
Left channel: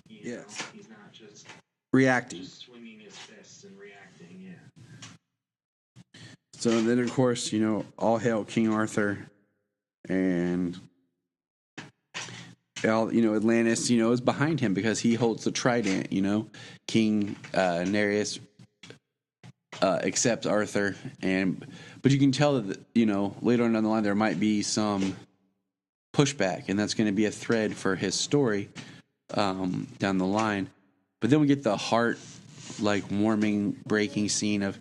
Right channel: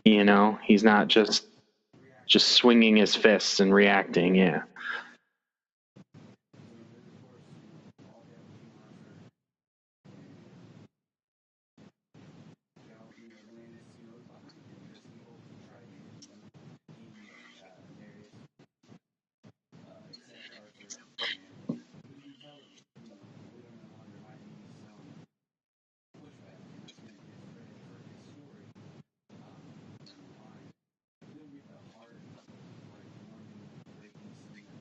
you know, he's not just just swinging his fists and reacting. Yeah. So then, of course, you know, all hail King Arthur, and you know, Atlantis, you know, is behind him because he holds the trident. You know, King Nereus accepts Arthur, but you can tell that, you know, later on down the line there might be some pushback, and that's going to be a thread for his story down the line. But then we get the heart like warming, breaking scene of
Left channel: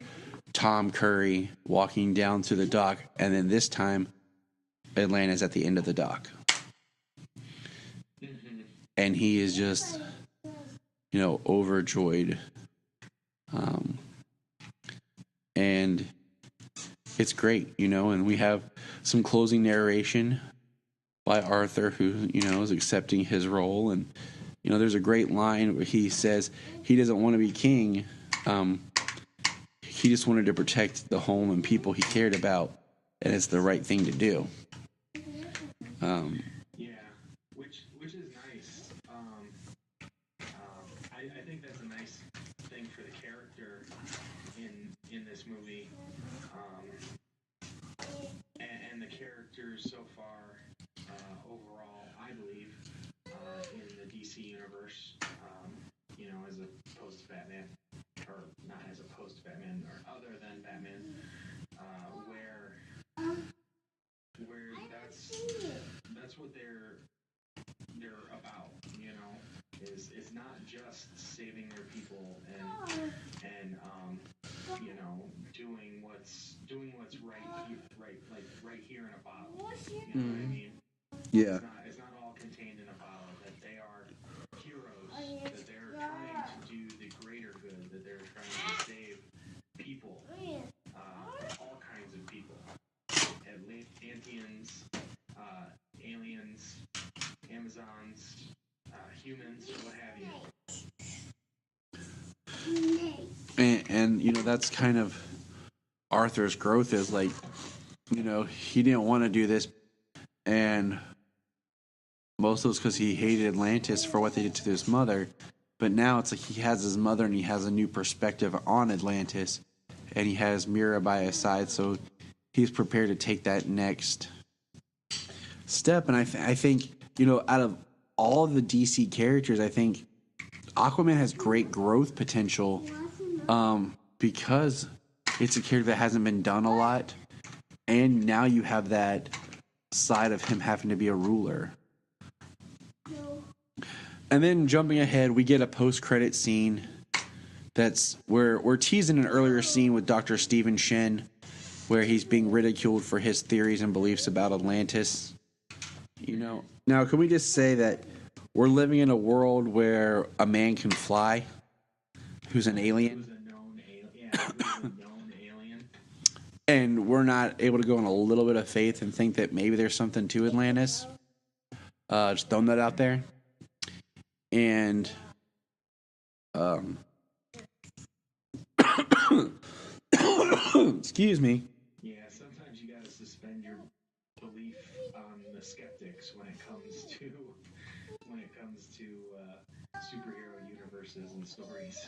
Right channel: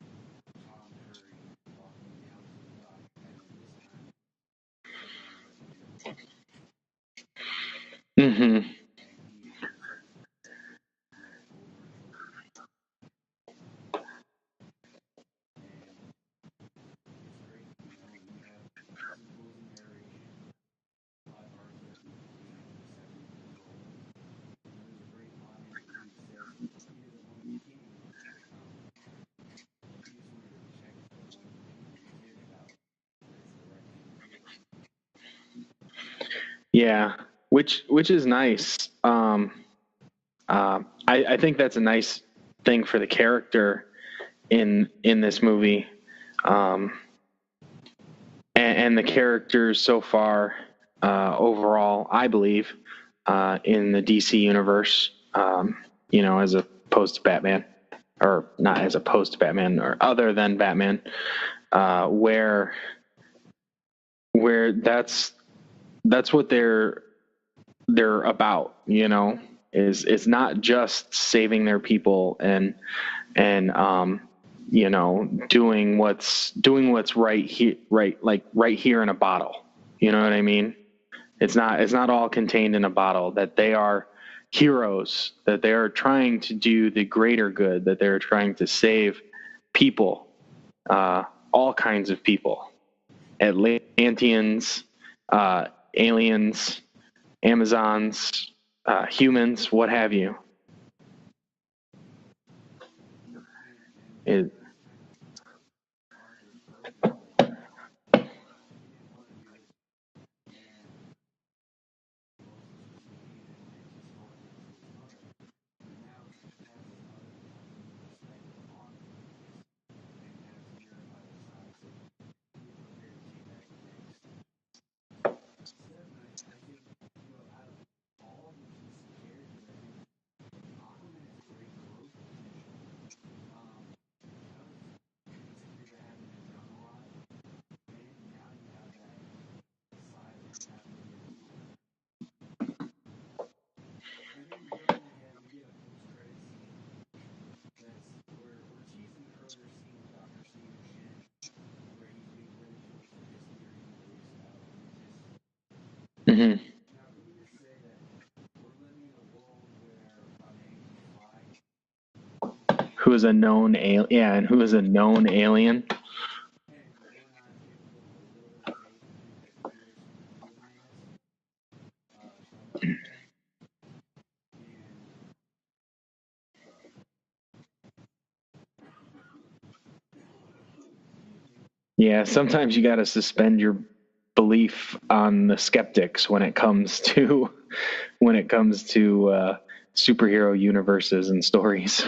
Tom Curry walking down to the dock, and then this time Atlanta's at the end of the dock. Mm-hmm. And he is just, you know, overjoyed. And it's great, you know, and we have some closing narration by Arthur, who, you know, is accepting his role. And, you know, there's a great line where he says he doesn't want to be king. He just wanted to protect the home and people he cared about, and it's the right thing to do. Yeah, which is nice. I think that's a nice thing for the character in this movie, and the characters so far overall, I believe, in the DC universe, you know, as opposed to Batman. Or not as opposed to Batman, or other than Batman, where that's what they're about, you know, is not just saving their people and you know, doing what's right here in a bottle, you know what I mean? Yeah. It's not all contained in a bottle, that they are heroes, that they are trying to do the greater good, that they're trying to save people, all kinds of people, Atlanteans, aliens, Amazons, humans, what have you. And you know, that's kind of Arthur's growth, is like, you know, he didn't want to do this, and most of it was because he hated Atlantis for what they did to his mother. But now it's like he has his mother and he has a new perspective on Atlantis, and he has Mira by his side, so he's prepared to take that next step. And I think, you know, out of all of the DC characters, I think Aquaman has great growth potential because it's a character that hasn't been done a lot, And now you have that side of him having to be a ruler. And then jumping ahead, we get a post-credit scene that's where we're teasing an earlier scene with Dr. Stephen Shen, where he's being ridiculed for his theories and beliefs about Atlantis. Mm-hmm. Now, can we just say that we're living in a world where a man can fly, who's an alien, Who is a known alien? Yeah, who is a known alien? and we're not able to go on a little bit of faith and think that maybe there's something to Atlantis? Just throwing that out there. And excuse me. Yeah, sometimes you got to suspend your belief on the skeptics when it comes to superhero universes and stories.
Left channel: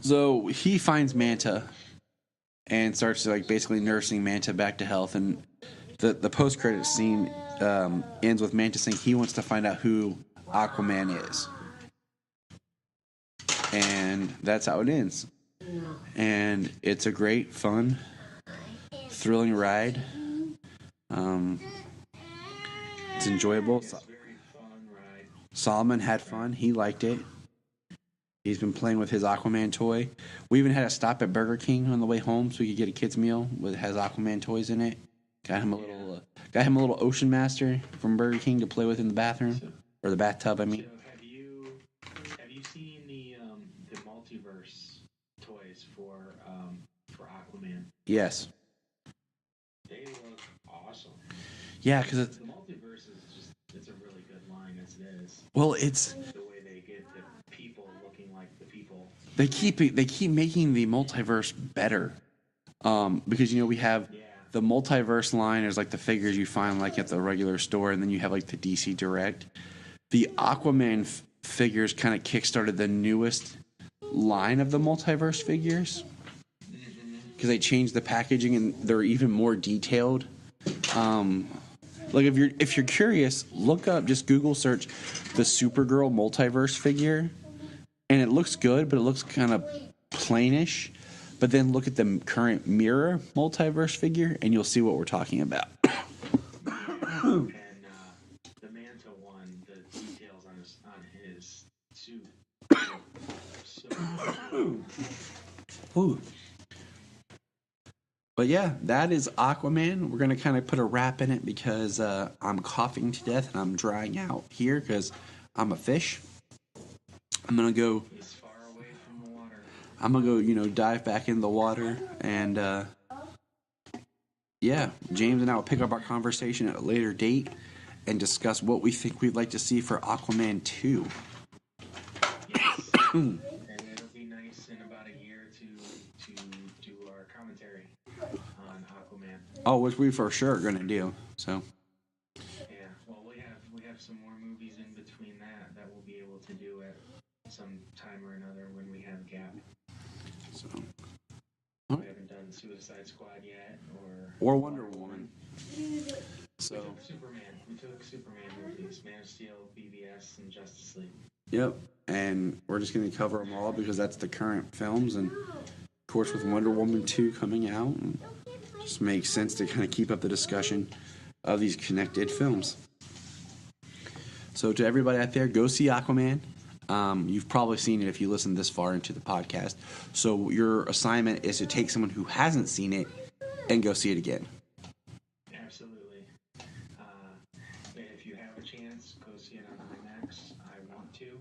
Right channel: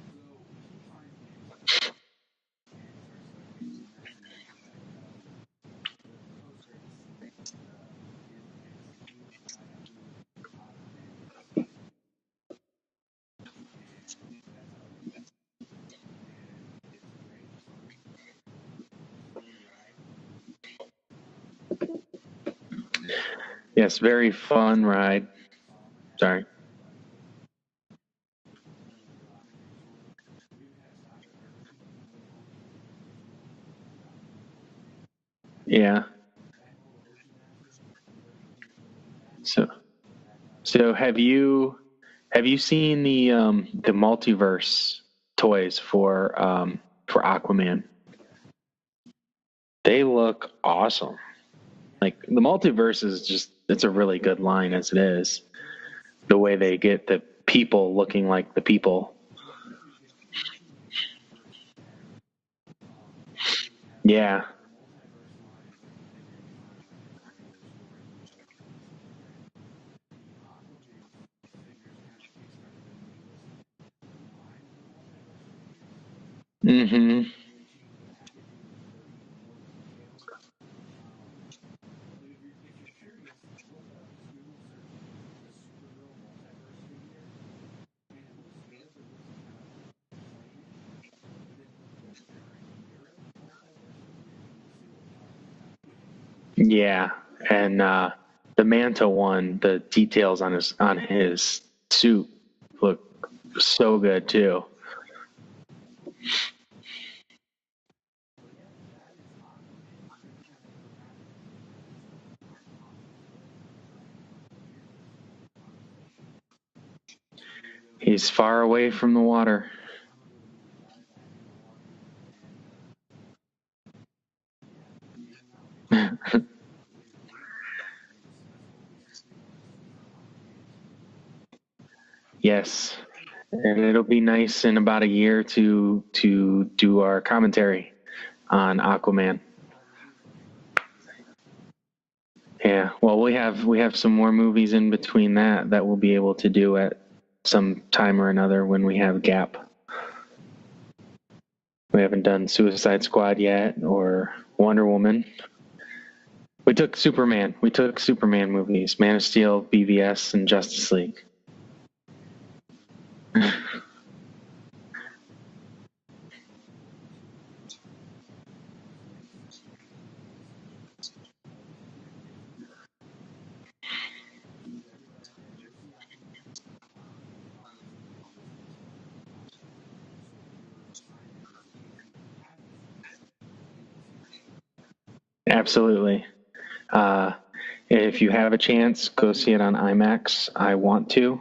So he finds Manta and starts like basically nursing Manta back to health. And the post credit scene ends with Manta saying he wants to find out who Aquaman is, and that's how it ends. And it's a great, fun, thrilling ride. It's enjoyable. Yes, very fun ride. Solomon had fun. He liked it. He's been playing with his Aquaman toy. We even had a stop at Burger King on the way home so we could get a kid's meal that has Aquaman toys in it. Got him a little Ocean Master from Burger King to play with in the bathroom or the bathtub. I mean. So have you seen the multiverse toys for Aquaman? Yes. They look awesome. Yeah, like the multiverse is it's a really good line as it is. Well, it's the way they get the people looking like the people. They keep making the multiverse better. Because we have the multiverse line is like the figures you find like at the regular store, and then you have like the DC Direct. The Aquaman figures kind of kickstarted the newest line of the multiverse figures. Mm-hmm. Because they changed the packaging and they're even more detailed. Like if you're curious, look up, just Google search the Supergirl multiverse figure, and it looks good, but it looks kind of plainish. But then look at the current Mira multiverse figure, and you'll see what we're talking about. Yeah, and the Manta one, the details on his suit look so good too. Ooh. But yeah, that is Aquaman. We're going to kind of put a wrap in it because I'm coughing to death and I'm drying out here because I'm a fish. I'm going to go... He's far away from the water. I'm going to go, dive back in the water. And yeah, James and I will pick up our conversation at a later date and discuss what we think we'd like to see for Aquaman 2. Yes. And it'll be nice in about a year to do our commentary on Aquaman. Oh, which we for sure are going to do. So. Yeah. Well, we have some more movies in between that we'll be able to do at some time or another when we have a gap. We haven't done Suicide Squad yet or Wonder Woman. We took Superman. We took Superman movies: Man of Steel, BVS, and Justice League. Yep. And we're just going to cover them all because that's the current films, and of course with Wonder Woman 2 coming out, and it just makes sense to kind of keep up the discussion of these connected films. So to everybody out there, go see Aquaman. You've probably seen it if you listen this far into the podcast. So your assignment is to take someone who hasn't seen it and go see it again. Absolutely. If you have a chance, go see it on IMAX. I want to.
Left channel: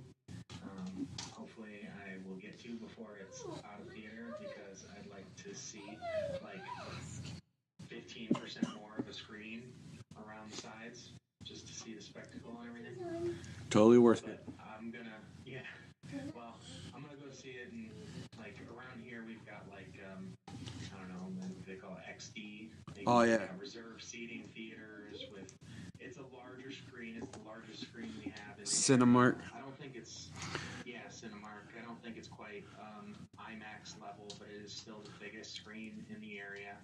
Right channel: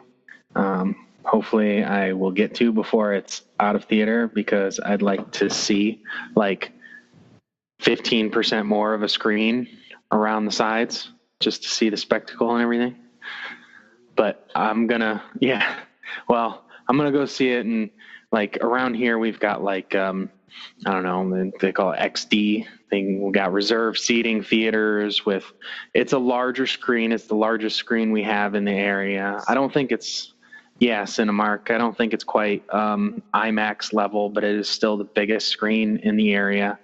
Hopefully I will get to before it's out of theater because I'd like to see like 15% more of a screen around the sides just to see the spectacle and everything. Totally worth it. But I'm gonna go see it, and like around here we've got like I don't know, they call it XD thing. We've got reserved seating theaters with, it's a larger screen. It's the largest screen we have in the area. I don't think it's Cinemark. I don't think it's quite IMAX level, but it is still the biggest screen in the area.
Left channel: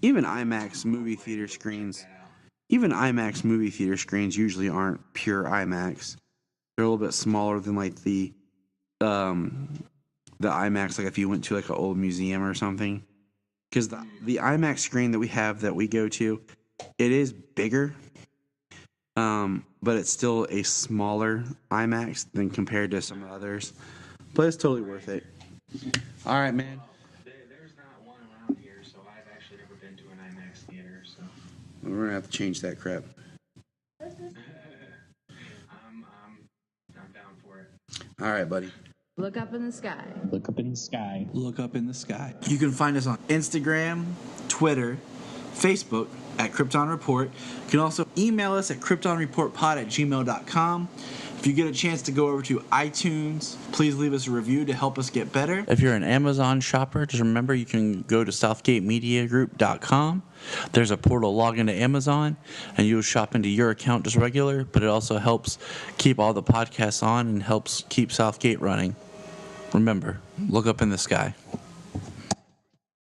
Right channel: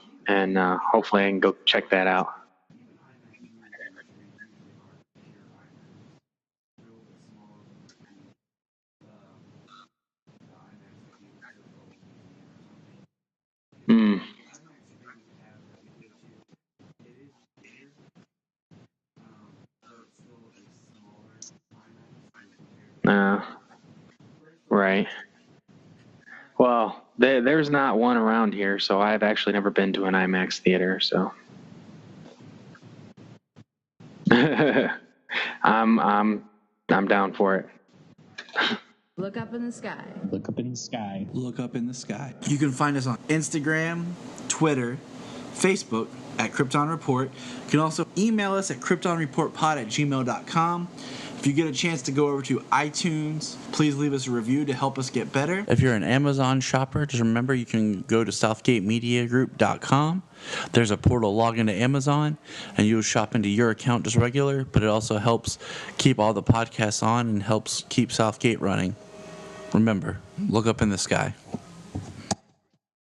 Even IMAX, hopefully I can go check that out. Even IMAX movie theater screens usually aren't pure IMAX. They're a little bit smaller than like the IMAX, like if you went to like an old museum or something. because the IMAX screen that we have that we go to, it is bigger, but it's still a smaller IMAX than compared to some others. But it's totally Right. worth it. All right, man. Well, there's not one around here, so I've actually never been to an IMAX theater. So We're gonna have to change that crap. I'm down for it. All right, buddy. Look up in the sky. Look up in the sky. Look up in the sky. You can find us on Instagram, Twitter, Facebook at Krypton Report. You can also email us at kryptonreportpod@gmail.com. If you get a chance to go over to iTunes, please leave us a review to help us get better. If you're an Amazon shopper, just remember you can go to southgatemediagroup.com. There's a portal log into Amazon, and you'll shop into your account just regular, but it also helps keep all the podcasts on and helps keep Southgate running. Remember, look up in the sky.